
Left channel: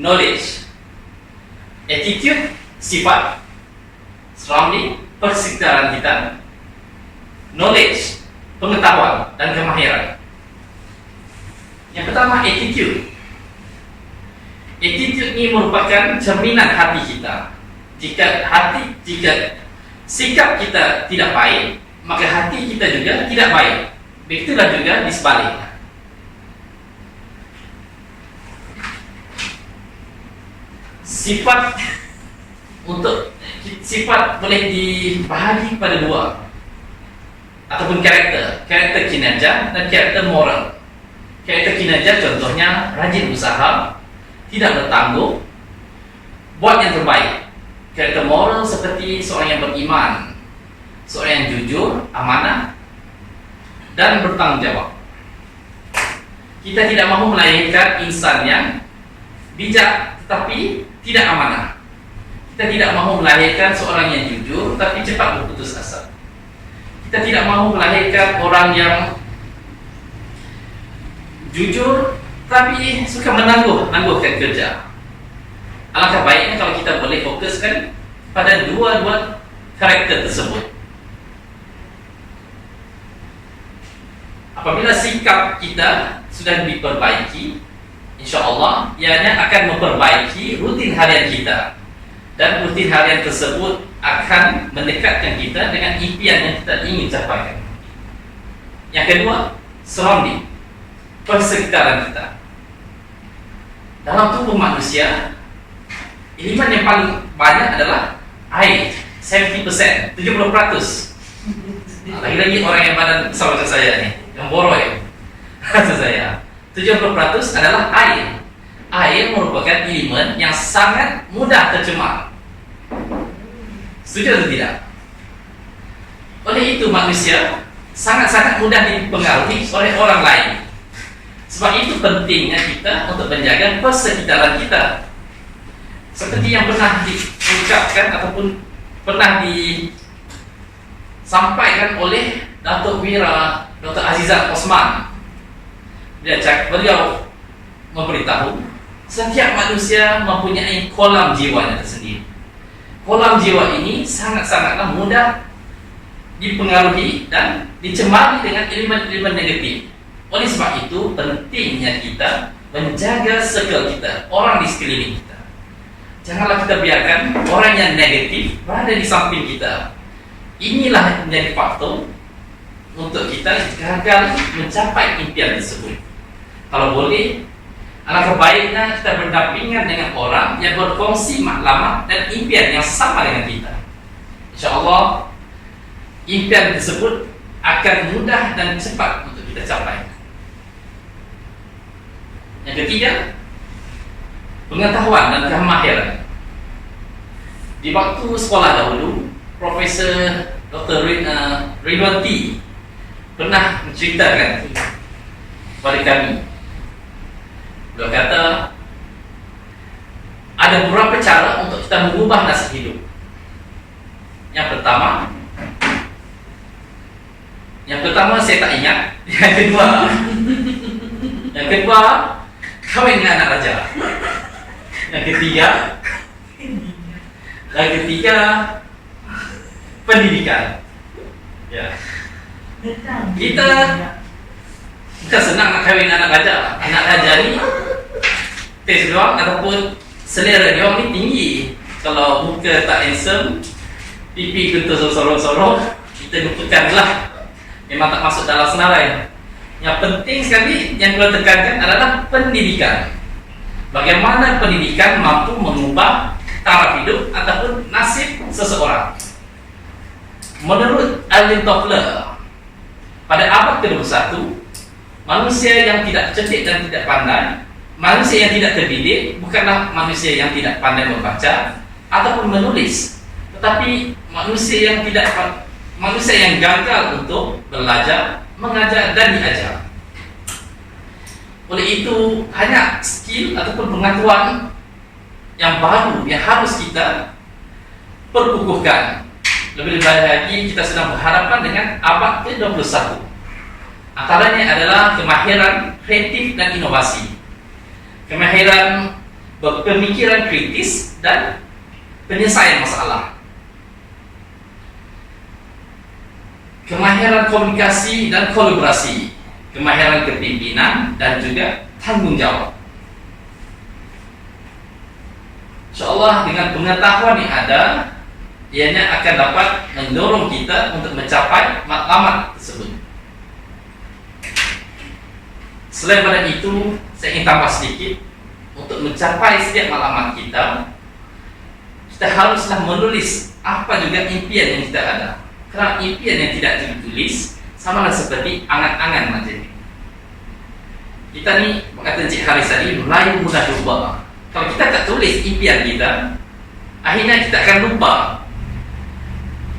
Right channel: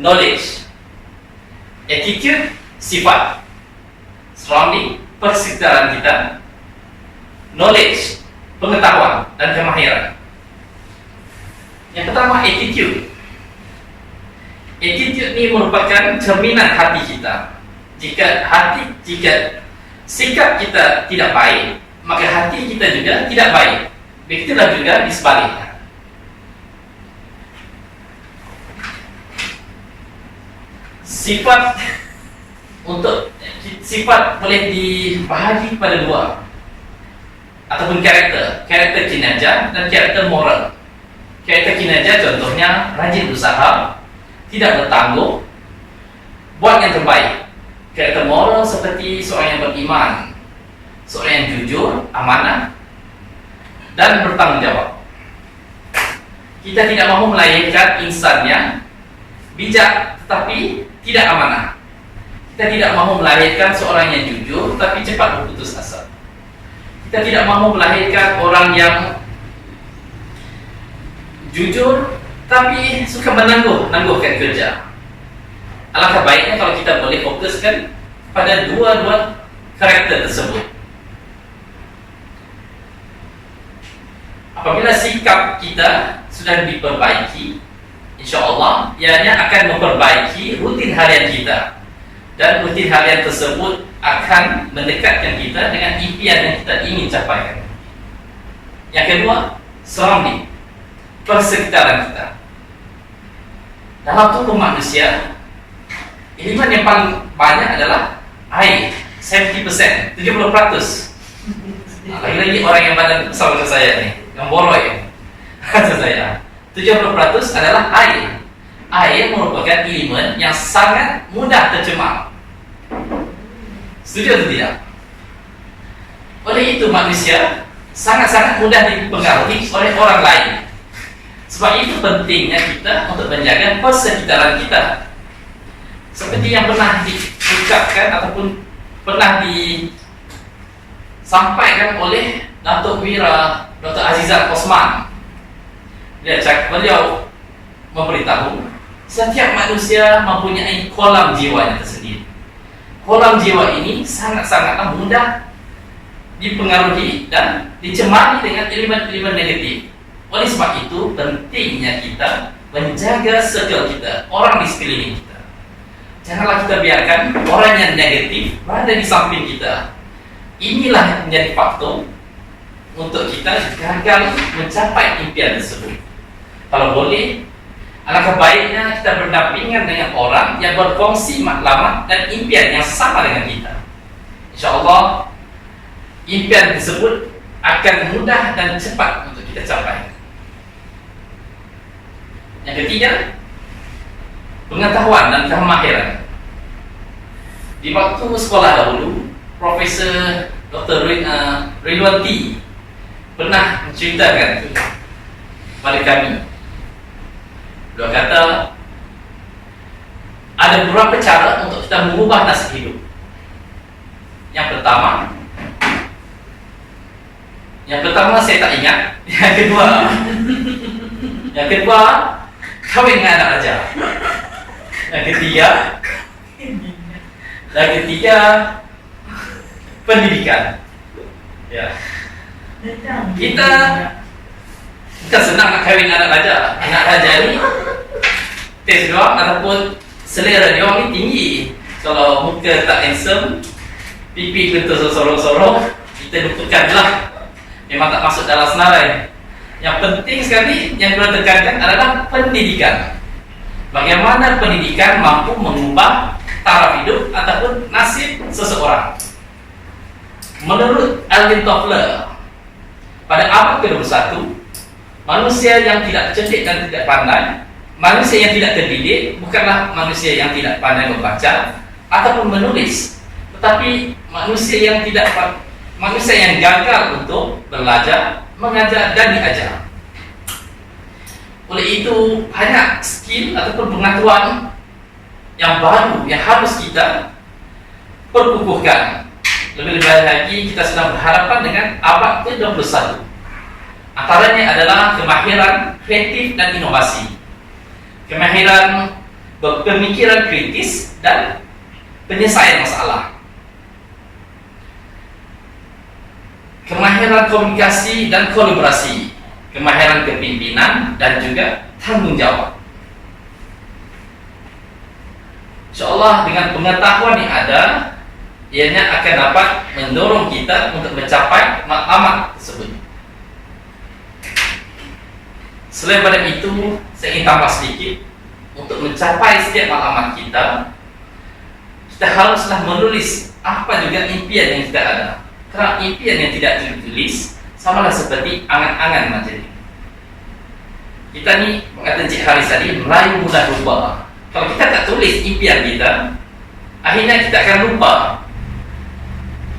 knowledge. Attitude, sifat. Surrounding, persekitaran kita. Knowledge, pengetahuan dan kemahiran. Yang pertama, attitude. Attitude ini merupakan cerminan hati kita. Jika sikap kita tidak baik, maka hati kita juga tidak baik. Begitulah juga di sebaliknya. Sifat boleh dibahagi pada 2 ataupun karakter kinerja dan karakter moral. Karakter kinerja contohnya rajin usaha, tidak bertangguh, buat yang terbaik. Karakter moral seperti seorang yang beriman, seorang yang jujur, amanah dan bertanggung jawab. Kita tidak mahu melahirkan insan yang bijak tetapi tidak amanah. Kita tidak mahu melahirkan seorang yang jujur tapi cepat berputus asa. Kita tidak mahu melahirkan orang yang jujur tapi suka menangguhkan kerja. Alangkah baiknya kalau kita boleh fokuskan pada 2 karakter tersebut. Apabila sikap kita sudah diperbaiki, insya-Allah ianya akan memperbaiki rutin harian kita, dan rutin harian tersebut akan mendekatkan kita dengan impian yang kita ingin capai. Yang kedua, surrounding, persekitaran kita. Dalam tubuh manusia, elemen yang paling banyak adalah air, 70%, 70%. Lagi-lagi orang yang badan besar macam saya nih, yang boroi macam saya, 70% adalah air. Air merupakan elemen yang sangat mudah tercemar. Setuju atau tidak? Oleh itu manusia sangat-sangat mudah dipengaruhi oleh orang lain. Sebab itu pentingnya kita untuk menjaga persekitaran kita. Seperti yang pernah diucapkan ataupun pernah disampaikan oleh Datuk Wira Dr. Azizat Osman. Beliau memberitahu setiap manusia mempunyai kolam jiwanya tersendiri. Kolam jiwa ini sangat-sangatlah mudah dipengaruhi dan dicemari dengan elemen-elemen negatif. Oleh sebab itu pentingnya kita menjaga circle kita, orang di sekeliling kita. Janganlah kita biarkan orang yang negatif berada di samping kita. Inilah yang menjadi faktor untuk kita gagal mencapai impian tersebut. Kalau boleh, alangkah baiknya kita berdampingan dengan orang yang berkongsi matlamat dan impian yang sama dengan kita. InsyaAllah impian tersebut akan mudah dan cepat untuk kita capai. Yang ketiga, pengetahuan dan kemahiran. Di waktu sekolah dahulu, Profesor Dr. Ridwan T pernah menceritakan kepada kami. Beliau kata ada beberapa cara untuk kita mengubah nasib hidup. Yang pertama saya tak ingat. Yang kedua kawin dengan anak raja. Yang ketiga pendidikan. Ya. Bukan senang nak kahwin anak raja. Anak raja ni taste dia orang ataupun selera dia orang ni tinggi. Kalau muka tak handsome, pipi bentuk sorong-sorong, kita lupakan lah. Memang tak masuk dalam senarai. Yang penting sekali yang kita tekankan adalah pendidikan. Bagaimana pendidikan mampu mengubah taraf hidup ataupun nasib seseorang. Menurut Alvin Toffler, pada abad ke-21, manusia yang tidak cerdik dan tidak pandai, manusia yang tidak terdidik bukanlah manusia yang tidak pandai membaca ataupun menulis, tetapi manusia yang gagal untuk belajar, mengajar dan diajar. Oleh itu, banyak skill ataupun pengetahuan yang baru yang harus kita perkukuhkan. Lebih-lebih lagi, kita sedang berhadapan dengan abad ke-21. Antaranya adalah kemahiran kreatif dan inovasi, kemahiran berpemikiran kritis dan penyelesaian masalah, kemahiran komunikasi dan kolaborasi, kemahiran kepimpinan dan juga tanggungjawab. InsyaAllah dengan pengetahuan yang ada, ianya akan dapat mendorong kita untuk mencapai matlamat tersebut. Selain pada itu, saya ingin tambah sedikit. Untuk mencapai setiap matlamat kita haruslah menulis apa juga impian yang kita ada. Kerana impian yang tidak ditulis samalah seperti angan-angan macam ini. Kita ni, kata Encik Haris tadi, Melayu mudah lupa. Kalau kita tak tulis impian kita, akhirnya kita akan lupa.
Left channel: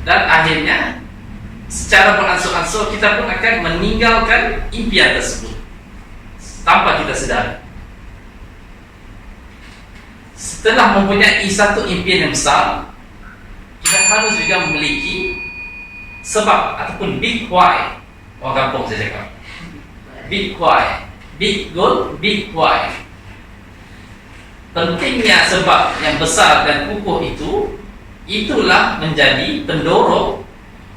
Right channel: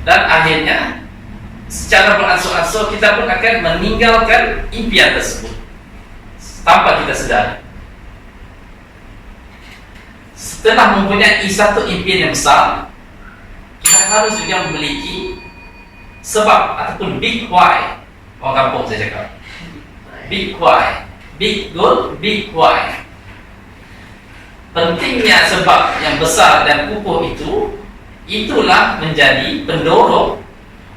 Dan akhirnya secara beransur-ansur kita pun akan meninggalkan impian tersebut tanpa kita sedar. Setelah mempunyai satu impian yang besar, kita harus juga memiliki sebab ataupun big why. Orang kampung saya cakap big why, big goal, big why. Pentingnya sebab yang besar dan kukuh itu, itulah menjadi pendorong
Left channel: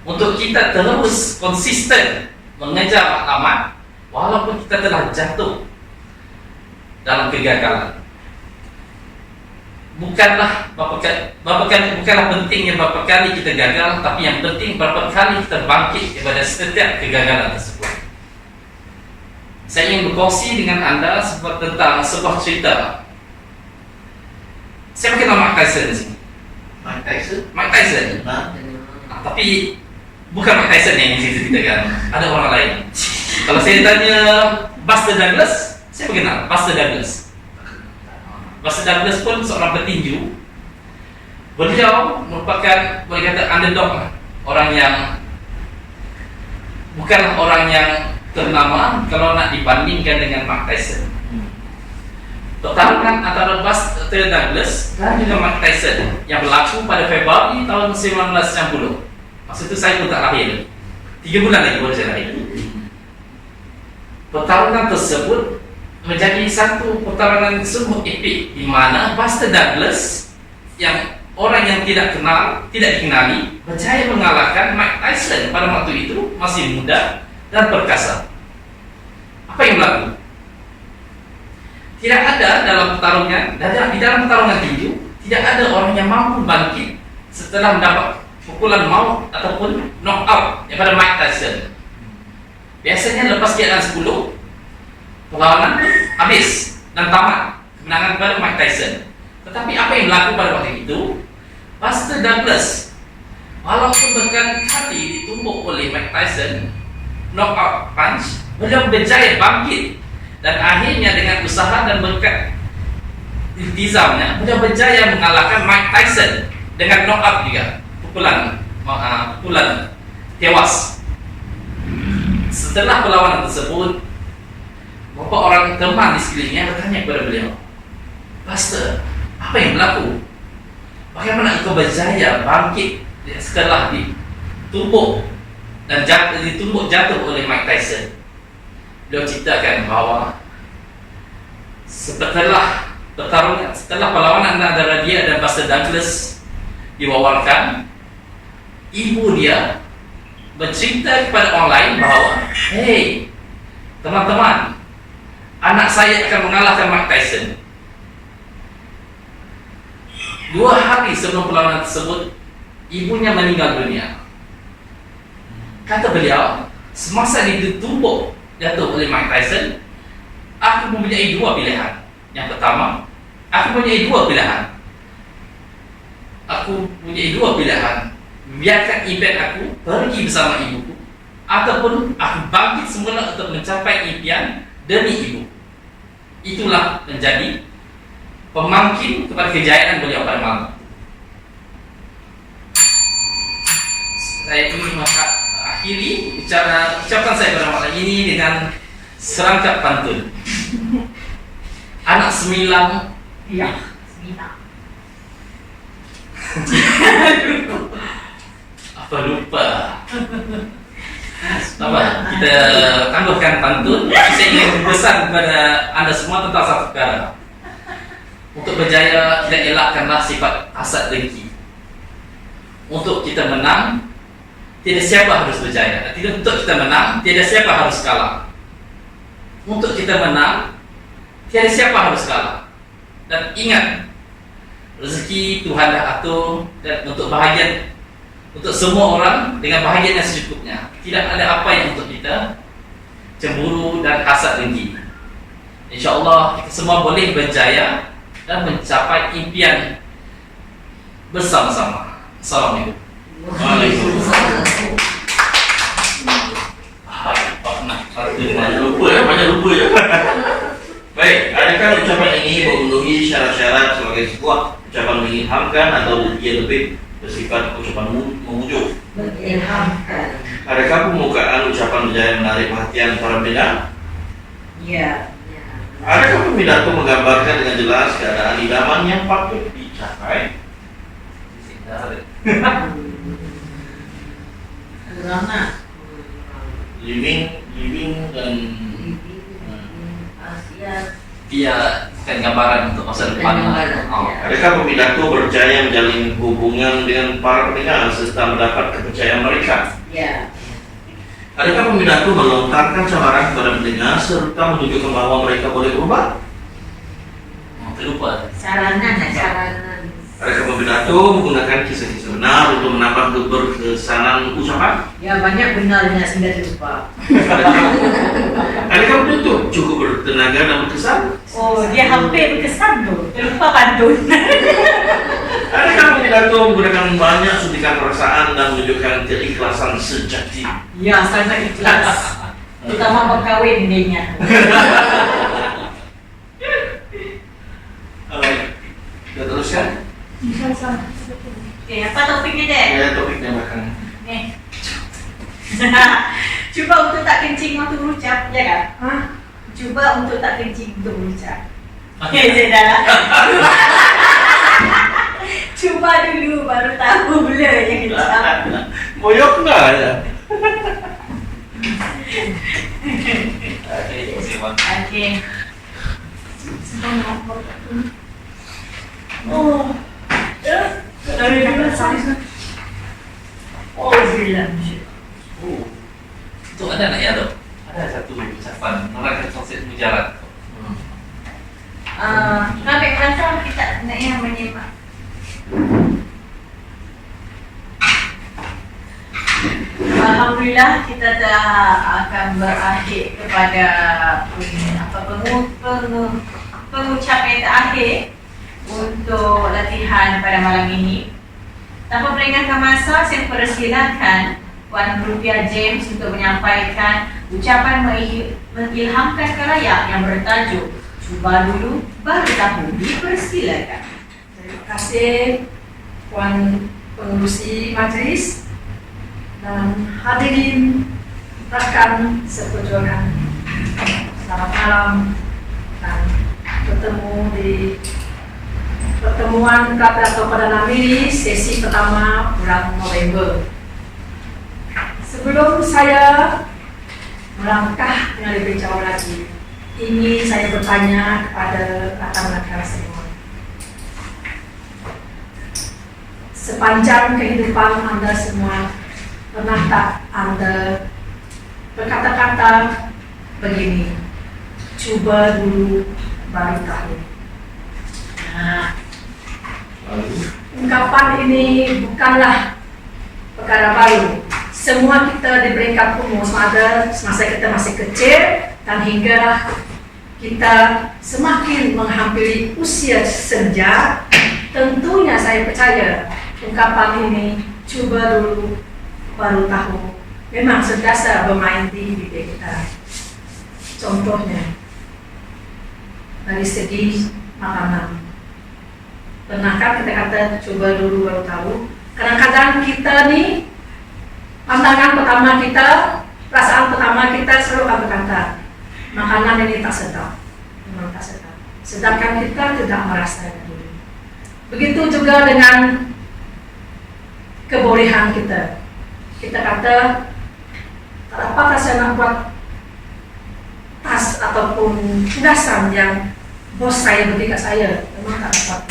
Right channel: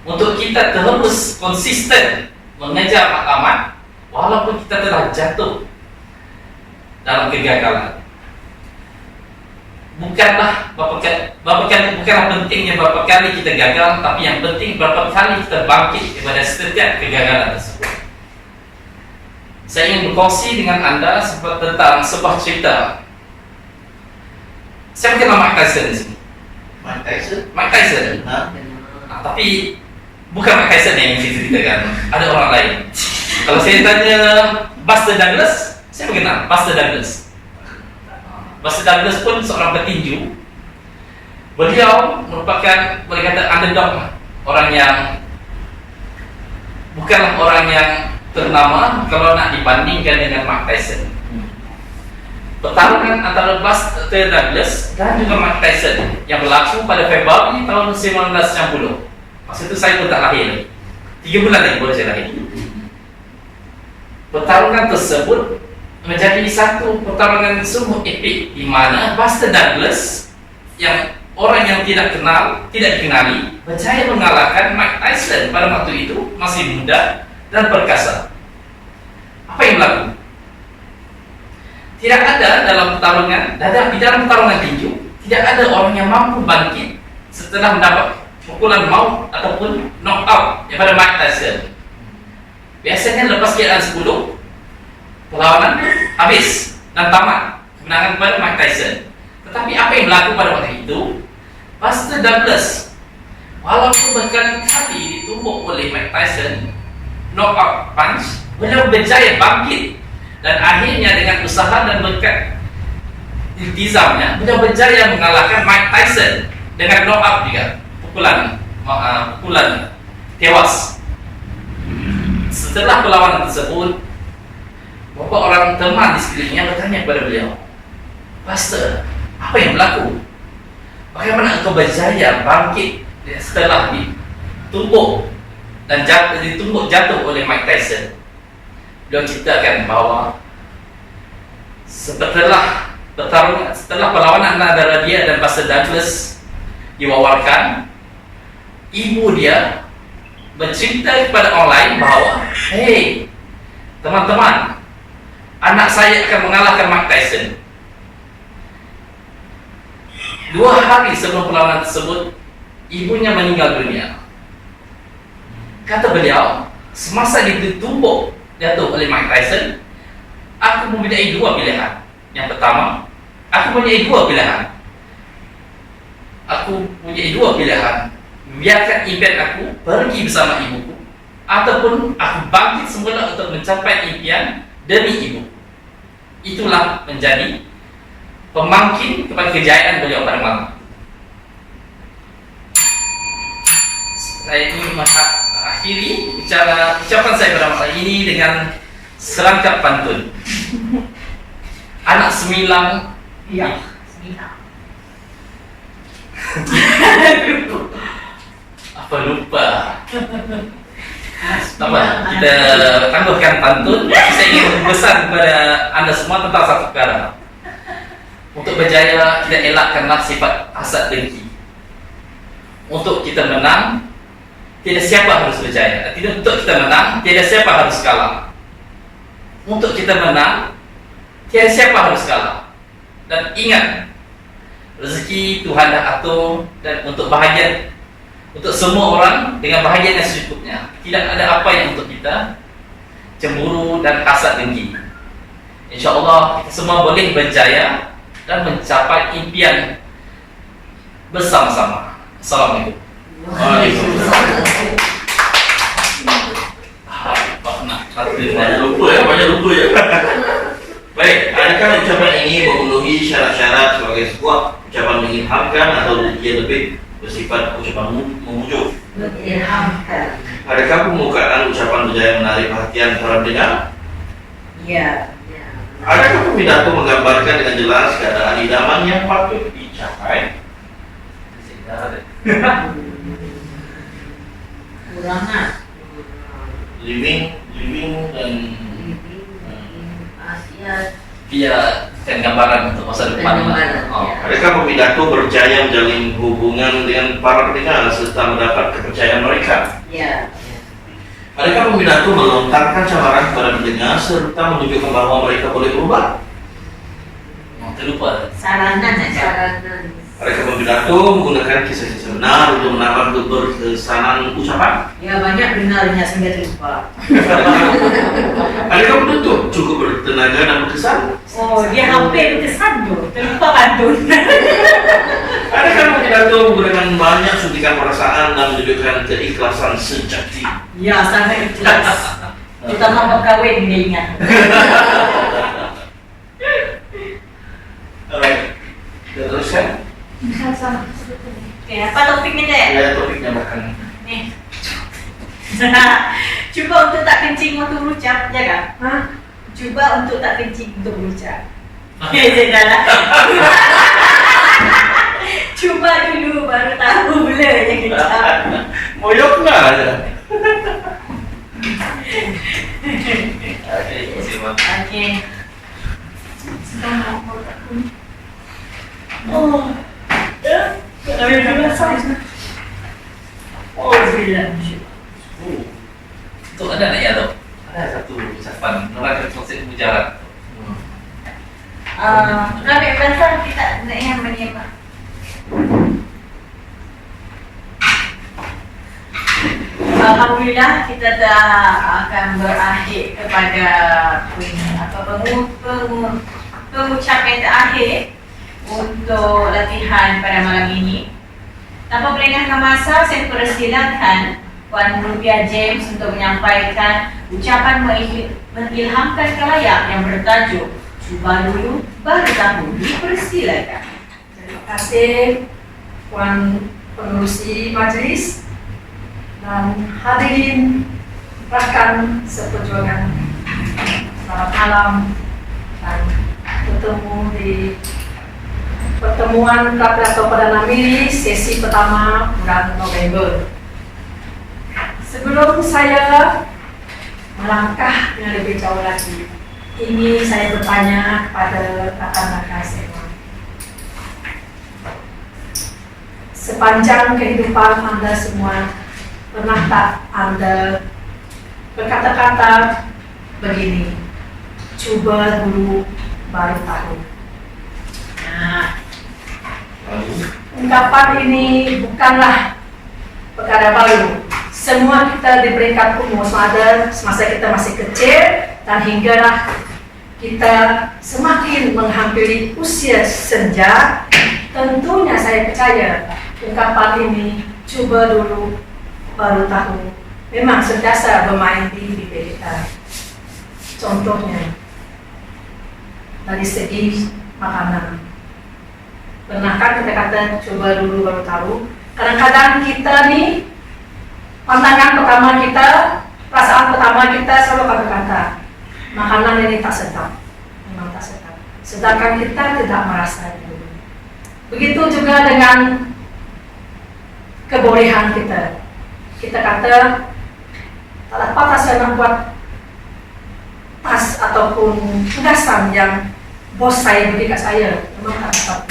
untuk kita terus konsisten mengejar matlamat walaupun kita telah jatuh dalam kegagalan. Bukanlah pentingnya berapa kali kita gagal, tapi yang penting berapa kali kita bangkit daripada setiap kegagalan tersebut. Saya ingin berkongsi dengan anda tentang sebuah cerita. Saya kenal Mike Tyson di sini. Mike Tyson. Tapi bukan Mike Tyson yang saya ceritakan. Ada orang lain. Kalau saya tanya Buster Douglas, saya mengenal Buster Douglas. Buster Douglas pun seorang petinju. Beliau merupakan, boleh kata, underdog, orang yang bukanlah orang yang ternama kalau nak dibandingkan dengan Mike Tyson. Pertarungan antara Buster Douglas dan juga Mike Tyson yang berlaku pada Februari tahun 1990. Masa itu saya pun tak lahir. 3 bulan lagi baru saya lahir. Pertarungan tersebut menjadi satu pertarungan sungguh epik, di mana Buster Douglas yang orang yang tidak dikenali berjaya mengalahkan Mike Tyson pada waktu itu masih muda dan perkasa. Apa yang berlaku? Tidak ada dalam pertarungan, di dalam pertarungan tinju, tidak ada orang yang mampu bangkit setelah mendapat pukulan maut ataupun knockout daripada Mike Tyson. Biasanya lepas keadaan 10, perlawanan pun habis dan tamat kemenangan kepada Mike Tyson. Tetapi apa yang berlaku pada waktu itu? Buster Douglas, walaupun berkali-kali ditumbuk oleh Mike Tyson knockout punch, beliau berjaya bangkit. Dan akhirnya dengan usaha dan berkat iltizamnya, beliau berjaya mengalahkan Mike Tyson dengan knockout juga, pukulan tewas. Setelah perlawanan tersebut, beberapa orang teman di sekelilingnya bertanya kepada beliau, Buster, apa yang berlaku? Bagaimana engkau berjaya bangkit setelah ditumbuk dan jatuh oleh Mike Tyson? Beliau ceritakan bahawa setelah perlawanan antara dia dan Buster Douglas diwawarkan, ibu dia bercerita kepada orang lain bahawa, hey, teman-teman, anak saya akan mengalahkan Mike Tyson. 2 hari sebelum perlawanan tersebut, ibunya meninggal dunia. Kata beliau, semasa ditumbuk jatuh oleh Mike Tyson, aku mempunyai 2 pilihan. Yang pertama, aku mempunyai 2 pilihan. Biarkan impian aku pergi bersama ibuku, ataupun aku bangkit semula untuk mencapai impian demi ibuku. Itulah menjadi pemangkin kepada kejayaan beliau pada malam. Saya ingin mengakhiri ucapan saya pada malam ini dengan serangkap pantun. Anak semilang, Ya, sembilan. apa lupa. Apa? Kita tangguhkan pantun. Saya ingin berpesan kepada anda semua tentang satu perkara. Untuk berjaya, kita elakkanlah sifat hasad dengki. Untuk kita menang, tidak siapa harus berjaya. Untuk kita menang, tidak siapa harus kalah. Untuk kita menang, tidak siapa harus kalah. Dan ingat, rezeki Tuhan dah atur, dan untuk bahagian untuk semua orang dengan bahagian yang secukupnya. Tidak ada apa yang untuk kita cemburu dan hasad dengki. InsyaAllah kita semua boleh berjaya dan mencapai impian bersama-sama. Assalamualaikum. Waalaikumsalam. Banyak lupa ya. Baik, adakah ucapan ini memenuhi syarat-syarat sebagai sebuah ucapan mengilhamkan atau dia lebih bersifat ucapan memujuk? Mengilhamkan. Adakah pembukaan ucapan berjaya menarik perhatian para pendengar? Ya. Adakah pidato menggambarkan dengan jelas keadaan idaman yang patut dicapai? Kurang nak. Living dan Dia kan gambaran untuk masa depan. adakah pemidato berjaya menjalin hubungan dengan para pendengar serta mendapat kepercayaan mereka? Ya. Adakah pemidato melontarkan cabaran kepada pendengar serta menunjukkan bahwa mereka boleh berubah? Terlupa. Saranan aja. Adakah pemidato menggunakan kisah-kisah benar untuk menambah keberkesanan ucapan? Ya, banyak benarnya sehingga terlupa. Adakah penutup cukup bertenaga dan berkesan? Oh, dia hampir berkesan tu. Terlupa pantun. Adakah pemidato menggunakan banyak suntikan perasaan dan menunjukkan keikhlasan sejati? Ya, sangat ikhlas. Terutama berkahwin dia ingat. Kita teruskan? Okay, apa topiknya dek? Ya, topiknya makan. Nih. Cuba untuk tak kencing waktu berucap, ya kan? Cuba untuk tak kencing untuk berucap. Okay, dah lah. Cuba dulu baru tahu bila yang kecap. Moyok nggak ya? Okay. Oh. Oh, bilang. Itu ada nak ya lo? Ada satu ucapan menerangkan konsep mujarab. Kami rasa kita nak yang menyimak. Alhamdulillah kita dah akan berakhir kepada pengucapan terakhir untuk latihan pada malam ini. Tanpa merengahkan masa, saya persilakan Puan Rupiah James untuk menyampaikan ucapan mengilhamkan khalayak yang bertajuk "Cuba dulu baru tahu." Dipersilakan. Terima kasih Puan Pengurusi Majlis dan hadirin rakan seperjuangan. Selamat malam dan bertemu di pertemuan Pidato Perdana Menteri sesi pertama bulan November. Sebelum saya melangkah dengan lebih jauh lagi, ingin saya bertanya kepada rakan-rakan semua. Sepanjang kehidupan Anda semua, pernah tak Anda berkata-kata begini, coba dulu baru tahu. Nah, ungkapan ini bukanlah perkara baru. Semua kita di peringkat umur semasa kita masih kecil dan hinggalah kita semakin menghampiri usia senja, tentunya saya percaya ungkapan ini coba dulu baru tahu memang sentiasa bermain di bibir kita. Contohnya dari segi makanan. Pernahkah kita kata coba dulu baru tahu? Kadang-kadang kita nih, pandangan pertama kita, perasaan pertama kita selalu akan berkata, makanan ini tak sedap, memang tak sedap. Sedangkan kita tidak merasa itu. Begitu juga dengan kebolehan kita. Kita kata, tak dapat saya nak buat tas ataupun tugasan yang bos saya beri kat saya, memang tak dapat.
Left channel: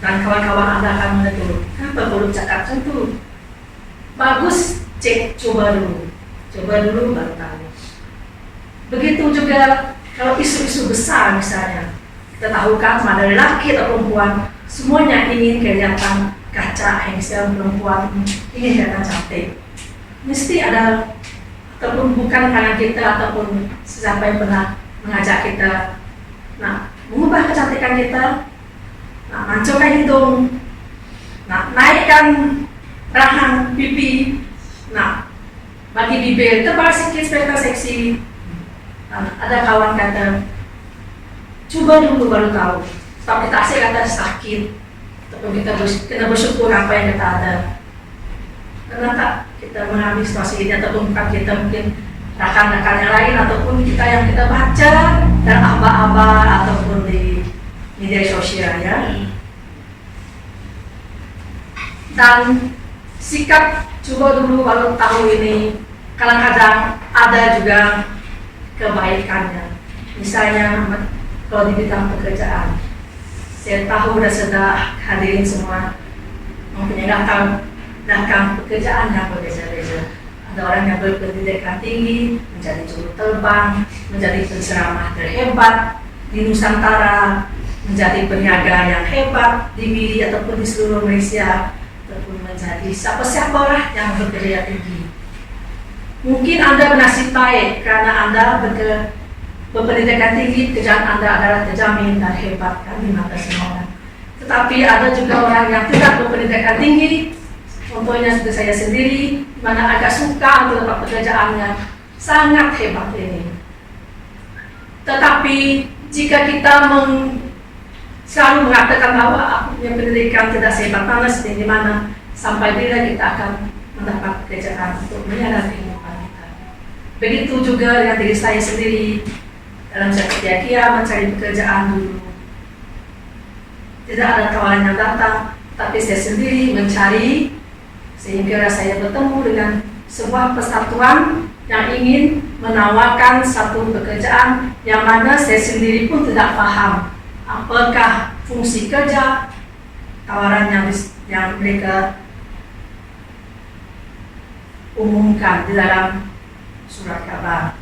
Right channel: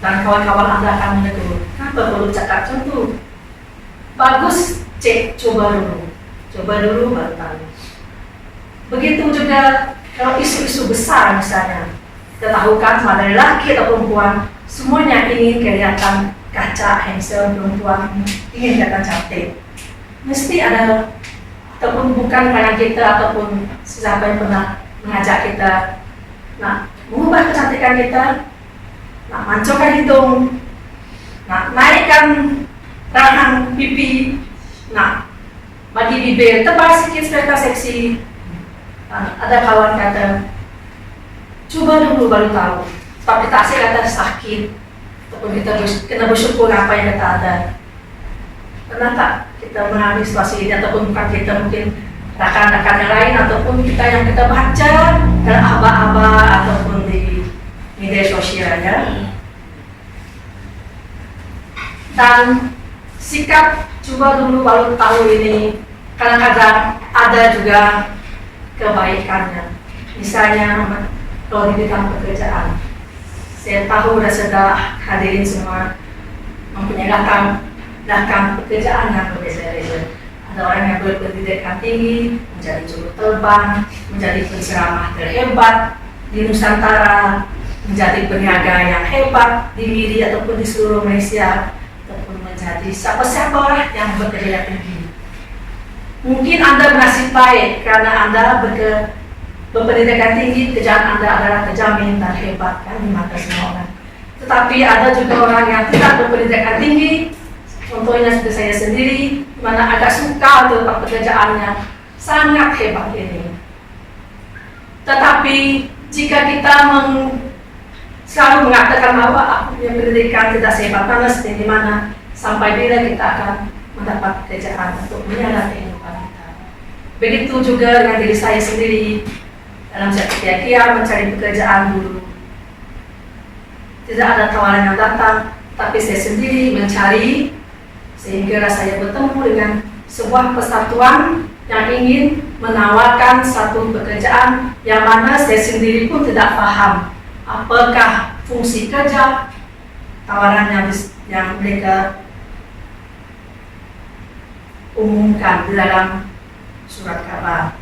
Dan kawan-kawan Anda akan menegur, kenapa perlu cakap macam tu? Bagus, cek, coba dulu baru tahu. Begitu juga kalau isu-isu besar misalnya, kita tahu kan sama ada lelaki atau perempuan, semuanya ingin kelihatan kaca, handsome, perempuan ingin kelihatan cantik. Mesti ada, ataupun bukan karena kita ataupun siapa yang pernah mengajak kita nak mengubah kecantikan kita, nak mancungkan hidung, nak naikkan rahang pipi, nak bagi bibir tebal sikit supaya seksi. Ada kawan kata, coba dulu baru tahu. Sebab kita asyik kata sakit, ataupun kita kena bersyukur apa yang kita ada. Pernah tak kita mengalami situasi ini, ataupun bukan kita, mungkin rakan-rakan yang lain, ataupun kita yang kita baca dan aba-aba ataupun di media sosial ya. Dan sikap coba dulu baru tahu ini kadang-kadang ada juga kebaikannya. Misalnya kalau di bidang pekerjaan, saya tahu dan sudah hadirin semua mempunyai latar pekerjaan yang berbeza-beza. Ada orang yang berpendidikan tinggi, menjadi juru terbang, menjadi penceramah terhebat di Nusantara, menjadi peniaga yang hebat di Miri ataupun di seluruh Malaysia, ataupun menjadi siapa-siapa yang bekerja tinggi. Mungkin Anda bernasib baik karena Anda berpendidikan tinggi, pekerjaan Anda adalah terjamin dan hebat kan di mata semua orang. Tetapi ada juga orang yang tidak berpendidikan tinggi, contohnya seperti saya sendiri, di mana agak suka untuk pekerjaannya, sangat hebat ini. Tetapi jika kita selalu mengatakan bahwa aku punya pendidikan tidak sehebat mana, setinggi mana, sampai bila kita akan mendapat pekerjaan untuk menyalahkan kehidupan kita. Begitu juga dengan diri saya sendiri, dalam setiap mencari pekerjaan dulu. Tidak ada tawaran yang datang, tapi saya sendiri mencari, sehingga saya bertemu dengan sebuah persatuan yang ingin menawarkan satu pekerjaan yang mana saya sendiri pun tidak paham apakah fungsi kerja, tawaran yang mereka umumkan di dalam surat khabar.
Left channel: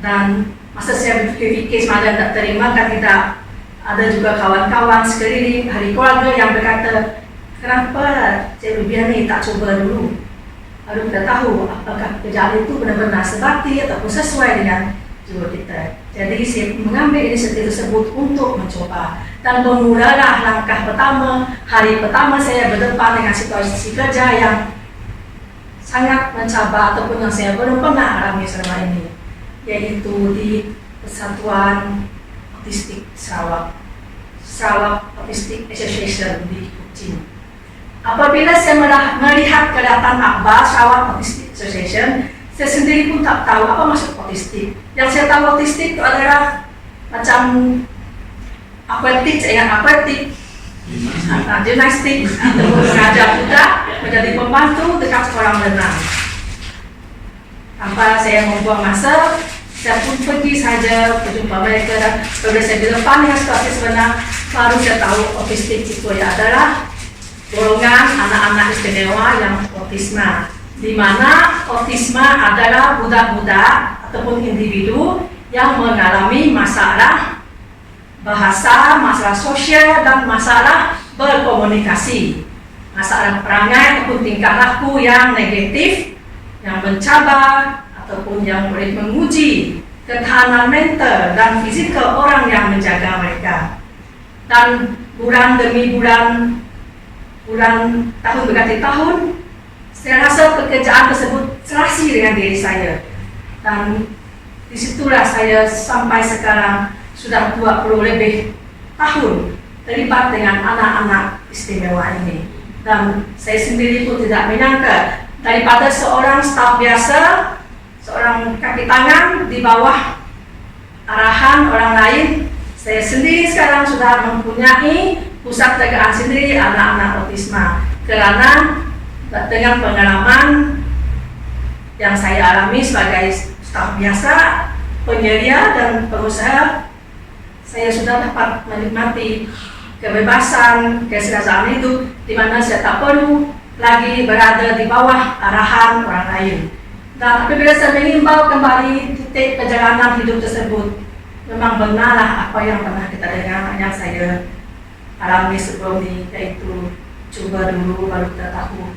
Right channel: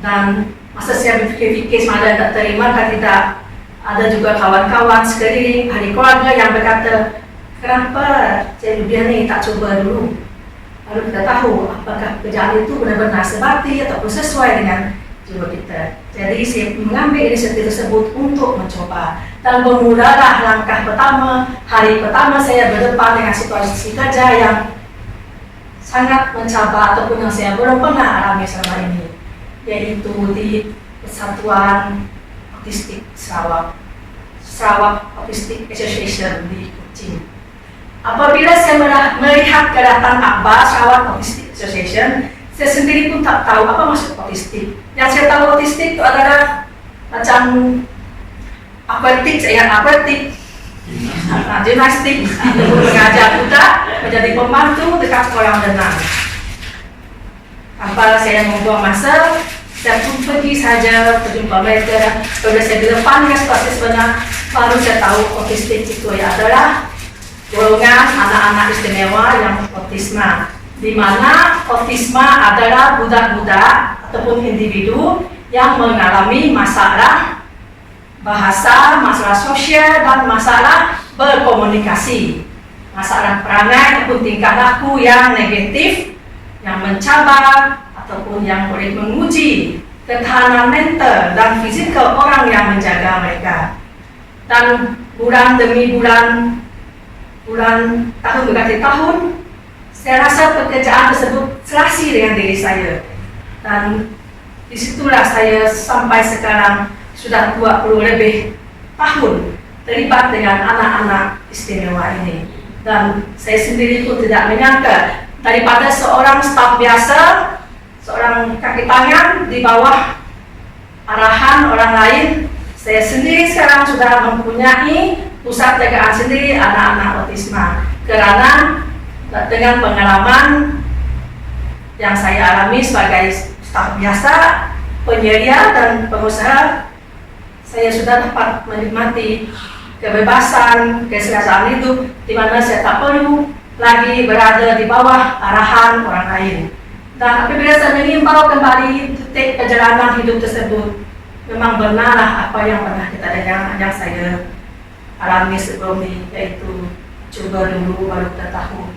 Dan masa saya berfikir-fikir semalam tak terima, kan tidak ada juga kawan-kawan sekeliling, ahli keluarga yang berkata, kenapa Cik Lubiah ni tak cuba dulu? Lalu kita tahu apakah pekerjaan itu benar-benar sebati ataupun sesuai dengan jiwa kita. Jadi saya mengambil inisiatif tersebut untuk mencoba. Dan bermulalah langkah pertama, hari pertama saya berdepan dengan situasi kerja yang sangat mencabar ataupun yang saya belum pernah alami selama ini, yaitu di Persatuan Autistik Sarawak Autistic Association di Kuching. Apabila saya melihat kedatangan akhbar Sarawak Autistic Association, saya sendiri pun tak tahu apa maksud autistik. Yang saya tahu autistik itu adalah macam akuatik, gimnastik, ataupun mengajar budak menjadi pembantu dekat kolam renang. Tanpa saya membuang masa, saya pun pergi saja berjumpa mereka. Dan bila saya berdepan dengan situasi sebenar, baru saya tahu autistik itu adalah golongan anak-anak istimewa yang autisma. di mana autisma adalah budak-budak ataupun individu yang mengalami masalah bahasa, masalah sosial, dan masalah berkomunikasi, masalah perangai ataupun tingkah laku yang negatif, yang mencabar ataupun yang boleh menguji ketahanan mental dan fizikal orang yang menjaga mereka. Dan bulan demi bulan, tahun berganti tahun, saya rasa pekerjaan tersebut serasi dengan diri saya. Dan disitulah saya sampai sekarang sudah 20 lebih tahun terlibat dengan anak-anak istimewa ini. Dan saya sendiri pun tidak menyangka, daripada seorang staf biasa, seorang kaki tangan di bawah arahan orang lain, saya sendiri sekarang sudah mempunyai pusat jagaan sendiri anak-anak autisma. Karena dengan pengalaman yang saya alami sebagai staf biasa, penyedia dan pengusaha, saya sudah dapat menikmati kebebasan, keserasian hidup, di mana saya tak perlu lagi berada di bawah arahan orang lain. Dan apabila saya mengimbau kembali titik perjalanan hidup tersebut, memang benarlah apa yang pernah kita dengar, yang saya alami sebelum ini, yaitu coba dulu baru kita tahu.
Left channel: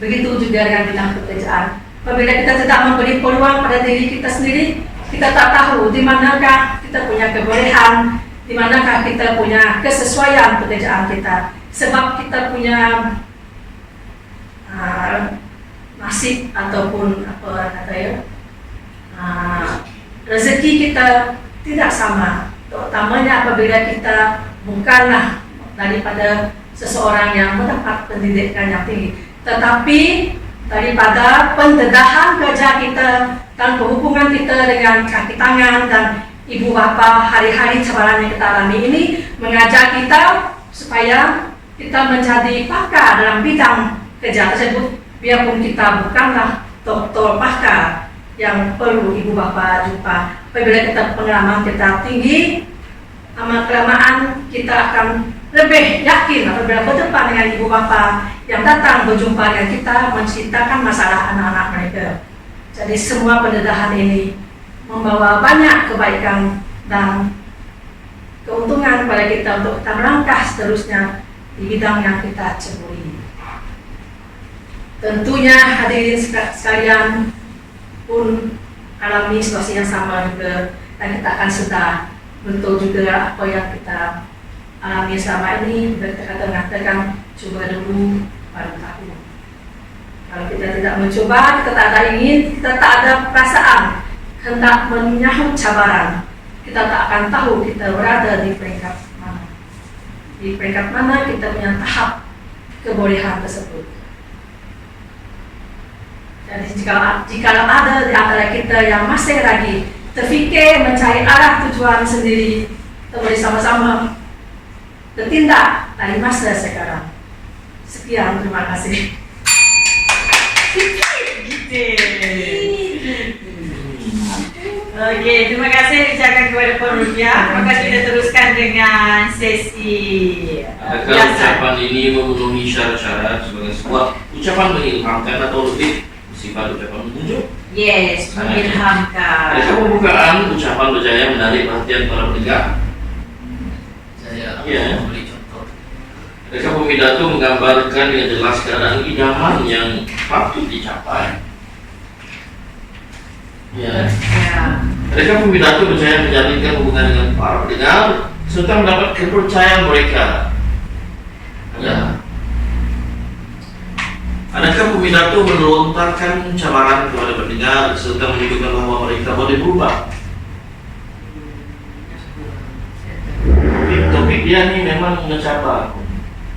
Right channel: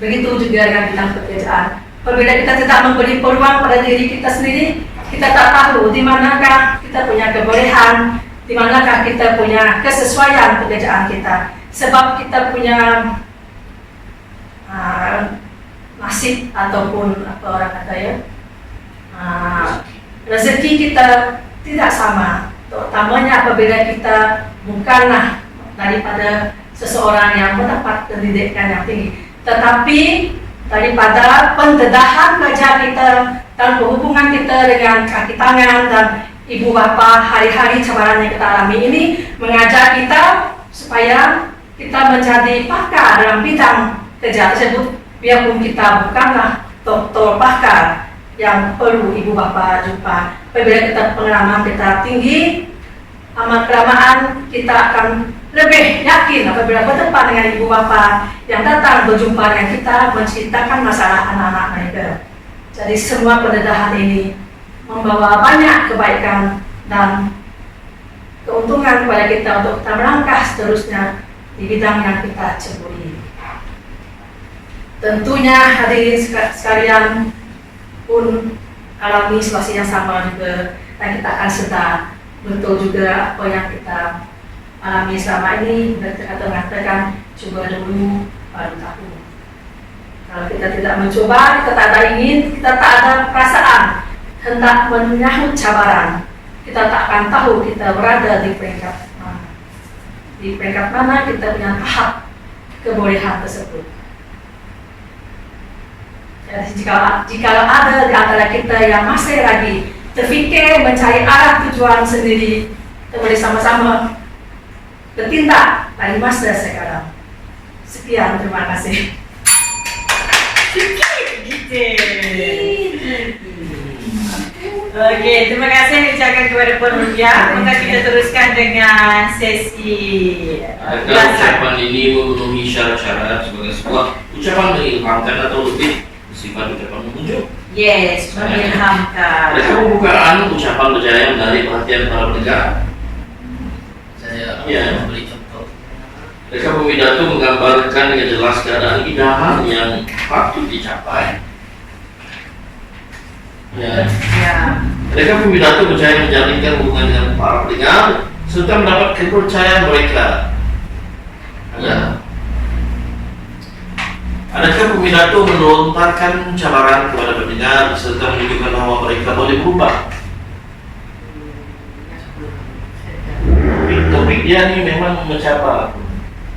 Begitu juga dengan bidang pekerjaan. Apabila kita tidak memberi peluang pada diri kita sendiri, kita tak tahu di manakah kita punya kebolehan, di manakah kita punya kesesuaian pekerjaan kita. Sebab kita punya nasib ataupun apa orang kata ya, rezeki kita tidak sama. Terutamanya apabila kita bukanlah daripada seseorang yang mendapat pendidikan yang tinggi, tetapi daripada pendedahan kerja kita dan hubungan kita dengan kaki tangan dan ibu bapa, hari-hari cabaran yang kita alami ini mengajar kita supaya kita menjadi pakar dalam bidang kerja tersebut, biarpun kita bukanlah doktor pakar yang perlu ibu bapa jumpa. Apabila kita pengalaman kita tinggi, lama-kelamaan kita akan lebih yakin apabila berdepan dengan ibu bapa yang datang berjumpa dengan kita menceritakan masalah anak-anak mereka. Jadi semua pendedahan ini membawa banyak kebaikan dan keuntungan kepada kita untuk kita melangkah seterusnya di bidang yang kita ceburi. Tentunya hadirin sekalian pun alami situasi yang sama juga, dan kita akan sedar betul juga apa yang kita alami selama ini. Dan kita kata mengatakan coba dulu baru tahu. Kalau kita tidak mencoba, kita tak ada ingin, kita tak ada perasaan hendak menyahut cabaran, kita tak akan tahu kita berada di peringkat mana. Di peringkat mana kita punya tahap kebolehan tersebut. Jadi jika ada di antara kita yang masih lagi terfikir mencari arah tujuan sendiri, kita boleh sama-sama bertindak dari masa sekarang. Sekian, terima kasih. Oke, terima kasih diucapkan kepada Puan Rupiah. Maka kita teruskan dengan sesi Adakah ucapan ini memenuhi syarat-syarat sebagai sebuah ucapan mengilhamkan atau lebih sifat ucapan menunjuk? Yes, mengilhamkan. Adakah pembukaan ucapan berjaya menarik perhatian para pendengar? Saya Ya. memberi contoh. Adakah pidato menggambarkan dengan jelas keadaan idaman yang patut dicapai? Ya. Ya. Adakah pidato berjaya menjalinkan hubungan dengan para pendengar serta mendapat kepercayaan mereka? Ya. Adakah pidato melontarkan cabaran kepada pendengar serta menunjukkan bahwa mereka boleh berubah? Topik dia ni memang mencabar.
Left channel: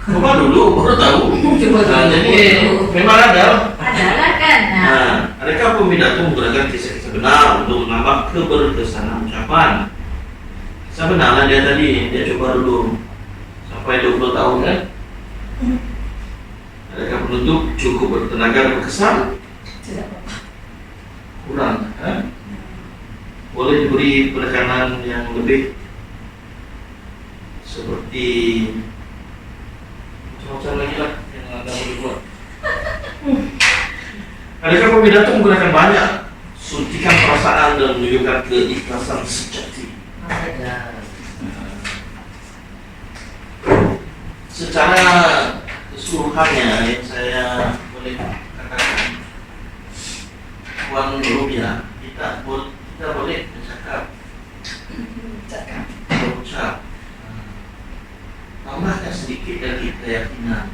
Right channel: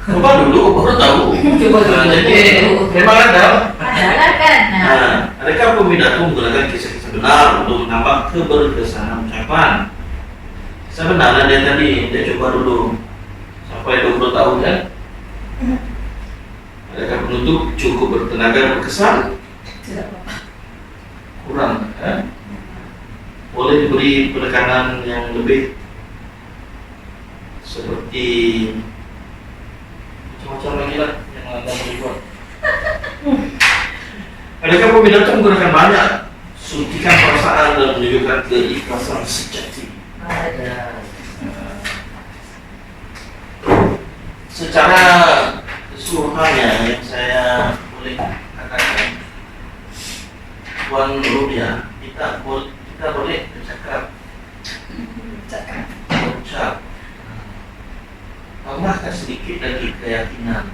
Coba dulu, baru tahu. Nah, jadi memang ada. Adalah kan? Nah, adakah pidato menggunakan kisah-kisah benar untuk menambah keberkesanan ucapan? Kisah benarlah dia tadi, dia coba dulu sampai 20 tahun kan? Adakah penutup cukup bertenaga dan berkesan? Tidak apa-apa. Kurang kan? Boleh diberi penekanan yang lebih seperti macam-macam lagi lah yang anda boleh buat. Adakah pemindahan itu menggunakan banyak suntikan perasaan dan menunjukkan keikhlasan sejati? Ada. Secara keseluruhannya yang saya boleh katakan, Puan Rubia, kita boleh bercakap, berucap, tambahkan sedikit lagi keyakinan,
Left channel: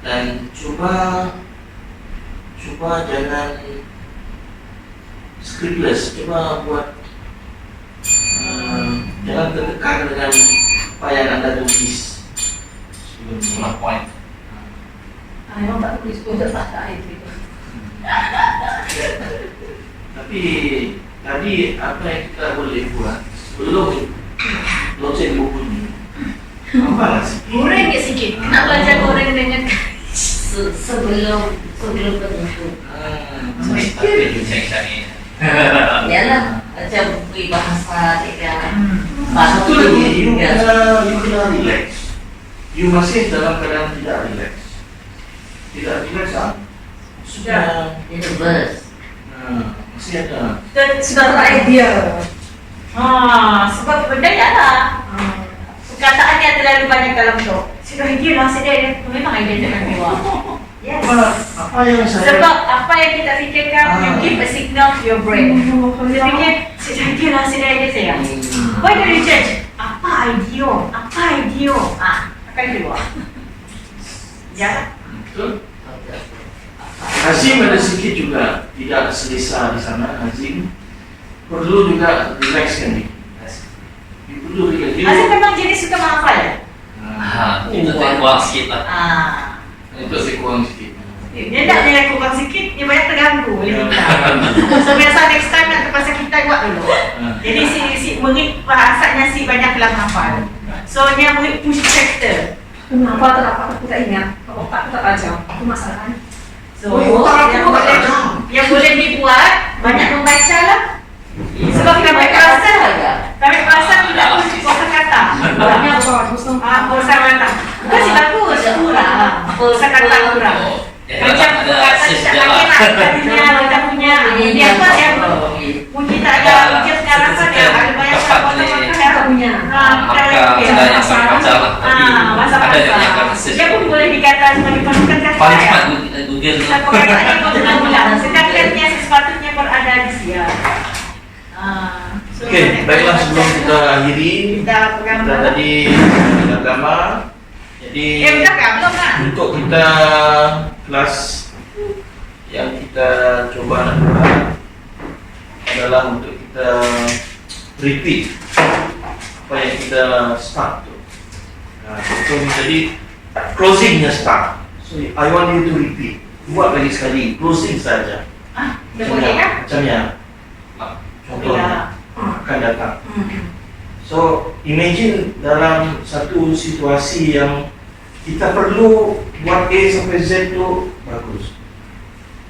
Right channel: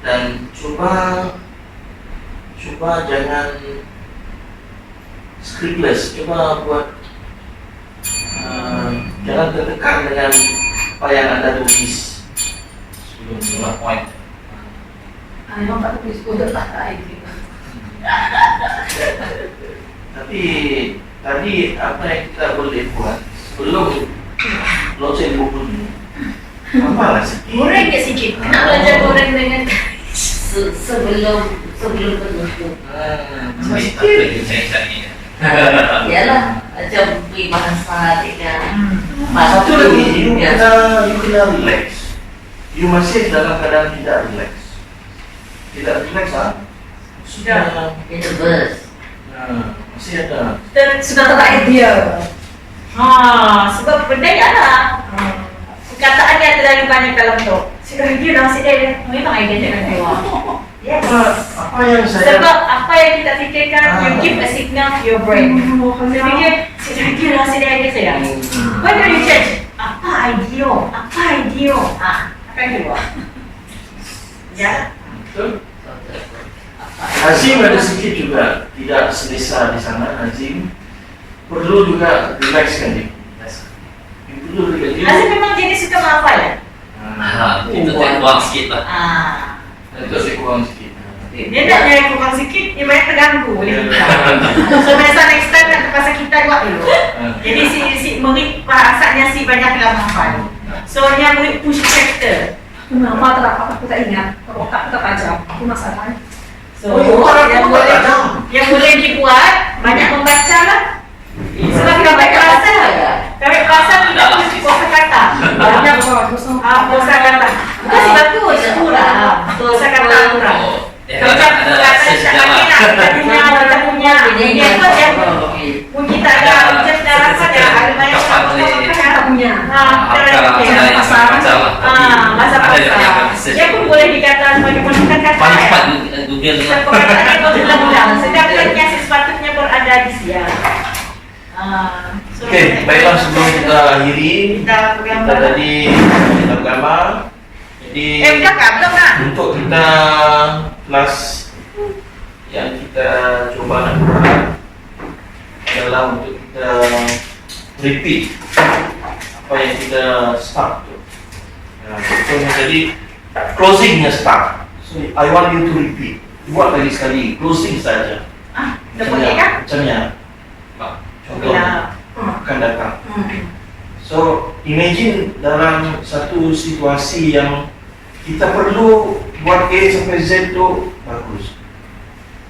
dan coba jangan scriptless, coba buat jangan terdekat dengan apa yang Anda tulis sebelum Itulah poin. Memang tak tulis udah tak itu. Tapi tadi apa yang kita boleh buat sebelum launching buku ini, apa lah sih? Goreng ke sikit. Nak belajar goreng dengan Sebelum tentu. Mesti cari-cari. Yalah, macam beri bahasa tidak. Satu lagi, you Ya. kena relax. You masih dalam keadaan tidak relax. Tidak relax ah? Sudah. Nervous. Nah, masih ada. Sudah tak idea. Sebab benda lah. Perkataannya terlalu banyak dalam tu. Sudah idea lah, sudah memang idea tak ada. Yes. Apa yang saya Sebab apa yang kita fikirkan, you give a signal to your brain. Saya fikir, sudah idea lah, sudah idea saya. Why don't you change? Apa idea? Apa idea? Akan keluar. Ya. betul? Hazim ada sedikit juga tidak selesa di sana. Hazim perlu juga relax kan ni. You perlu relax. Azim memang jenis suka menghafal ya? Kita terkuang sikit lah. Itu saya kurang sikit. Dia nak yang kurang sikit, dia banyak terganggu oleh kita. So biasa next time nak terpaksa kita buat dulu. Jadi si murid bahasanya si banyak dalam hafal. So dia murid push factor. Kenapa aku tak ingat? Otak tak tajam. Aku masalah. So yang boleh dibuat banyak membaca lah. Sebab kami kelas kita kosa kata. Banyak bagus. Kosa kata. Itu sih bagus. Kosa kata kurang. Macam kata kita punya dia pun yang pun kita ada ujian secara apa dia ada banyak punya. Masa dia pun boleh dikata sebagai penunjukan kata ya. Perkataannya pun ulang-ulang. Sedangkan yang sepatutnya berada di dia. Okey, baiklah sebelum kita akhiri, Kita pegang kita dulu. tadi agama. Jadi Udah kan belum nak? untuk kita kelas yang kita coba nak buat adalah untuk kita repeat apa yang kita start tu. Contohnya jadi closingnya start. So I want you to repeat. Buat lagi sekali closing saja. Dah boleh kan? Macamnya contoh Bila akan datang. So imagine dalam satu situasi yang kita perlu buat A sampai Z tu bagus.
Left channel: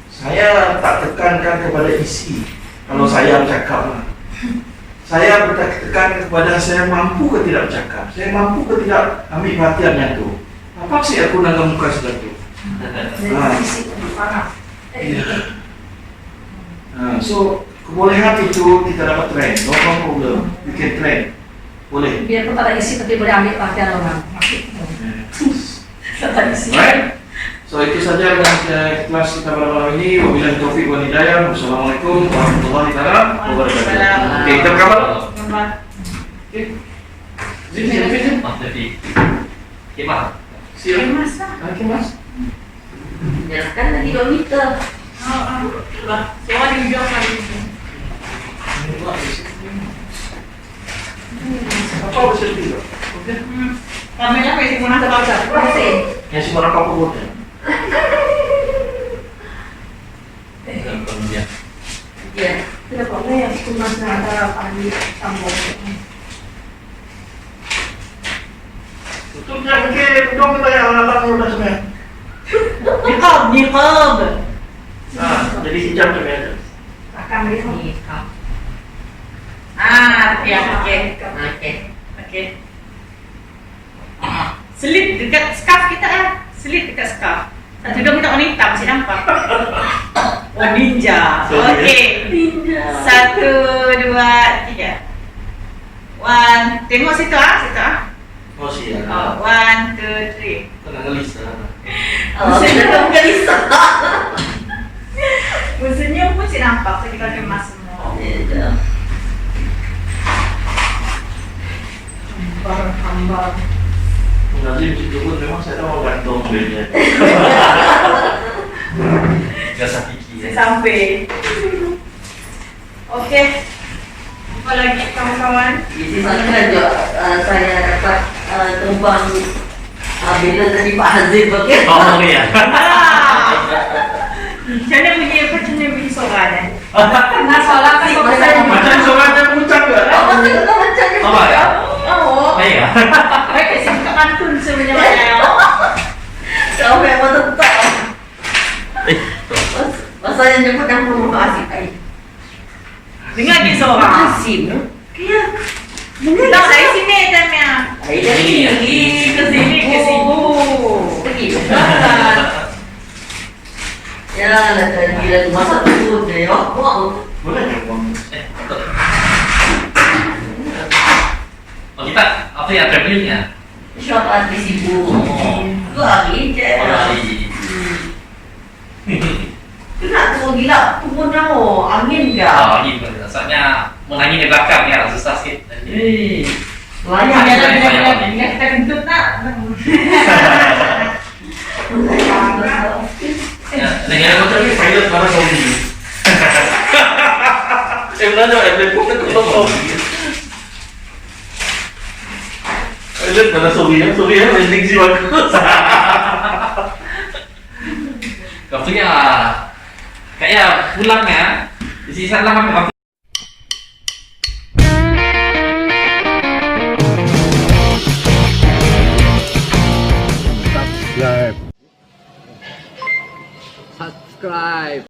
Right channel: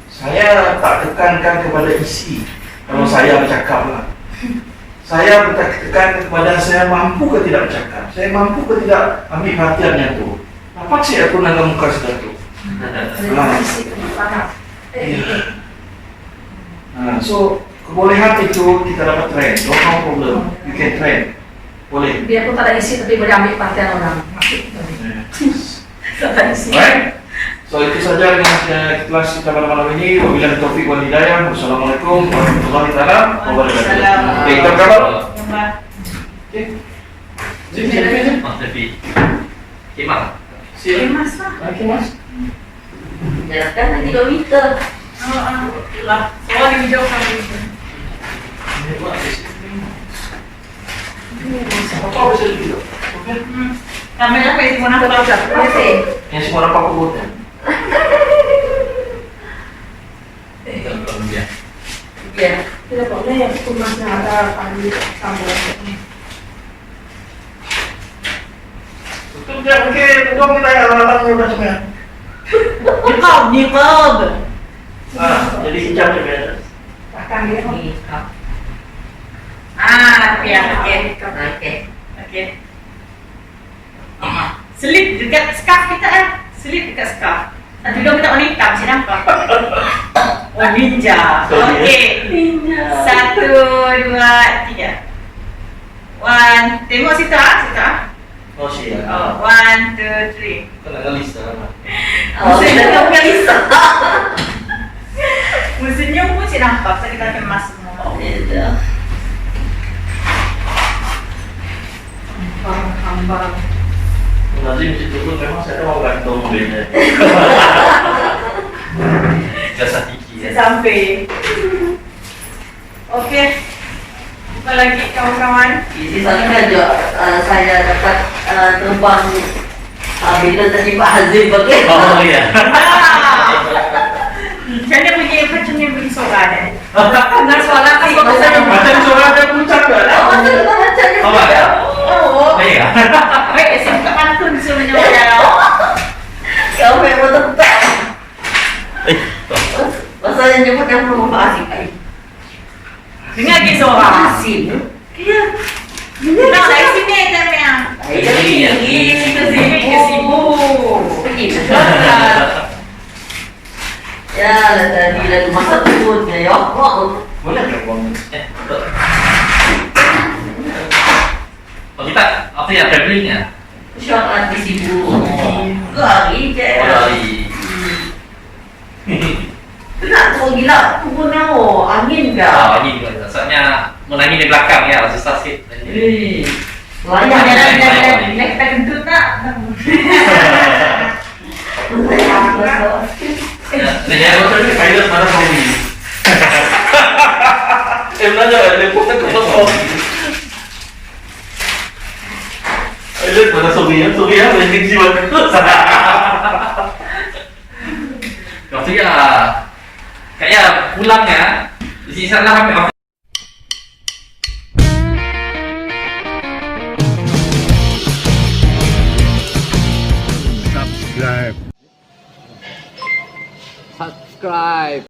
Saya tak tekankan kepada isi kalau saya bercakap lah. Saya bertekan kepada saya mampu ke tidak bercakap. Saya mampu ke tidak ambil perhatian yang tu. Dapat sih aku nanggung muka sudah tu. So kebolehan itu kita dapat train. No problem. We can train. Boleh. Biar aku tak ada isi tapi boleh ambil perhatian orang. Tak ada isi. Right? So itu saja dengan kelas kita pada malam ini. Wabillahi taufiq wal hidayah. Wassalamualaikum warahmatullahi wabarakatuh. Okey, kita berkabar. Okey. Sini. Tapi khidmat. Siap. Mas lah. Okey, Mas. Jarakkan 3 meter. Lah, semua di video kali ini. Ini buat di sini. Apa bisa dulu? Okey. Kamera apa yang mana baca? Yang semua apa aku buat? Ya. Tidak boleh. Kumas ada pagi tambah. Tutup dia mungkin dong kita yang anak muda semua. Niqab. Jadi hijab ni. Akan dia. Ya, okey. Okey. Selip dekat scarf kita kan? Selip dekat scarf. Satu dong kita warna hitam, saya nampak. Oh, ninja. Sorry, Okey. Ninja. 1, 2, 3. Tengok situ ah, situ ah. Oh siap. Oh, 1, 2, 3. Kena ngelis lah. Oh, kita bukan Lisa. Senyum pun cik nampak, so kita kemas semua. Itu. Hamba. Nazim situ pun memang saya tahu gantung mobilnya. Jasa Tiki ya. Sampai. Okey. Apa lagi kawan-kawan? Di sana saja saya dapat terbang bila tadi Pak Hazim pakai. Oh iya. Macam mana bunyi suara dia? Nah, suara kan Macam suara dia puncak ke? Oh, kita macam ni. Apa ya? Oh. Iya. Baik, kasi buka pantun sebenarnya. Kau memang tetap. Tuh. Masalahnya nyebut nama Mama Asim. Dengar ke suara? Asim. Kaya. Dengar Tak, dari sini temnya. Dari Ke sini, ke sibu. Pergi. Ya, lah tadi lah masa turun dia ya. Boleh ke bang? Betul. Oh kita apa ya travelingnya? InsyaAllah di sibu. Lari je. Oh dari. Nak tu gila. Kubur nama. Angin ke? Oh gitu. Soalnya menangin di belakang ya susah sih. Banyak jalan-jalan. Kita kentut tak? Dengan motor ni pilot mana Saudi? Belajar dia pun tak tahu Saudi. Pilot mana Saudi ya? Saudi ya landing si bagus. Waktu ya kayak pulang ya di sisa lah subscribe